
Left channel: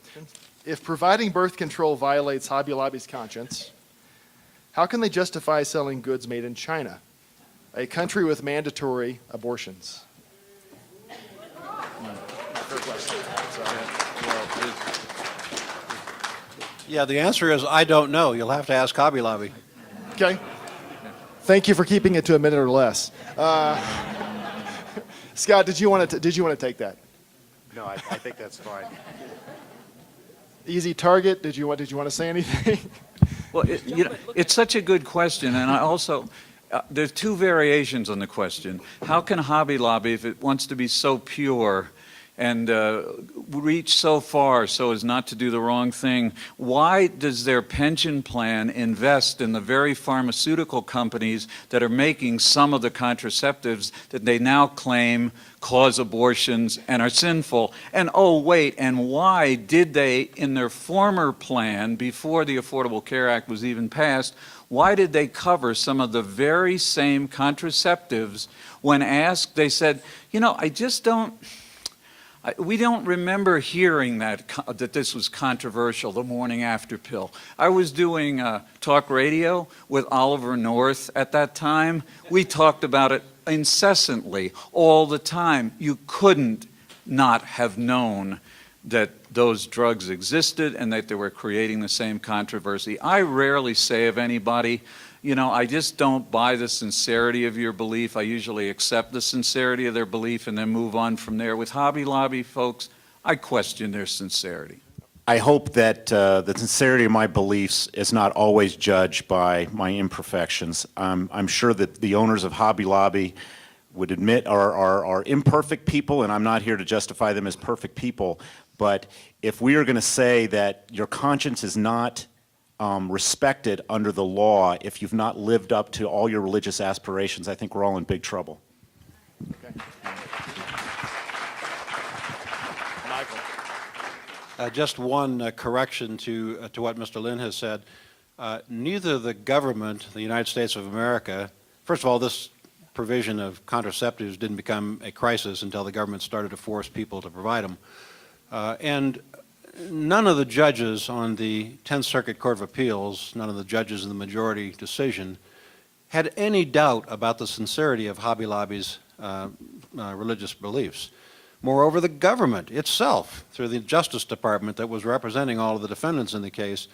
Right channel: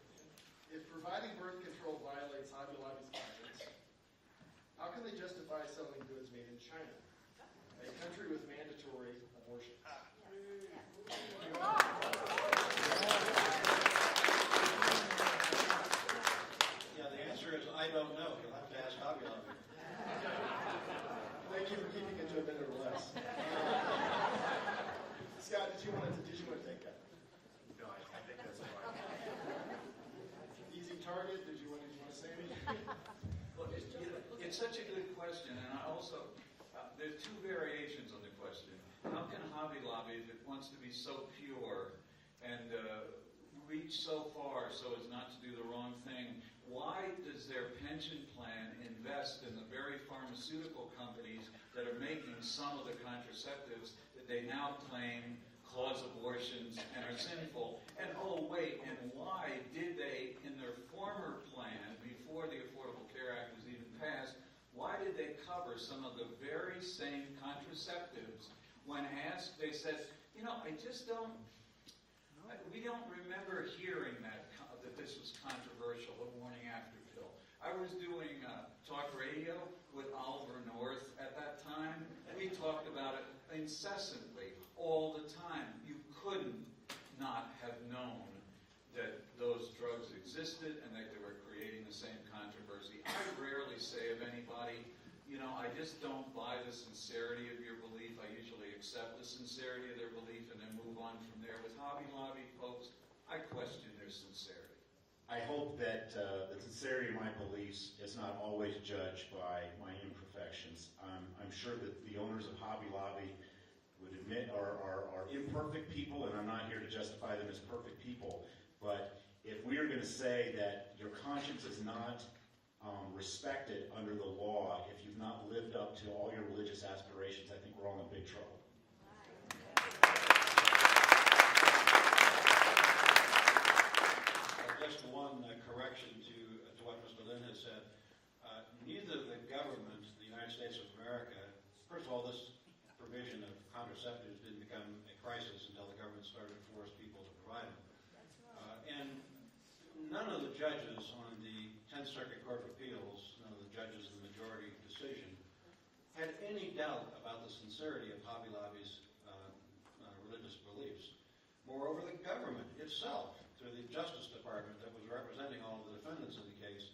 If providing birth control violates Hobby Lobby's conscience, how can they justify selling goods made in China, a country with mandatory abortions? Yeah, the answer is I don't know. You'll have to ask Hobby Lobby. Okay. Thank you for keeping it to a minute or less. Scott, did you want to take that? No, I think that's fine. Easy target. Did you want to say anything? Well, it's such a good question, and I also, there's two variations on the question. How can Hobby Lobby, if it wants to be so pure and reach so far so as not to do the wrong thing, why does their pension plan invest in the very pharmaceutical companies that are making some of the contraceptives that they now claim cause abortions and are sinful? And oh wait, and why did they, in their former plan, before the Affordable Care Act was even passed, why did they cover some of the very same contraceptives? When asked, they said, I just don't, we don't remember hearing that this was controversial, the morning after pill. I was doing talk radio with Oliver North at that time. We talked about it incessantly, all the time. You couldn't not have known that those drugs existed and that they were creating the same controversy. I rarely say of anybody, I just don't buy the sincerity of your belief. I usually accept the sincerity of their belief and then move on from there. With Hobby Lobby folks, I question their sincerity. I hope that the sincerity of my beliefs is not always judged by my imperfections. I'm sure that the owners of Hobby Lobby would admit are imperfect people, and I'm not here to justify them as perfect people. But if we are going to say that your conscience is not respected under the law, if you've not lived up to all your religious aspirations, I think we're all in big trouble. Just one correction to what Mr. Lynn has said. Neither the government, the United States of America, first of all, this provision of contraceptives didn't become a crisis until the government started to force people to provide them. And none of the judges on the 10th Circuit Court of Appeals, none of the judges in the majority decision, had any doubt about the sincerity of Hobby Lobby's religious beliefs. Moreover, the government itself, through the Justice Department that was representing all of the defendants in the case,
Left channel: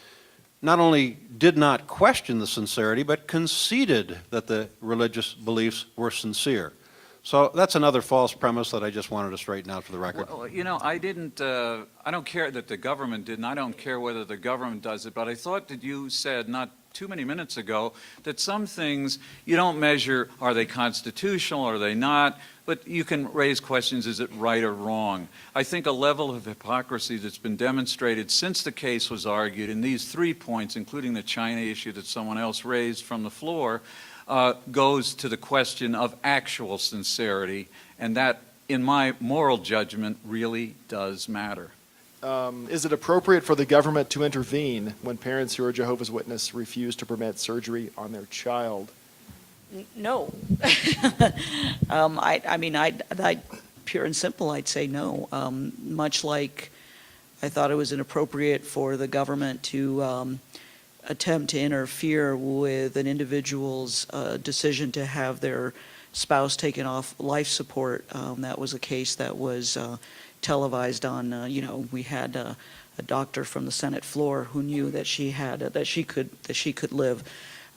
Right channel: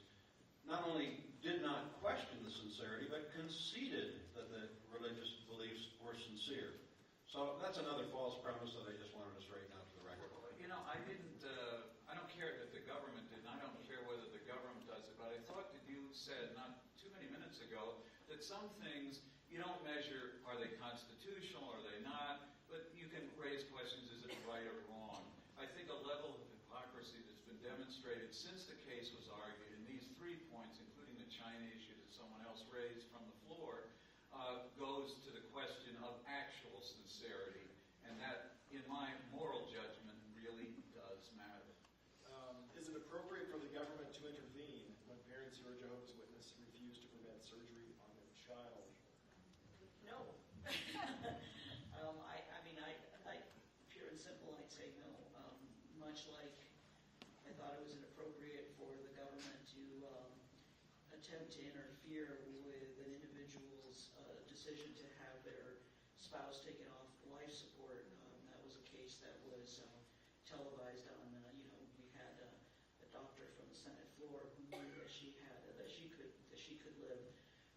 not only did not question the sincerity, but conceded that the religious beliefs were sincere. So that's another false premise that I just wanted to straighten out for the record. Well, I don't care that the government didn't. I don't care whether the government does it, but I thought that you said not too many minutes ago that some things you don't measure, are they constitutional, are they not? But you can raise questions, is it right or wrong? I think a level of hypocrisy that's been demonstrated since the case was argued in these 3 points, including the China issue that someone else raised from the floor, goes to the question of actual sincerity, and that, in my moral judgment, really does matter. Is it appropriate for the government to intervene when parents who are Jehovah's Witness refuse to permit surgery on their child? No. Pure and simple, I'd say no. Much like I thought it was inappropriate for the government to attempt to interfere with an individual's decision to have their spouse taken off life support. That was a case that was televised on. We had a doctor from the Senate floor who knew that she had that she could live.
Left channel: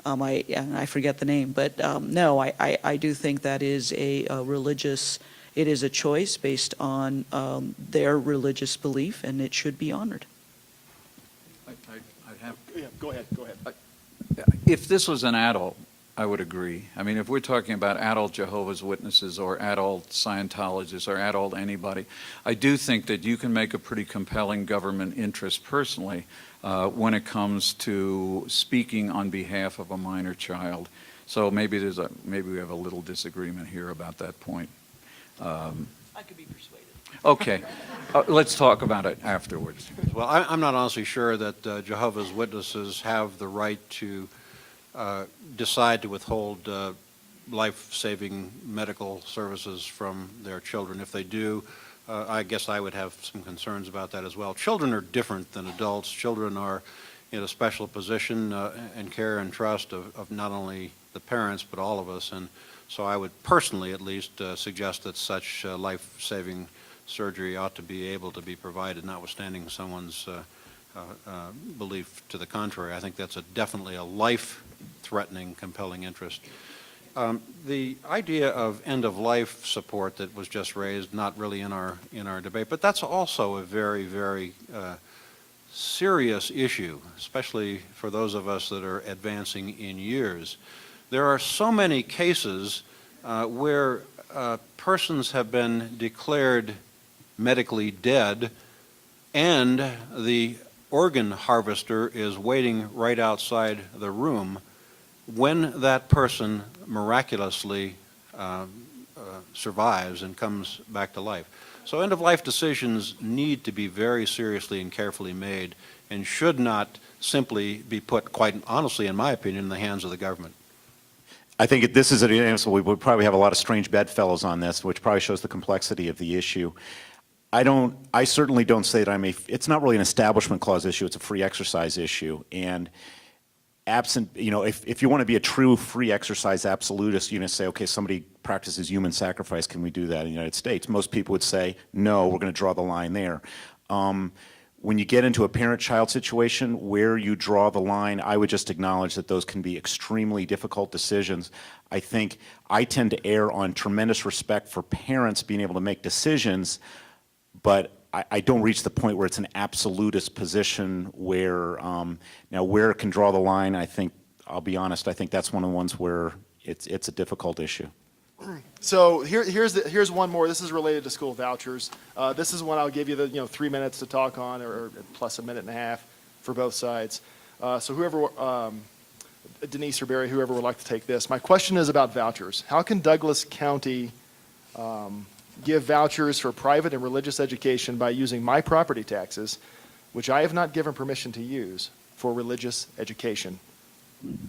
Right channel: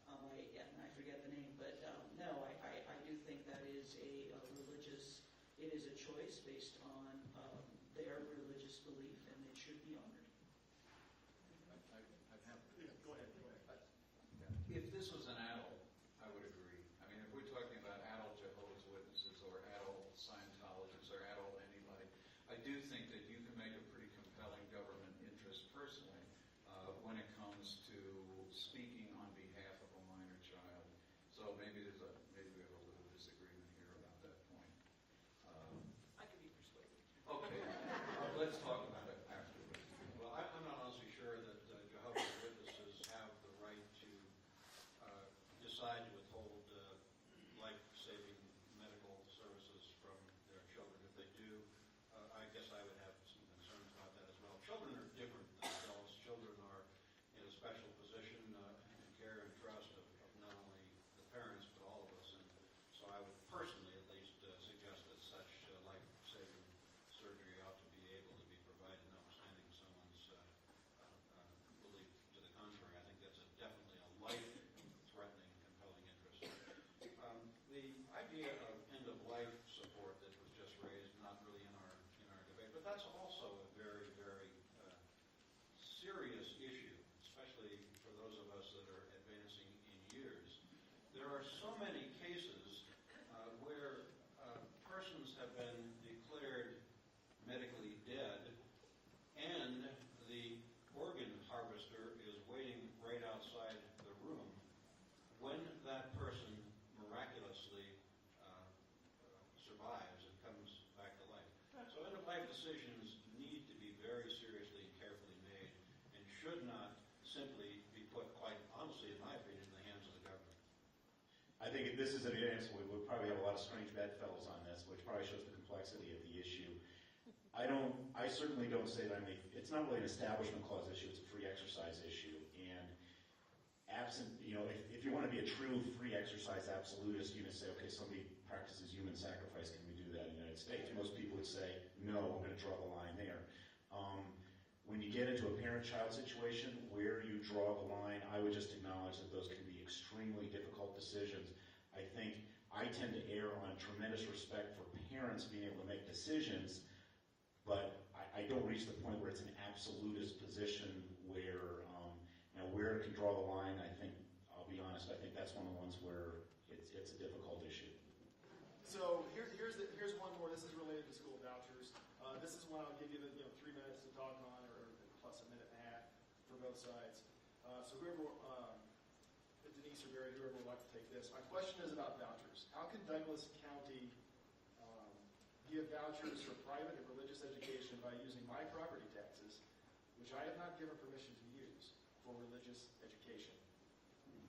I forget the name, but no, I do think that is a religious. It is a choice based on their religious belief, and it should be honored. Yeah, go ahead. If this was an adult, I would agree. I mean, if we're talking about adult Jehovah's Witnesses or adult Scientologists or adult anybody, I do think that you can make a pretty compelling government interest personally when it comes to speaking on behalf of a minor child. So maybe we have a little disagreement here about that point. I could be persuaded. Okay, let's talk about it afterwards. Well, I'm not honestly sure that Jehovah's Witnesses have the right to decide to withhold life-saving medical services from their children. If they do, I guess I would have some concerns about that as well. Children are different than adults. Children are in a special position and care and trust of not only the parents but all of us. And so I would personally at least suggest that such life-saving surgery ought to be able to be provided, notwithstanding someone's belief to the contrary. I think that's definitely a life-threatening, compelling interest. The idea of end-of-life support that was just raised, not really in our debate, but that's also a very, very serious issue, especially for those of us that are advancing in years. There are so many cases where persons have been declared medically dead, and the organ harvester is waiting right outside the room when that person miraculously survives and comes back to life. So end-of-life decisions need to be very seriously and carefully made and should not simply be put, quite honestly, in my opinion, in the hands of the government. I think this is so we would probably have a lot of strange bedfellows on this, which probably shows the complexity of the issue. I certainly don't say that it's not really an establishment clause issue, it's a free exercise issue. And absent, if you want to be a true free exercise absolutist, you're going to say, okay, somebody practices human sacrifice, can we do that in the United States? Most people would say, no, we're going to draw the line there. When you get into a parent-child situation where you draw the line, I would just acknowledge that those can be extremely difficult decisions. I think I tend to err on tremendous respect for parents being able to make decisions, but I don't reach the point where it's an absolutist position where, now where it can draw the line, I think, I'll be honest, I think that's one of the ones where it's a difficult issue. So here's one more. This is related to school vouchers. This is one I'll give you the 3 minutes to talk on, or plus a minute and a half for both sides. So whoever, Denise or Barry, whoever would like to take this. My question is about vouchers. How can Douglas County give vouchers for private and religious education by using my property taxes, which I have not given permission to use, for religious education?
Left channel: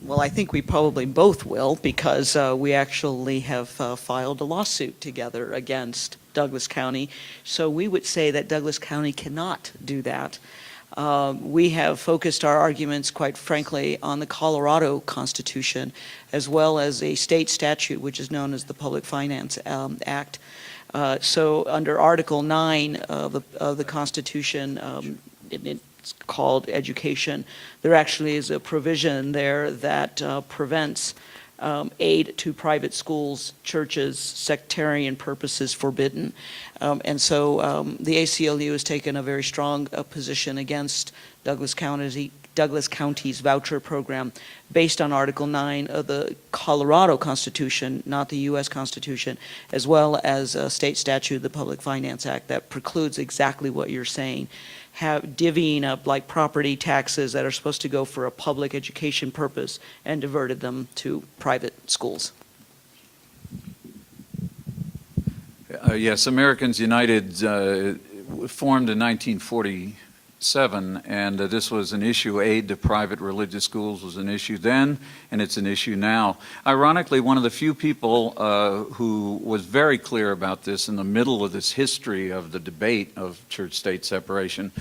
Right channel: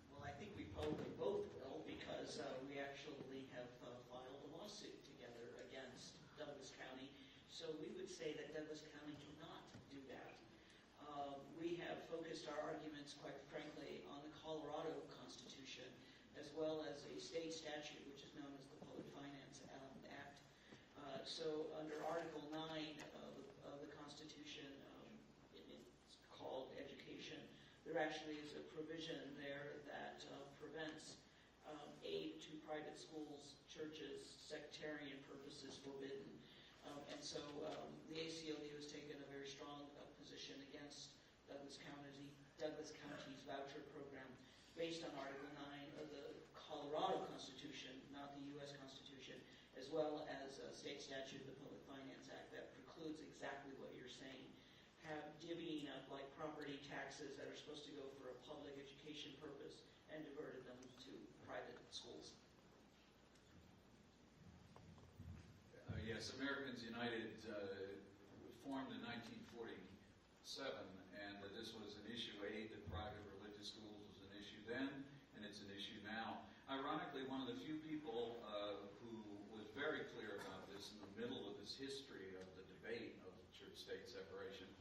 Well, I think we probably both will, because we actually have filed a lawsuit together against Douglas County. So we would say that Douglas County cannot do that. We have focused our arguments, quite frankly, on the Colorado Constitution, as well as a state statute, which is known as the Public Finance Act. So under Article 9 of the Constitution, it's called education, there actually is a provision there that prevents aid to private schools, churches, sectarian purposes forbidden. And so the ACLU has taken a very strong position against Douglas County's voucher program based on Article 9 of the Colorado Constitution, not the U.S. Constitution, as well as a state statute, the Public Finance Act, that precludes exactly what you're saying. Divvying up like property taxes that are supposed to go for a public education purpose and diverted them to private schools. Yes, Americans United formed in 1947, and this was an issue. Aid to private religious schools was an issue then, and it's an issue now. Ironically, one of the few people who was very clear about this in the middle of this history of the debate of church-state separation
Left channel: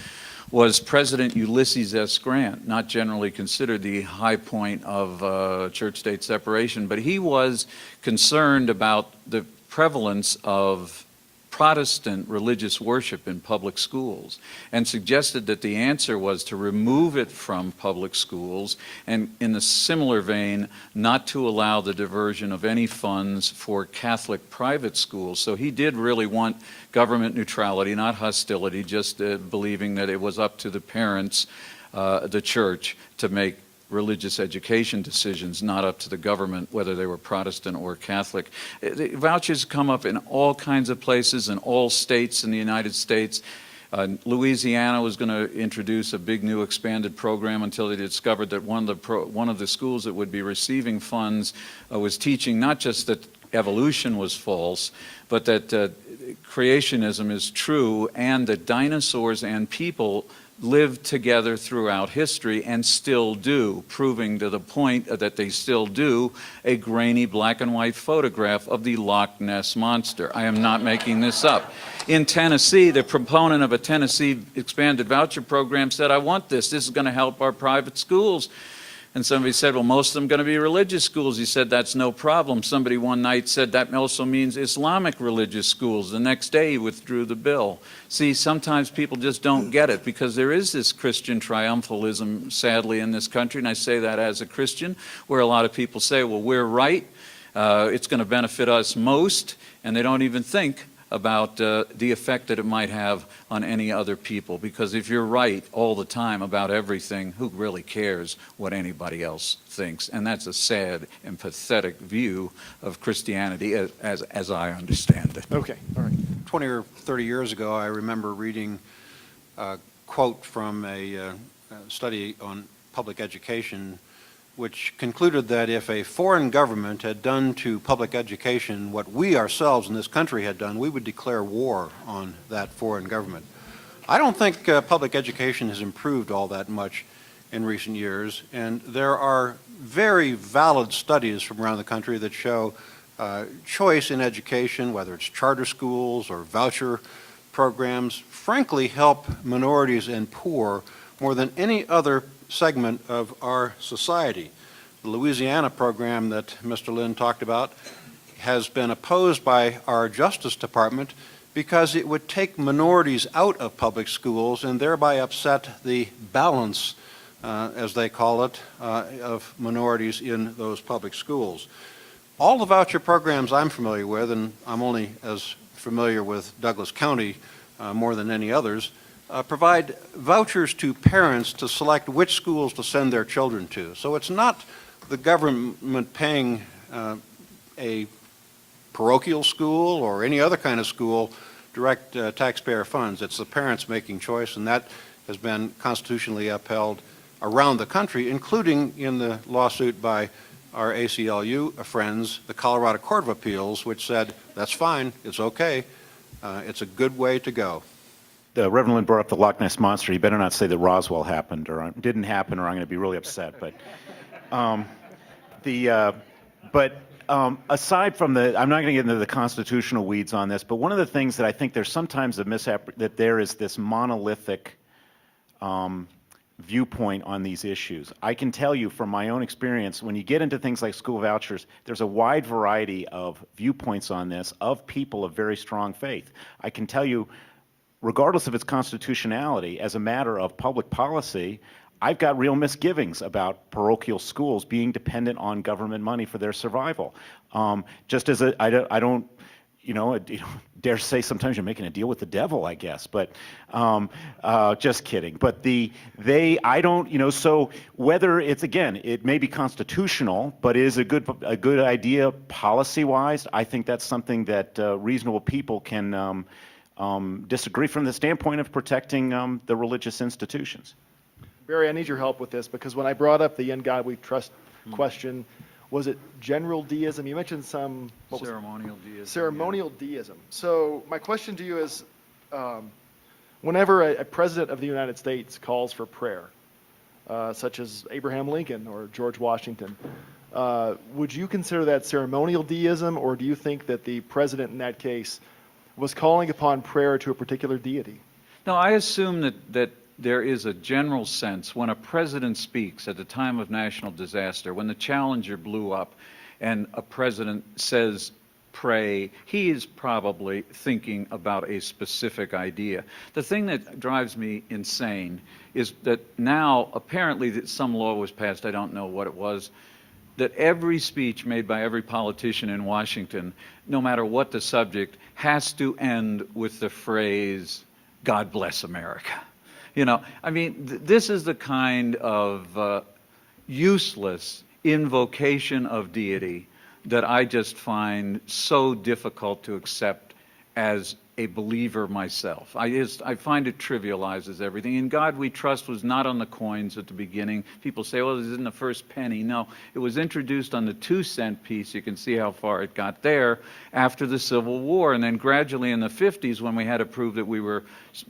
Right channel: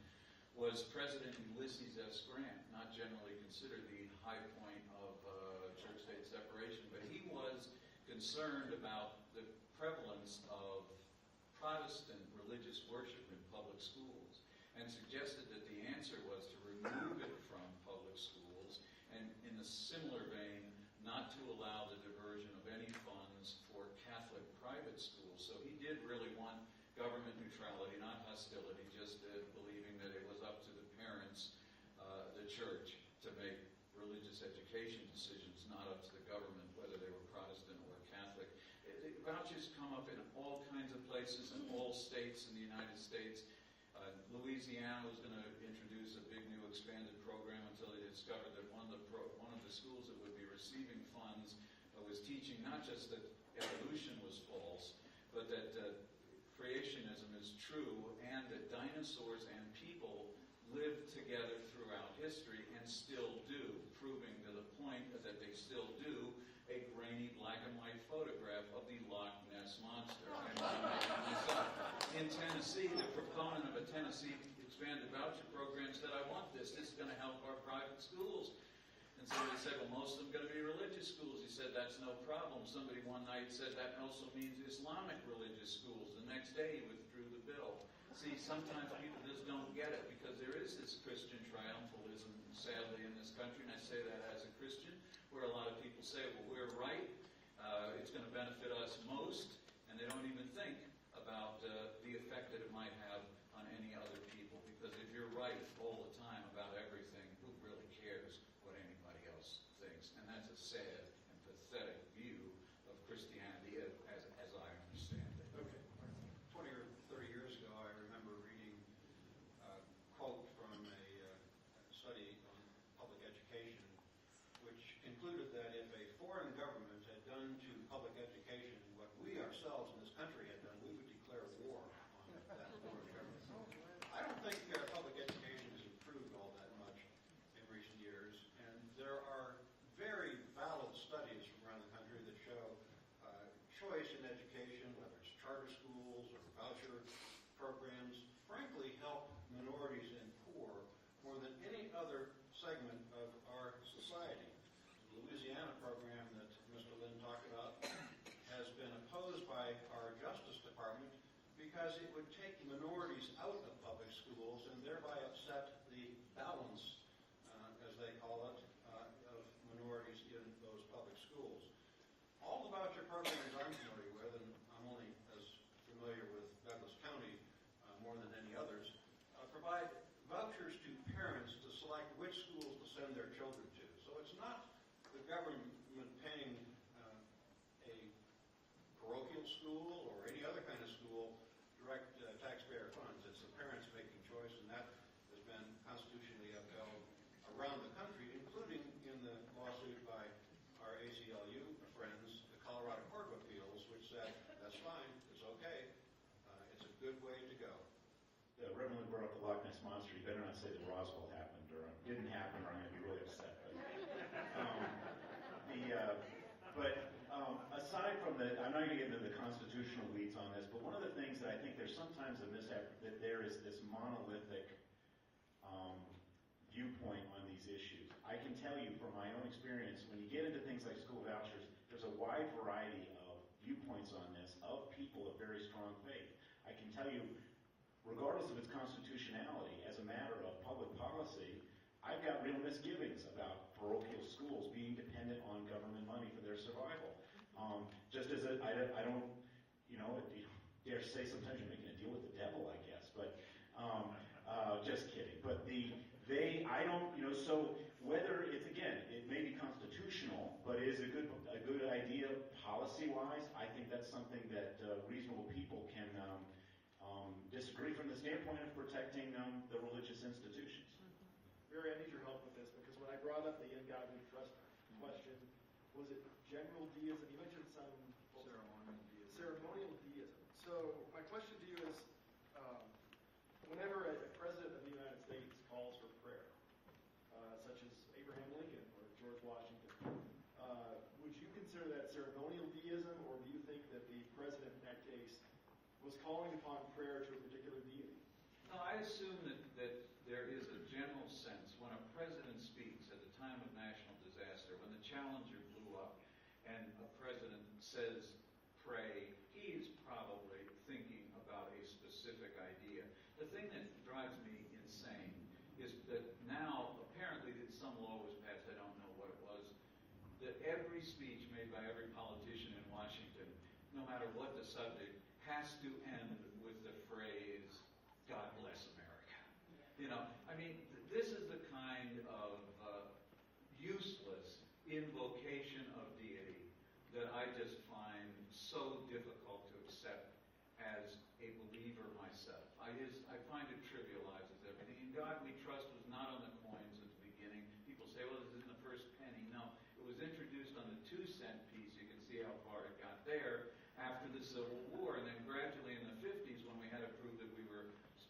was President Ulysses S. Grant, not generally considered the high point of church-state separation, but he was concerned about the prevalence of Protestant religious worship in public schools, and suggested that the answer was to remove it from public schools, and in a similar vein, not to allow the diversion of any funds for Catholic private schools. So he did really want government neutrality, not hostility, just believing that it was up to the parents, the church, to make religious education decisions, not up to the government, whether they were Protestant or Catholic. The vouchers come up in all kinds of places in all states in the United States. Louisiana was going to introduce a big new expanded program until they discovered that one of the schools that would be receiving funds was teaching not just that evolution was false, but that creationism is true and that dinosaurs and people lived together throughout history and still do, proving to the point that they still do a grainy black and white photograph of the Loch Ness Monster. I am not making this up. In Tennessee, the proponent of a Tennessee expanded voucher program said, I want this. This is going to help our private schools. And somebody said, well, most of them are going to be religious schools. He said, that's no problem. Somebody one night said that also means Islamic religious schools. The next day he withdrew the bill. See, sometimes people just don't get it because there is this Christian triumphalism, sadly, in this country. And I say that as a Christian, where a lot of people say, well, we're right. It's going to benefit us most. And they don't even think about the effect that it might have on any other people. Because if you're right all the time about everything, who really cares what anybody else thinks? And that's a sad and pathetic view of Christianity as I understand it. Okay, all right. 20 or 30 years ago, I remember reading a quote from a study on public education, which concluded that if a foreign government had done to public education what we ourselves in this country had done, we would declare war on that foreign government. I don't think public education has improved all that much in recent years, and there are very valid studies from around the country that show choice in education, whether it's charter schools or voucher programs, frankly help minorities and poor more than any other segment of our society. The Louisiana program that Mr. Lynn talked about has been opposed by our Justice Department because it would take minorities out of public schools and thereby upset the balance, as they call it, of minorities in those public schools. All the voucher programs I'm familiar with, and I'm only as familiar with Douglas County more than any others, provide vouchers to parents to select which schools to send their children to. So it's not the government paying a parochial school or any other kind of school direct taxpayer funds. It's the parents making choice, and that has been constitutionally upheld around the country, including in the lawsuit by our ACLU friends, the Colorado Court of Appeals, which said, that's fine, it's okay, it's a good way to go. Reverend Lynn brought up the Loch Ness Monster. You better not say that Roswell happened or didn't happen, or I'm going to be really upset. But, aside from I'm not going to get into the constitutional weeds on this. But one of the things that I think there's sometimes that there is this monolithic viewpoint on these issues. I can tell you from my own experience, when you get into things like school vouchers, there's a wide variety of viewpoints on this of people of very strong faith. I can tell you, regardless of its constitutionality, as a matter of public policy, I've got real misgivings about parochial schools being dependent on government money for their survival. Just as I don't, dare say sometimes you're making a deal with the devil, I guess. But just kidding. But I don't, so whether it's, again, it may be constitutional, but is a good idea policy-wise, I think that's something that reasonable people can disagree from the standpoint of protecting the religious institutions. Barry, I need your help with this, because when I brought up the in God we trust question, was it general deism? You mentioned Ceremonial deism. Ceremonial deism. So my question to you is, whenever a president of the United States calls for prayer, such as Abraham Lincoln or George Washington, would you consider that ceremonial deism, or do you think that the president in that case was calling upon prayer to a particular deity? No, I assume that there is a general sense when a president speaks at the time of national disaster, when the Challenger blew up and a president says, pray, he is probably thinking about a specific idea. The thing that drives me insane is that now apparently that some law was passed, I don't know what it was, that every speech made by every politician in Washington, no matter what the subject, has to end with the phrase, God bless America. I mean, this is the kind of useless invocation of deity that I just find so difficult to accept as a believer myself. I find it trivializes everything. In God We Trust was not on the coins at the beginning. People say, well, this isn't the first penny. No, it was introduced on the 2-cent piece. You can see how far it got there after the Civil War. And then gradually in the 50s, when we had to prove that we were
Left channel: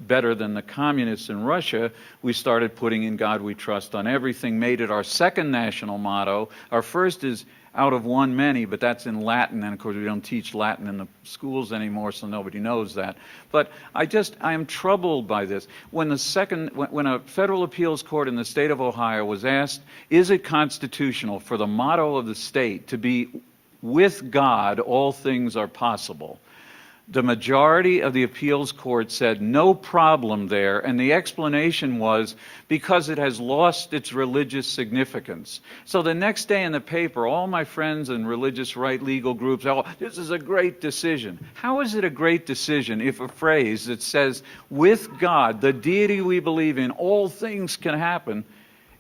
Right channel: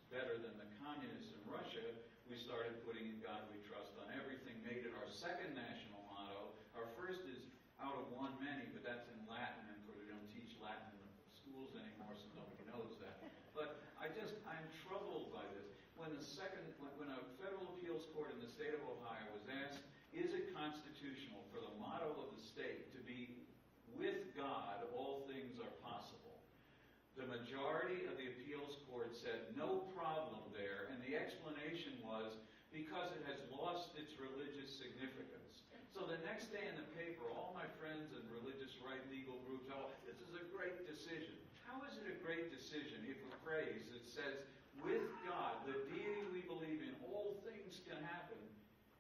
better than the communists in Russia, we started putting In God We Trust on everything, made it our second national motto. Our first is out of one many, but that's in Latin, and of course we don't teach Latin in the schools anymore, so nobody knows that. But I am troubled by this. When a federal appeals court in the state of Ohio was asked, is it constitutional for the motto of the state to be, with God all things are possible? The majority of the appeals court said no problem there, and the explanation was because it has lost its religious significance. So the next day in the paper, all my friends in religious right legal groups, oh, this is a great decision. How is it a great decision if a phrase that says, with God, the deity we believe in, all things can happen,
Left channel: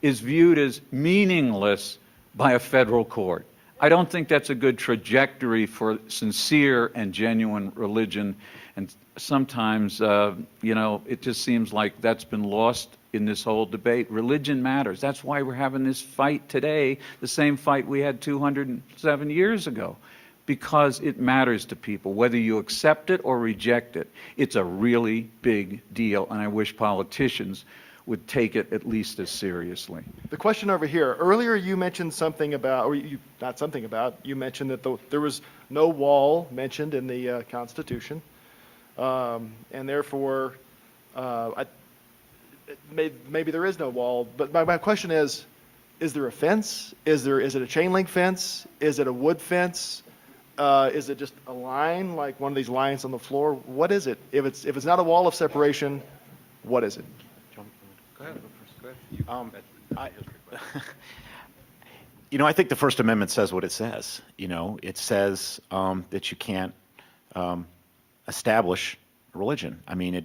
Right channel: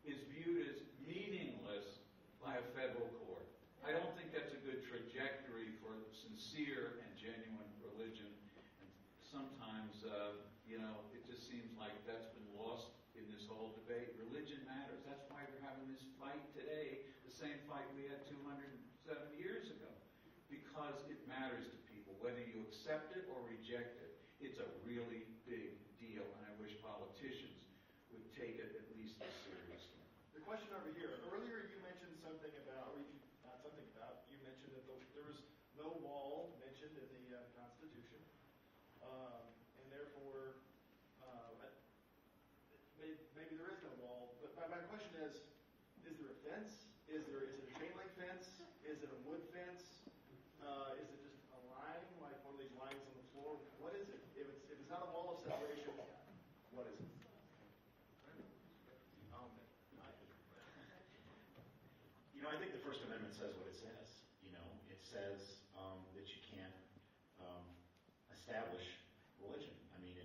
is viewed as meaningless by a federal court? I don't think that's a good trajectory for sincere and genuine religion. And sometimes, it just seems like that's been lost in this whole debate. Religion matters. That's why we're having this fight today, the same fight we had 207 years ago, because it matters to people. Whether you accept it or reject it, it's a really big deal, and I wish politicians would take it at least as seriously. The question over here, earlier you mentioned something about, you mentioned that there was no wall mentioned in the Constitution, and therefore, maybe there is no wall, but my question is there a fence? Is it a chain link fence? Is it a wood fence? Is it just a line, like one of these lines on the floor? What is it? If it's not a wall of separation, what is it? I think the First Amendment says what it says. It says that you can't establish a religion. I mean,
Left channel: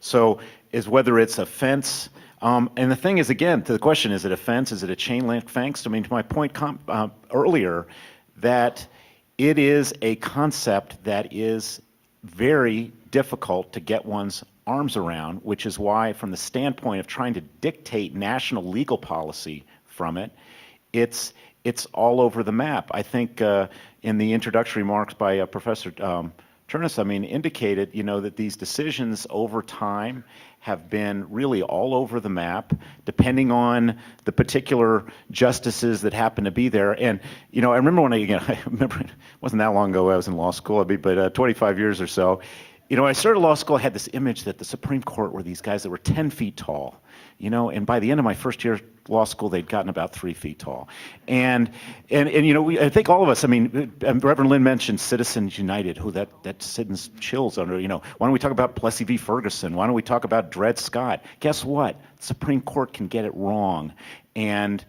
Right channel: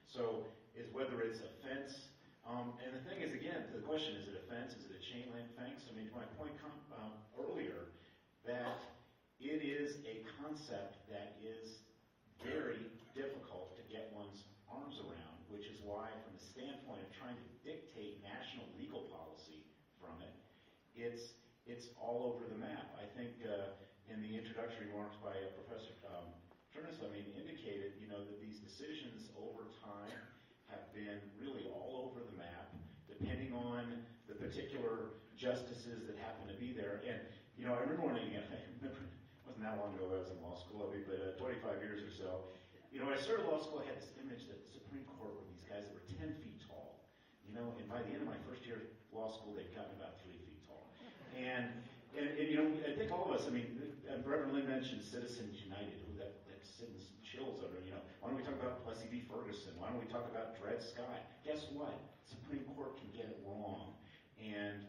so is whether it's a fence. And the thing is, again, to the question, is it a fence? Is it a chain link fence? I mean, to my point earlier, that it is a concept that is very difficult to get one's arms around, which is why, from the standpoint of trying to dictate national legal policy from it, it's all over the map. I think in the introductory remarks by Professor Turnus, indicated, that these decisions over time have been really all over the map, depending on the particular justices that happen to be there. And, I remember I remember it wasn't that long ago I was in law school, but 25 years or so. I started law school, I had this image that the Supreme Court were these guys that were 10 feet tall, and by the end of my first year of law school, they'd gotten about 3 feet tall. And I think all of us, Reverend Lynn mentioned Citizens United, that sends chills under, why don't we talk about Plessy v. Ferguson? Why don't we talk about Dred Scott? Guess what? The Supreme Court can get it wrong. And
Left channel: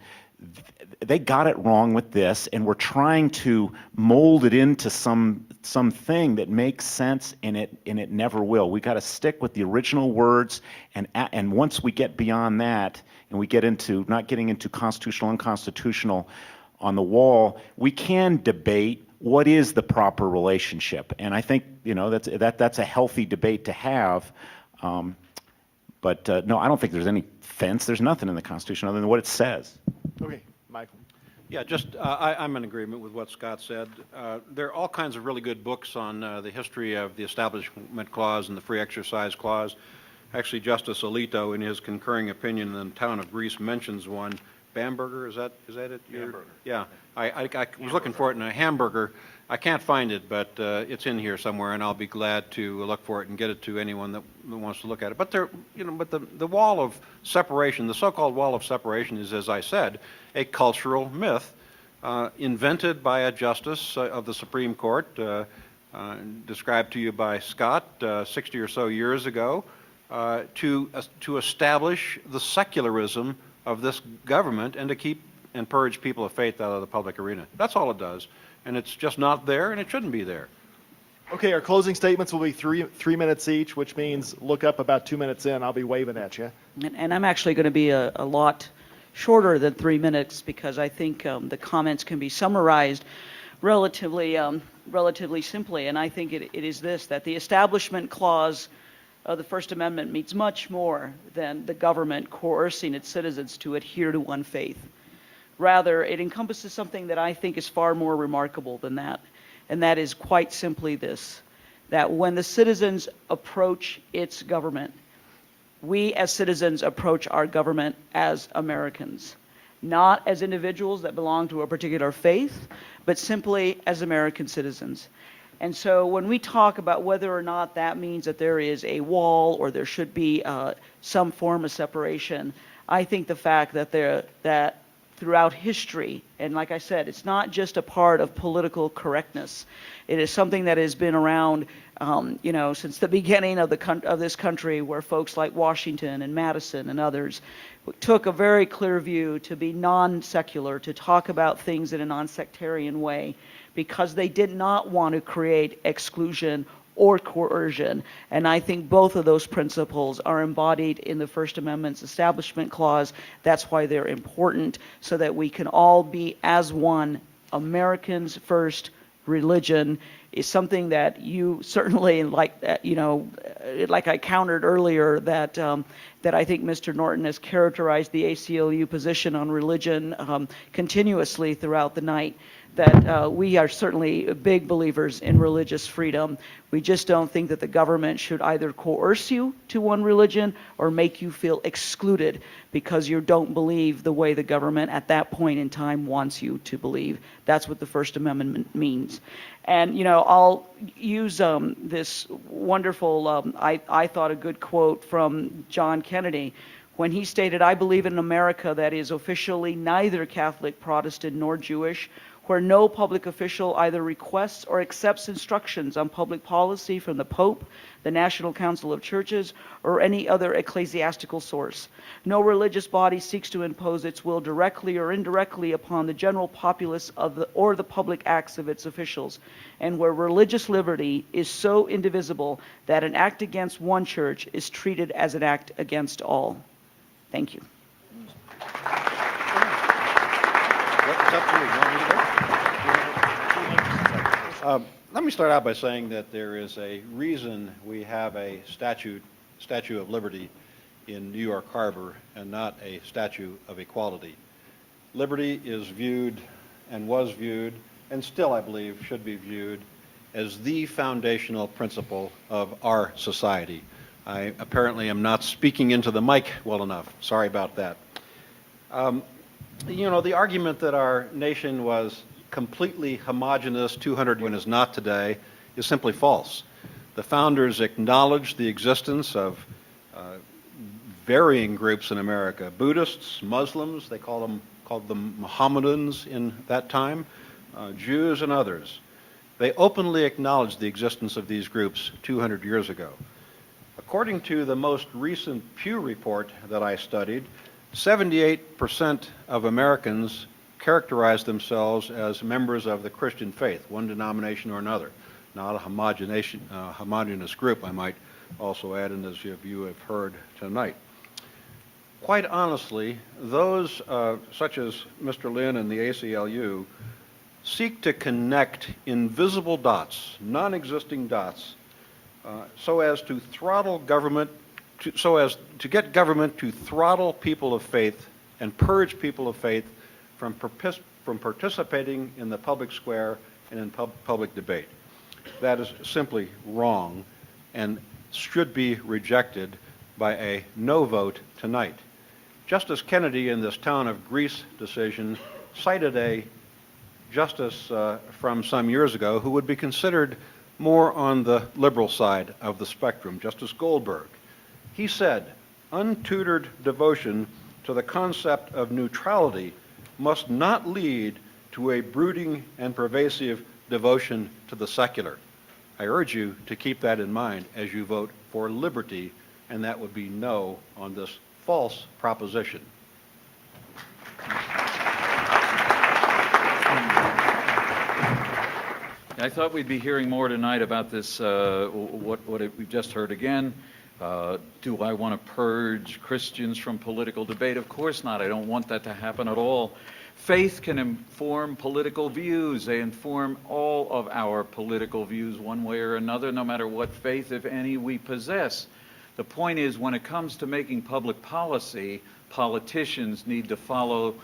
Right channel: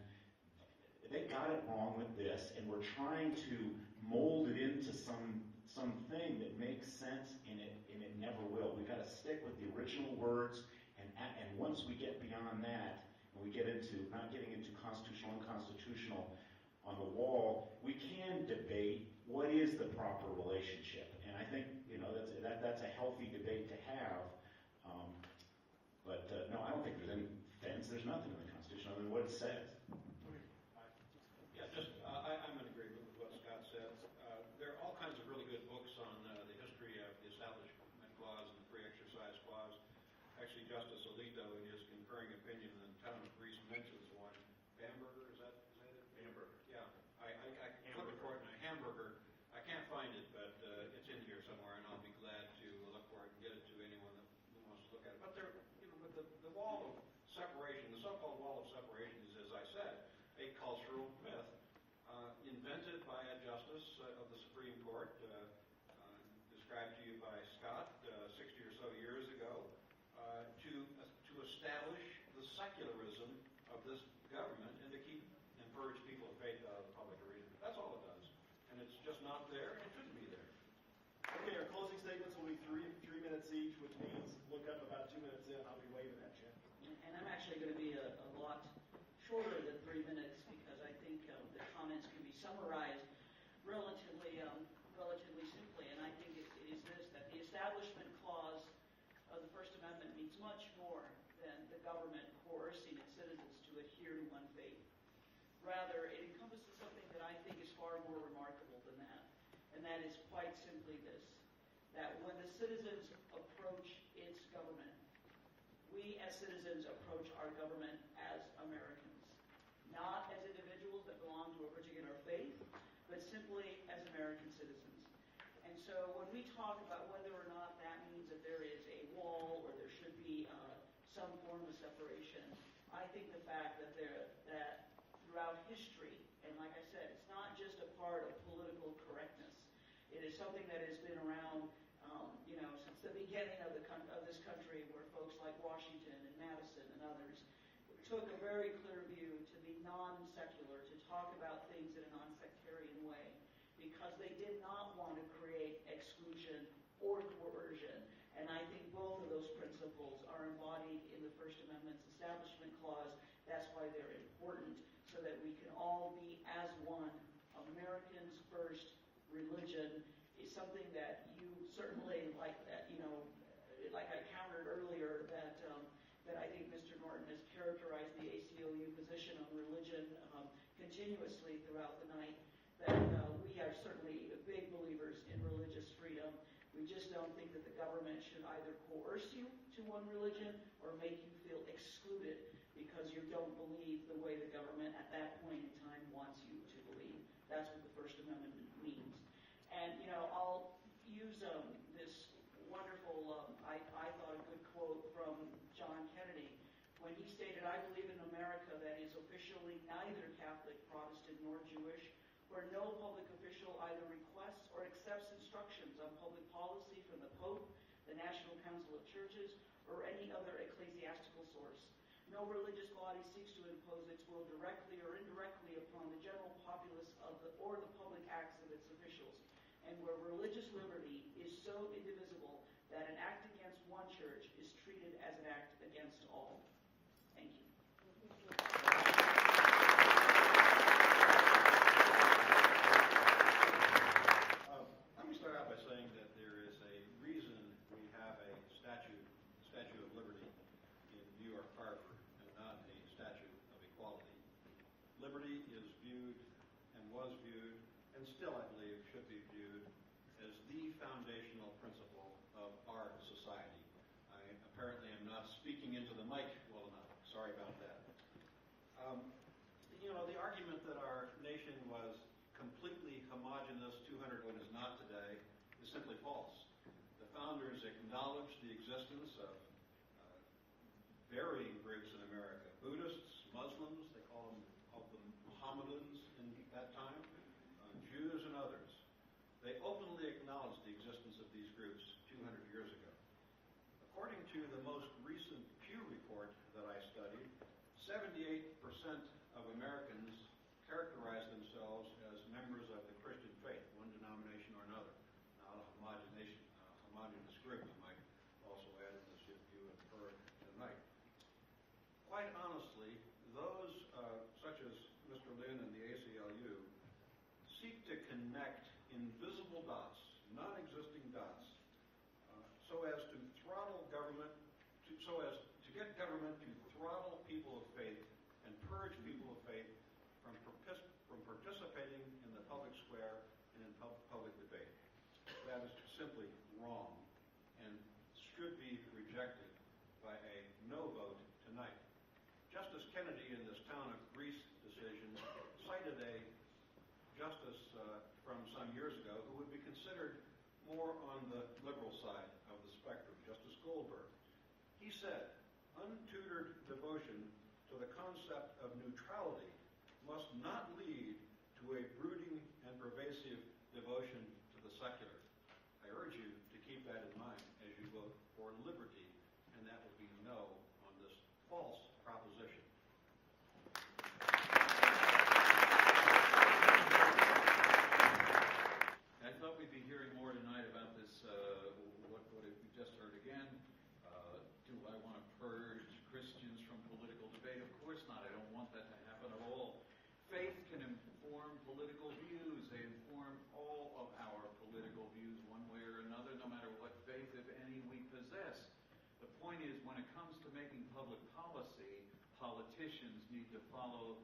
they got it wrong with this, and we're trying to mold it into something that makes sense, and it never will. We got to stick with the original words, and once we get beyond that, and we get into not getting into constitutional, unconstitutional on the wall, we can debate what is the proper relationship, and I think that's a healthy debate to have. But no, I don't think there's any fence. There's nothing in the Constitution other than what it says. Okay, Michael. Yeah, I'm in agreement with what Scott said. There are all kinds of really good books on the history of the Establishment Clause and the Free Exercise Clause. Actually, Justice Alito, in his concurring opinion in the town of Greece, mentions one. Bamberger, is that it? Hamburger. Yeah, I was looking for it in a Hamburger. I can't find it, but it's in here somewhere, and I'll be glad to look for it and get it to anyone that wants to look at it. But the wall of separation, the so-called wall of separation, is, as I said, a cultural myth invented by a justice of the Supreme Court, described to you by Scott 60 or so years ago, to establish the secularism of this government and to keep and purge people of faith out of the public arena. That's all it does. And it's just not there, and it shouldn't be there. Okay, our closing statements will be three minutes each, which means look up about 2 minutes in. I'll be waving at you. And I'm actually going to be a lot shorter than 3 minutes because I think the comments can be summarized relatively simply. And I think it is this, that the Establishment Clause of the First Amendment means much more than the government coercing its citizens to adhere to one faith. Rather, it encompasses something that I think is far more remarkable than that, and that is quite simply this, that when the citizens approach its government, we as citizens approach our government as Americans, not as individuals that belong to a particular faith, but simply as American citizens. And so when we talk about whether or not that means that there is a wall or there should be some form of separation, I think the fact that throughout history, and like I said, it's not just a part of political correctness. It is something that has been around, since the beginning of this country, where folks like Washington and Madison and others took a very clear view to be non-secular, to talk about things in a non-sectarian way, because they did not want to create exclusion or coercion. And I think both of those principles are embodied in the First Amendment's Establishment Clause. That's why they're important, so that we can all be as one. Americans first. Religion is something that you certainly, like I countered earlier, that I think Mr. Norton has characterized the ACLU position on religion continuously throughout the night, that we are certainly big believers in religious freedom. We just don't think that the government should either coerce you to one religion or make you feel excluded because you don't believe the way the government at that point in time wants you to believe. That's what the First Amendment means. And, I'll use this wonderful, I thought a good quote from John Kennedy, when he stated, "I believe in an America that is officially neither Catholic, Protestant, nor Jewish, where no public official either requests or accepts instructions on public policy from the Pope, the National Council of Churches, or any other ecclesiastical source. No religious body seeks to impose its will directly or indirectly upon the general populace or the public acts of its officials, and where religious liberty is so indivisible that an act against one church is treated as an act against all." Thank you. Let me start out by saying that there is a reason we have a Statue of Liberty in New York Harbor and not a Statue of Equality. Liberty is viewed and was viewed, and still I believe should be viewed, as the foundational principle of our society. I apparently am not speaking into the mic well enough. Sorry about that. The argument that our nation was completely homogenous 200 when is not today is simply false. The founders acknowledged the existence of varying groups in America: Buddhists, Muslims, they called them Mohammedans in that time, Jews, and others. They openly acknowledged the existence of these groups 200 years ago. According to the most recent Pew report that I studied, 78% of Americans characterize themselves as members of the Christian faith, one denomination or another, not a homogeneous group, I might also add, and as you have heard tonight. Quite honestly, those such as Mr. Lynn and the ACLU seek to connect invisible dots, non-existing dots, so as to throttle government, so as to get government to throttle people of faith and purge people of faith from participating in the public square and in public debate. That is simply wrong and should be rejected by a no vote tonight. Justice Kennedy in this Town of Greece decision cited a justice from some years ago who would be considered more on the liberal side of the spectrum, Justice Goldberg. He said, "Untutored devotion to the concept of neutrality must not lead to a brooding and pervasive devotion to the secular." I urge you to keep that in mind as you vote for liberty, and that would be no on this false proposition. I thought we'd be hearing more tonight about this, what we've just heard again. Do I want to purge Christians from political debate? Of course not. I don't want that to happen at all. Faith can inform political views. They inform all of our political views one way or another, no matter what faith, if any, we possess. The point is, when it comes to making public policy, politicians need to follow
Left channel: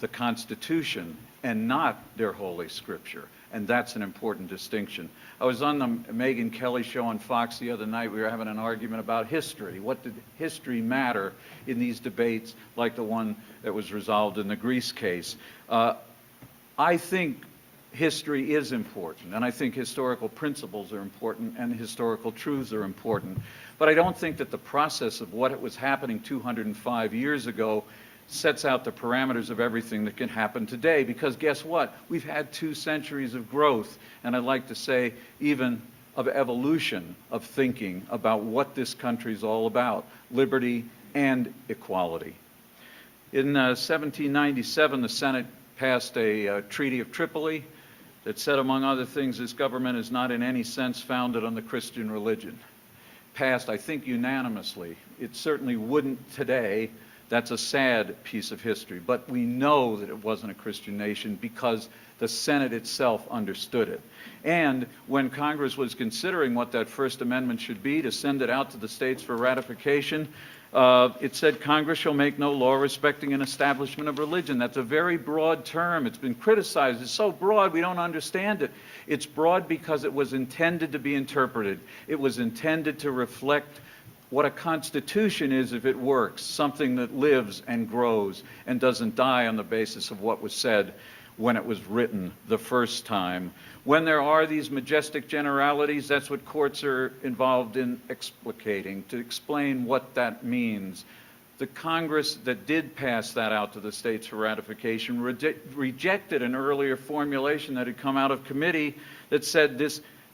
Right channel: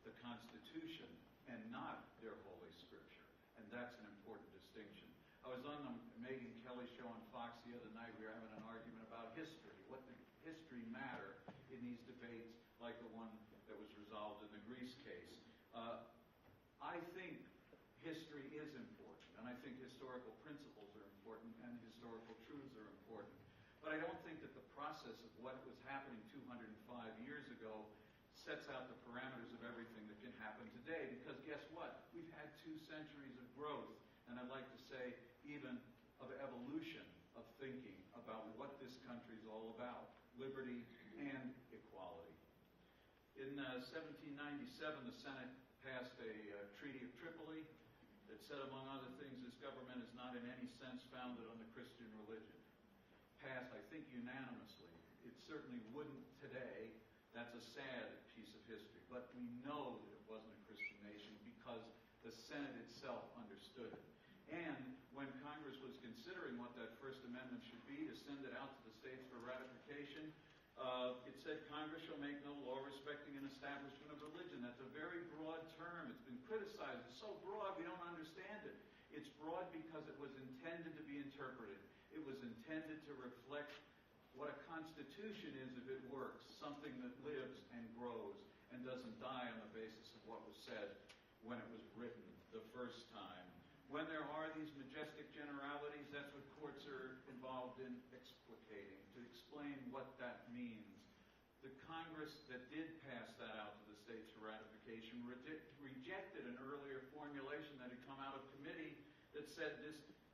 the Constitution and not their Holy Scripture. And that's an important distinction. I was on the Megyn Kelly show on Fox the other night. We were having an argument about history. What did history matter in these debates like the one that was resolved in the Greece case? I think history is important, and I think historical principles are important, and historical truths are important. But I don't think that the process of what was happening 205 years ago sets out the parameters of everything that can happen today, because guess what? We've had 2 centuries of growth, and I'd like to say even of evolution of thinking about what this country is all about, liberty and equality. In 1797, the Senate passed a Treaty of Tripoli that said, among other things, this government is not in any sense founded on the Christian religion. Passed, I think, unanimously. It certainly wouldn't today. That's a sad piece of history, but we know that it wasn't a Christian nation because the Senate itself understood it. And when Congress was considering what that First Amendment should be to send it out to the states for ratification, it said Congress shall make no law respecting an establishment of religion. That's a very broad term. It's been criticized. It's so broad we don't understand it. It's broad because it was intended to be interpreted. It was intended to reflect what a constitution is if it works, something that lives and grows and doesn't die on the basis of what was said when it was written the first time. When there are these majestic generalities, that's what courts are involved in explicating, to explain what that means. The Congress that did pass that out to the states for ratification rejected an earlier formulation that had come out of committee that said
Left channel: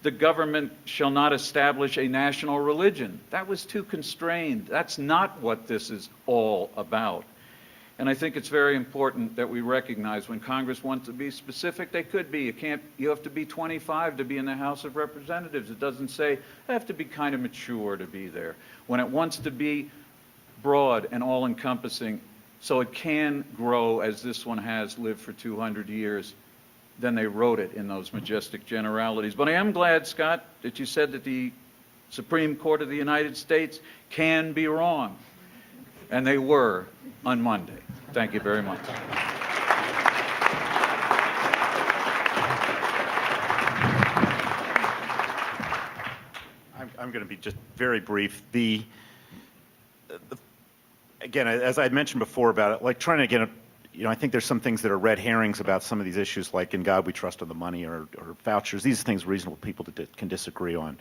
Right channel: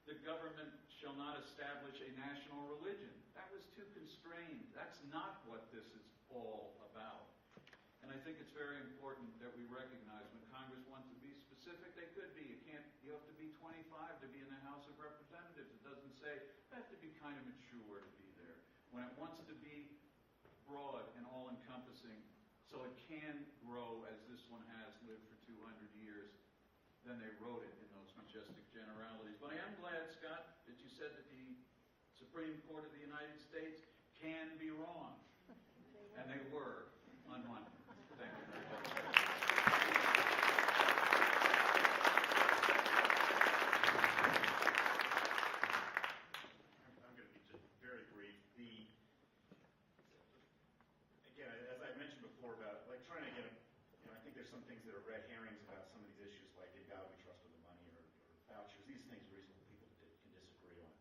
the government shall not establish a national religion. That was too constrained. That's not what this is all about. And I think it's very important that we recognize when Congress wants to be specific, they could be. You have to be 25 to be in the House of Representatives. It doesn't say, I have to be kind of mature to be there. When it wants to be broad and all-encompassing, so it can grow as this one has lived for 200 years, then they wrote it in those majestic generalities. But I am glad, Scott, that you said that the Supreme Court of the United States can be wrong. And they were on Monday. Thank you very much. I'm going to be just very brief. Again, as I had mentioned before about it, like trying to get I think there's some things that are red herrings about some of these issues, like in God we trust on the money or vouchers. These are things reasonable people can disagree on.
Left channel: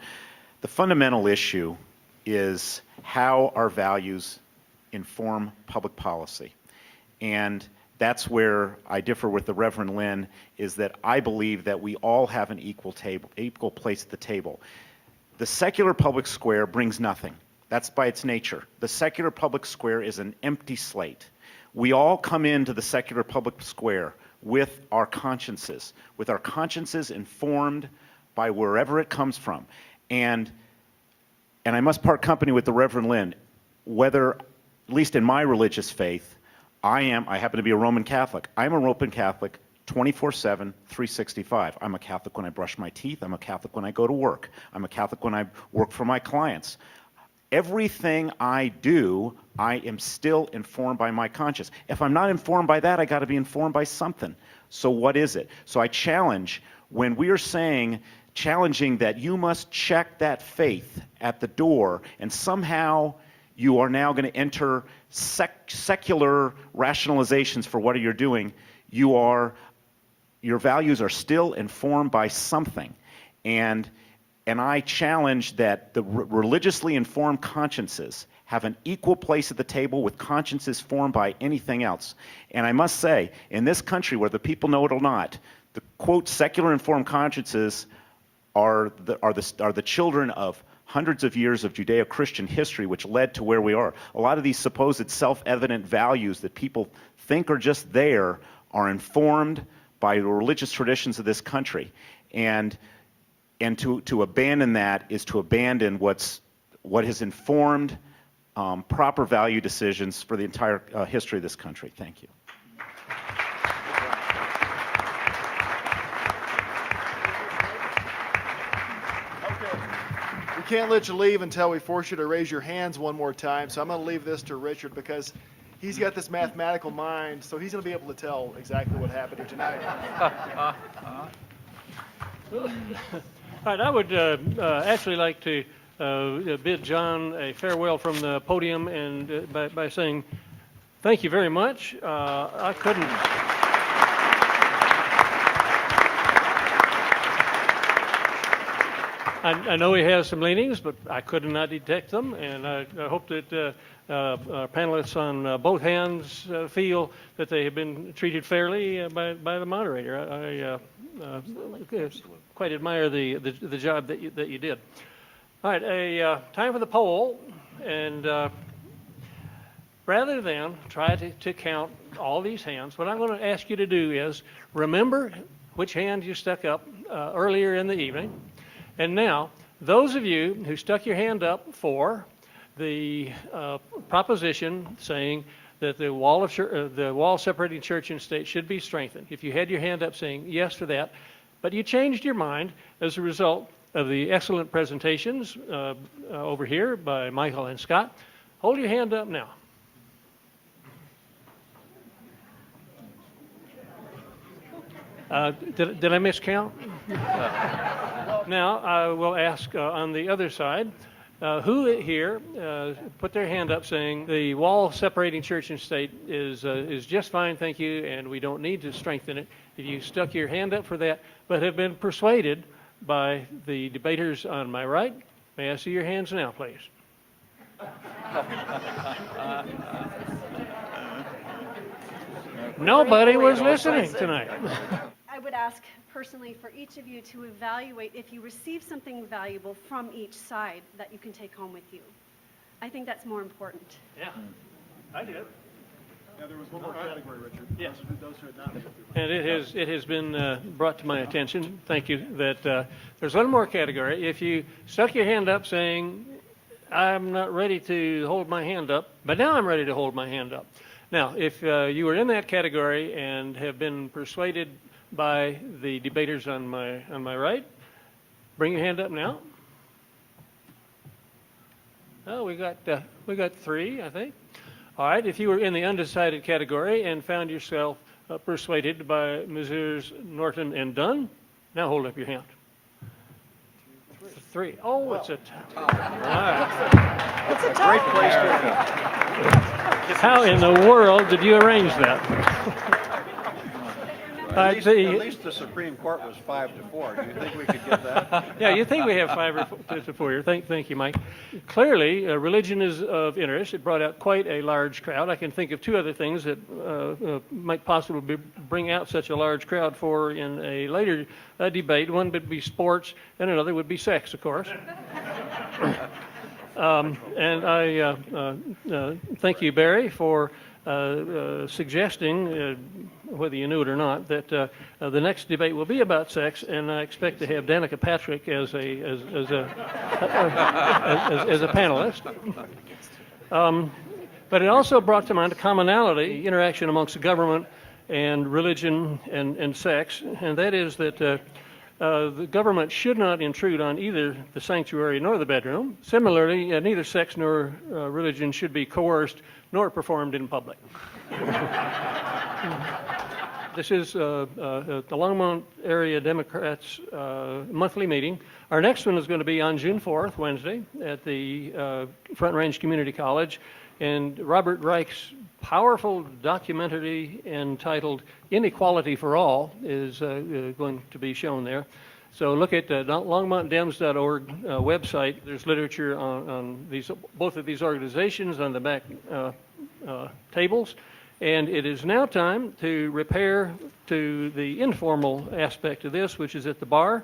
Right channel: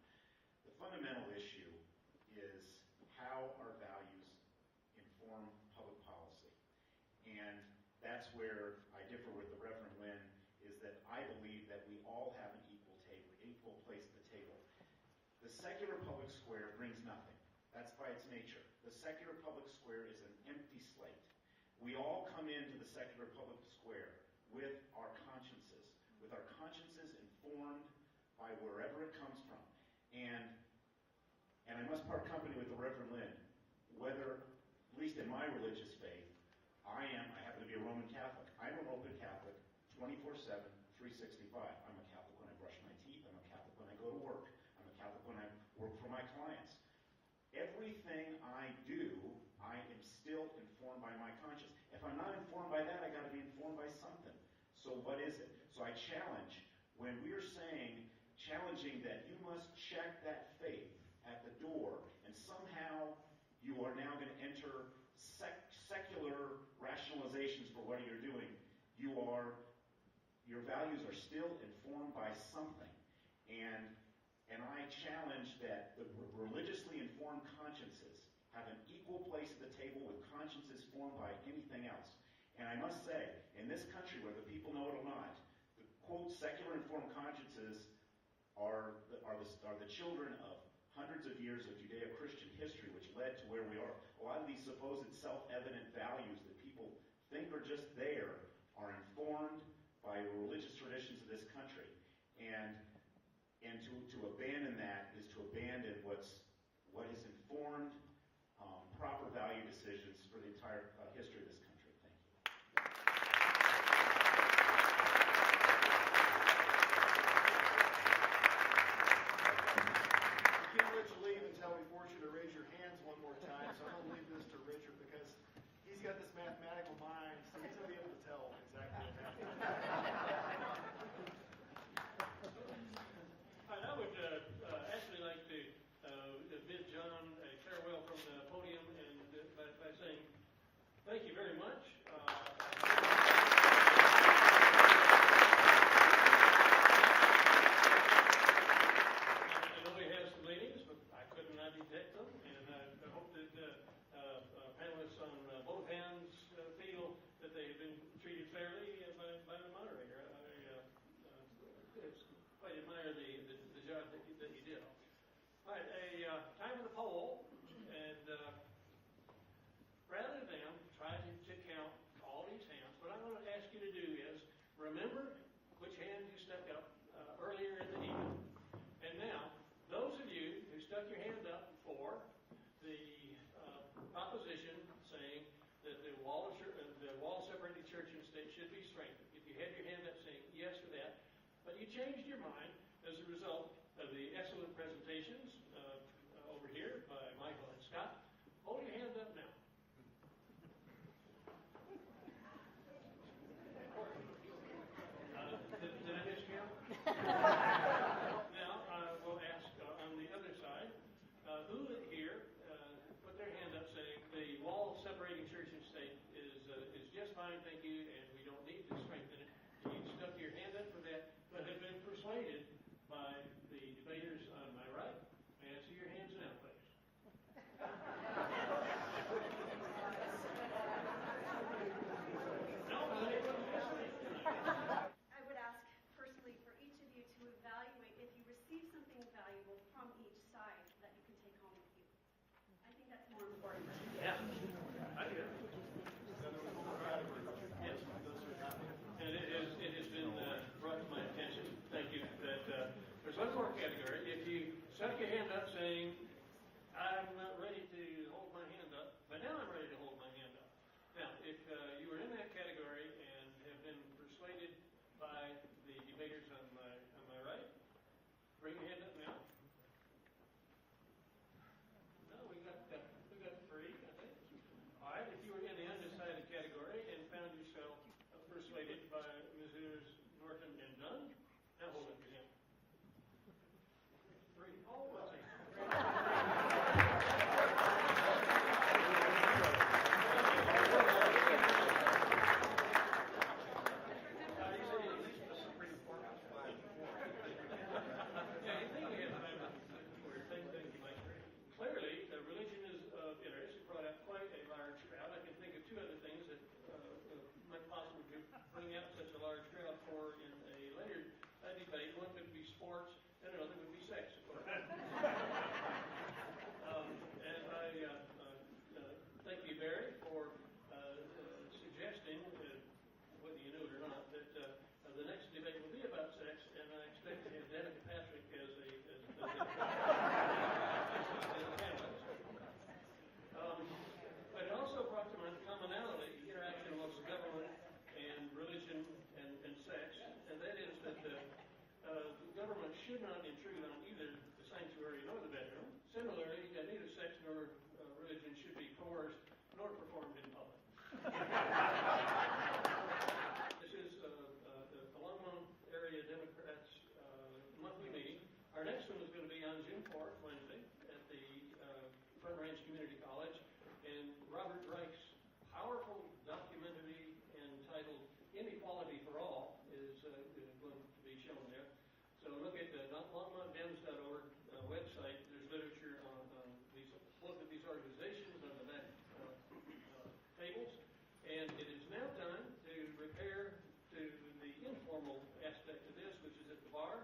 The fundamental issue is how our values inform public policy. And that's where I differ with the Reverend Lynn, is that I believe that we all have an equal place at the table. The secular public square brings nothing. That's by its nature. The secular public square is an empty slate. We all come into the secular public square with our consciences informed by wherever it comes from. And I must part company with the Reverend Lynn, whether, at least in my religious faith, I happen to be a Roman Catholic. I'm a Roman Catholic 24/7, 365. I'm a Catholic when I brush my teeth. I'm a Catholic when I go to work. I'm a Catholic when I work for my clients. Everything I do, I am still informed by my conscience. If I'm not informed by that, I got to be informed by something. So what is it? So I challenge, when we are challenging that you must check that faith at the door, and somehow you are now going to enter secular rationalizations for what you're doing, your values are still informed by something. And I challenge that the religiously informed consciences have an equal place at the table with consciences formed by anything else. And I must say, in this country, whether people know it or not, the quote secular informed consciences are the children of hundreds of years of Judeo-Christian history, which led to where we are. A lot of these supposed self-evident values that people think are just there are informed by the religious traditions of this country. And to abandon that is to abandon what what has informed proper value decisions for the entire history of this country. Thank you. We can't let you leave until we force you to raise your hands one more time, so I'm going to leave this to Richard because he's got this mathematical mind, so he's going to be able to tell exactly what happened here tonight. All right, I would actually like to bid John a farewell from the podium and by saying thank you very much. I couldn't. I know he has some leanings, but I could not detect them, and I hope that our panelists on both hands feel that they have been treated fairly by the moderator. I quite admire the job that you did. All right, time for the poll, and rather than try to count all these hands, what I'm going to ask you to do is remember which hand you stuck up earlier in the evening. And now, those of you who stuck your hand up for the proposition saying that the wall separating church and state should be strengthened, if you had your hand up saying yes to that, but you changed your mind as a result of the excellent presentations over here by Michael and Scott, hold your hand up now. Did I miscount? Now, I will ask on the other side, who here put their hand up saying the wall separating church and state is just fine, thank you, and we don't need to strengthen it. If you stuck your hand up for that, but have been persuaded by the debaters on my right, may I see your hands now, please? Nobody was listening tonight. I would ask personally for each of you to evaluate if you receive something valuable from each side that you can take home with you. I think that's more important. Yeah, I did. Yeah, there was one more category, Richard. Yes. Those who had not. And it has been brought to my attention, thank you, that there's one more category. If you stuck your hand up saying, I'm not ready to hold my hand up, but now I'm ready to hold my hand up. Now, if you were in that category and have been persuaded by the debaters on my right, bring your hand up now. Oh, we got three, I think. All right, if you were in the undecided category and found yourself persuaded by Messrs. Norton and Dunn, now hold up your hand. Three. Oh, it's a tie. All right. It's a tie. Great place to How in the world did you arrange that? At least the Supreme Court was 5-4. Do you think we could get that? Yeah, you think we have 5 to 4 here. Thank you, Mike. Clearly, religion is of interest. It brought out quite a large crowd. I can think of two other things that might possibly bring out such a large crowd for in a later debate. One would be sports, and another would be sex, of course. And I thank you, Barry, for suggesting, whether you knew it or not, that the next debate will be about sex, and I expect to have Danica Patrick as a panelist. But it also brought to mind a commonality, interaction amongst the government and religion and sex, and that is that the government should not intrude on either the sanctuary nor the bedroom. Similarly, neither sex nor religion should be coerced nor performed in public. This is the Longmont Area Democrats monthly meeting. Our next one is going to be on June 4th, Wednesday, at the Front Range Community College. And Robert Reich's powerful documentary entitled Inequality for All is going to be shown there. So look at longmontdems.org website. There's literature on both of these organizations on the back tables. And it is now time to repair to the informal aspect of this, which is at the bar.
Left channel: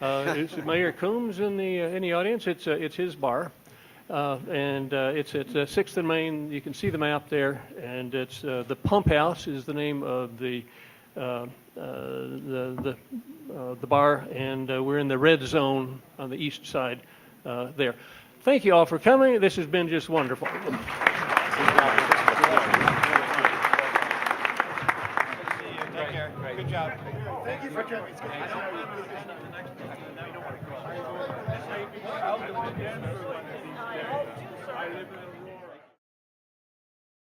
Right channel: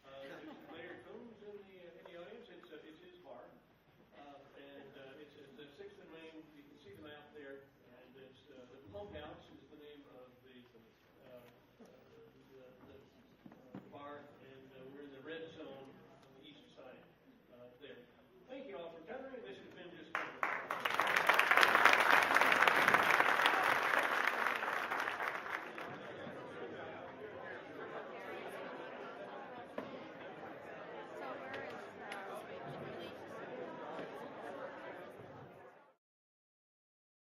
It's Mayor Coombs in the audience. It's his bar. And it's at 6th and Main. You can see the map there, and it's the Pump House is the name of the bar, and we're in the red zone on the east side there. thank you all for coming. This has been just wonderful.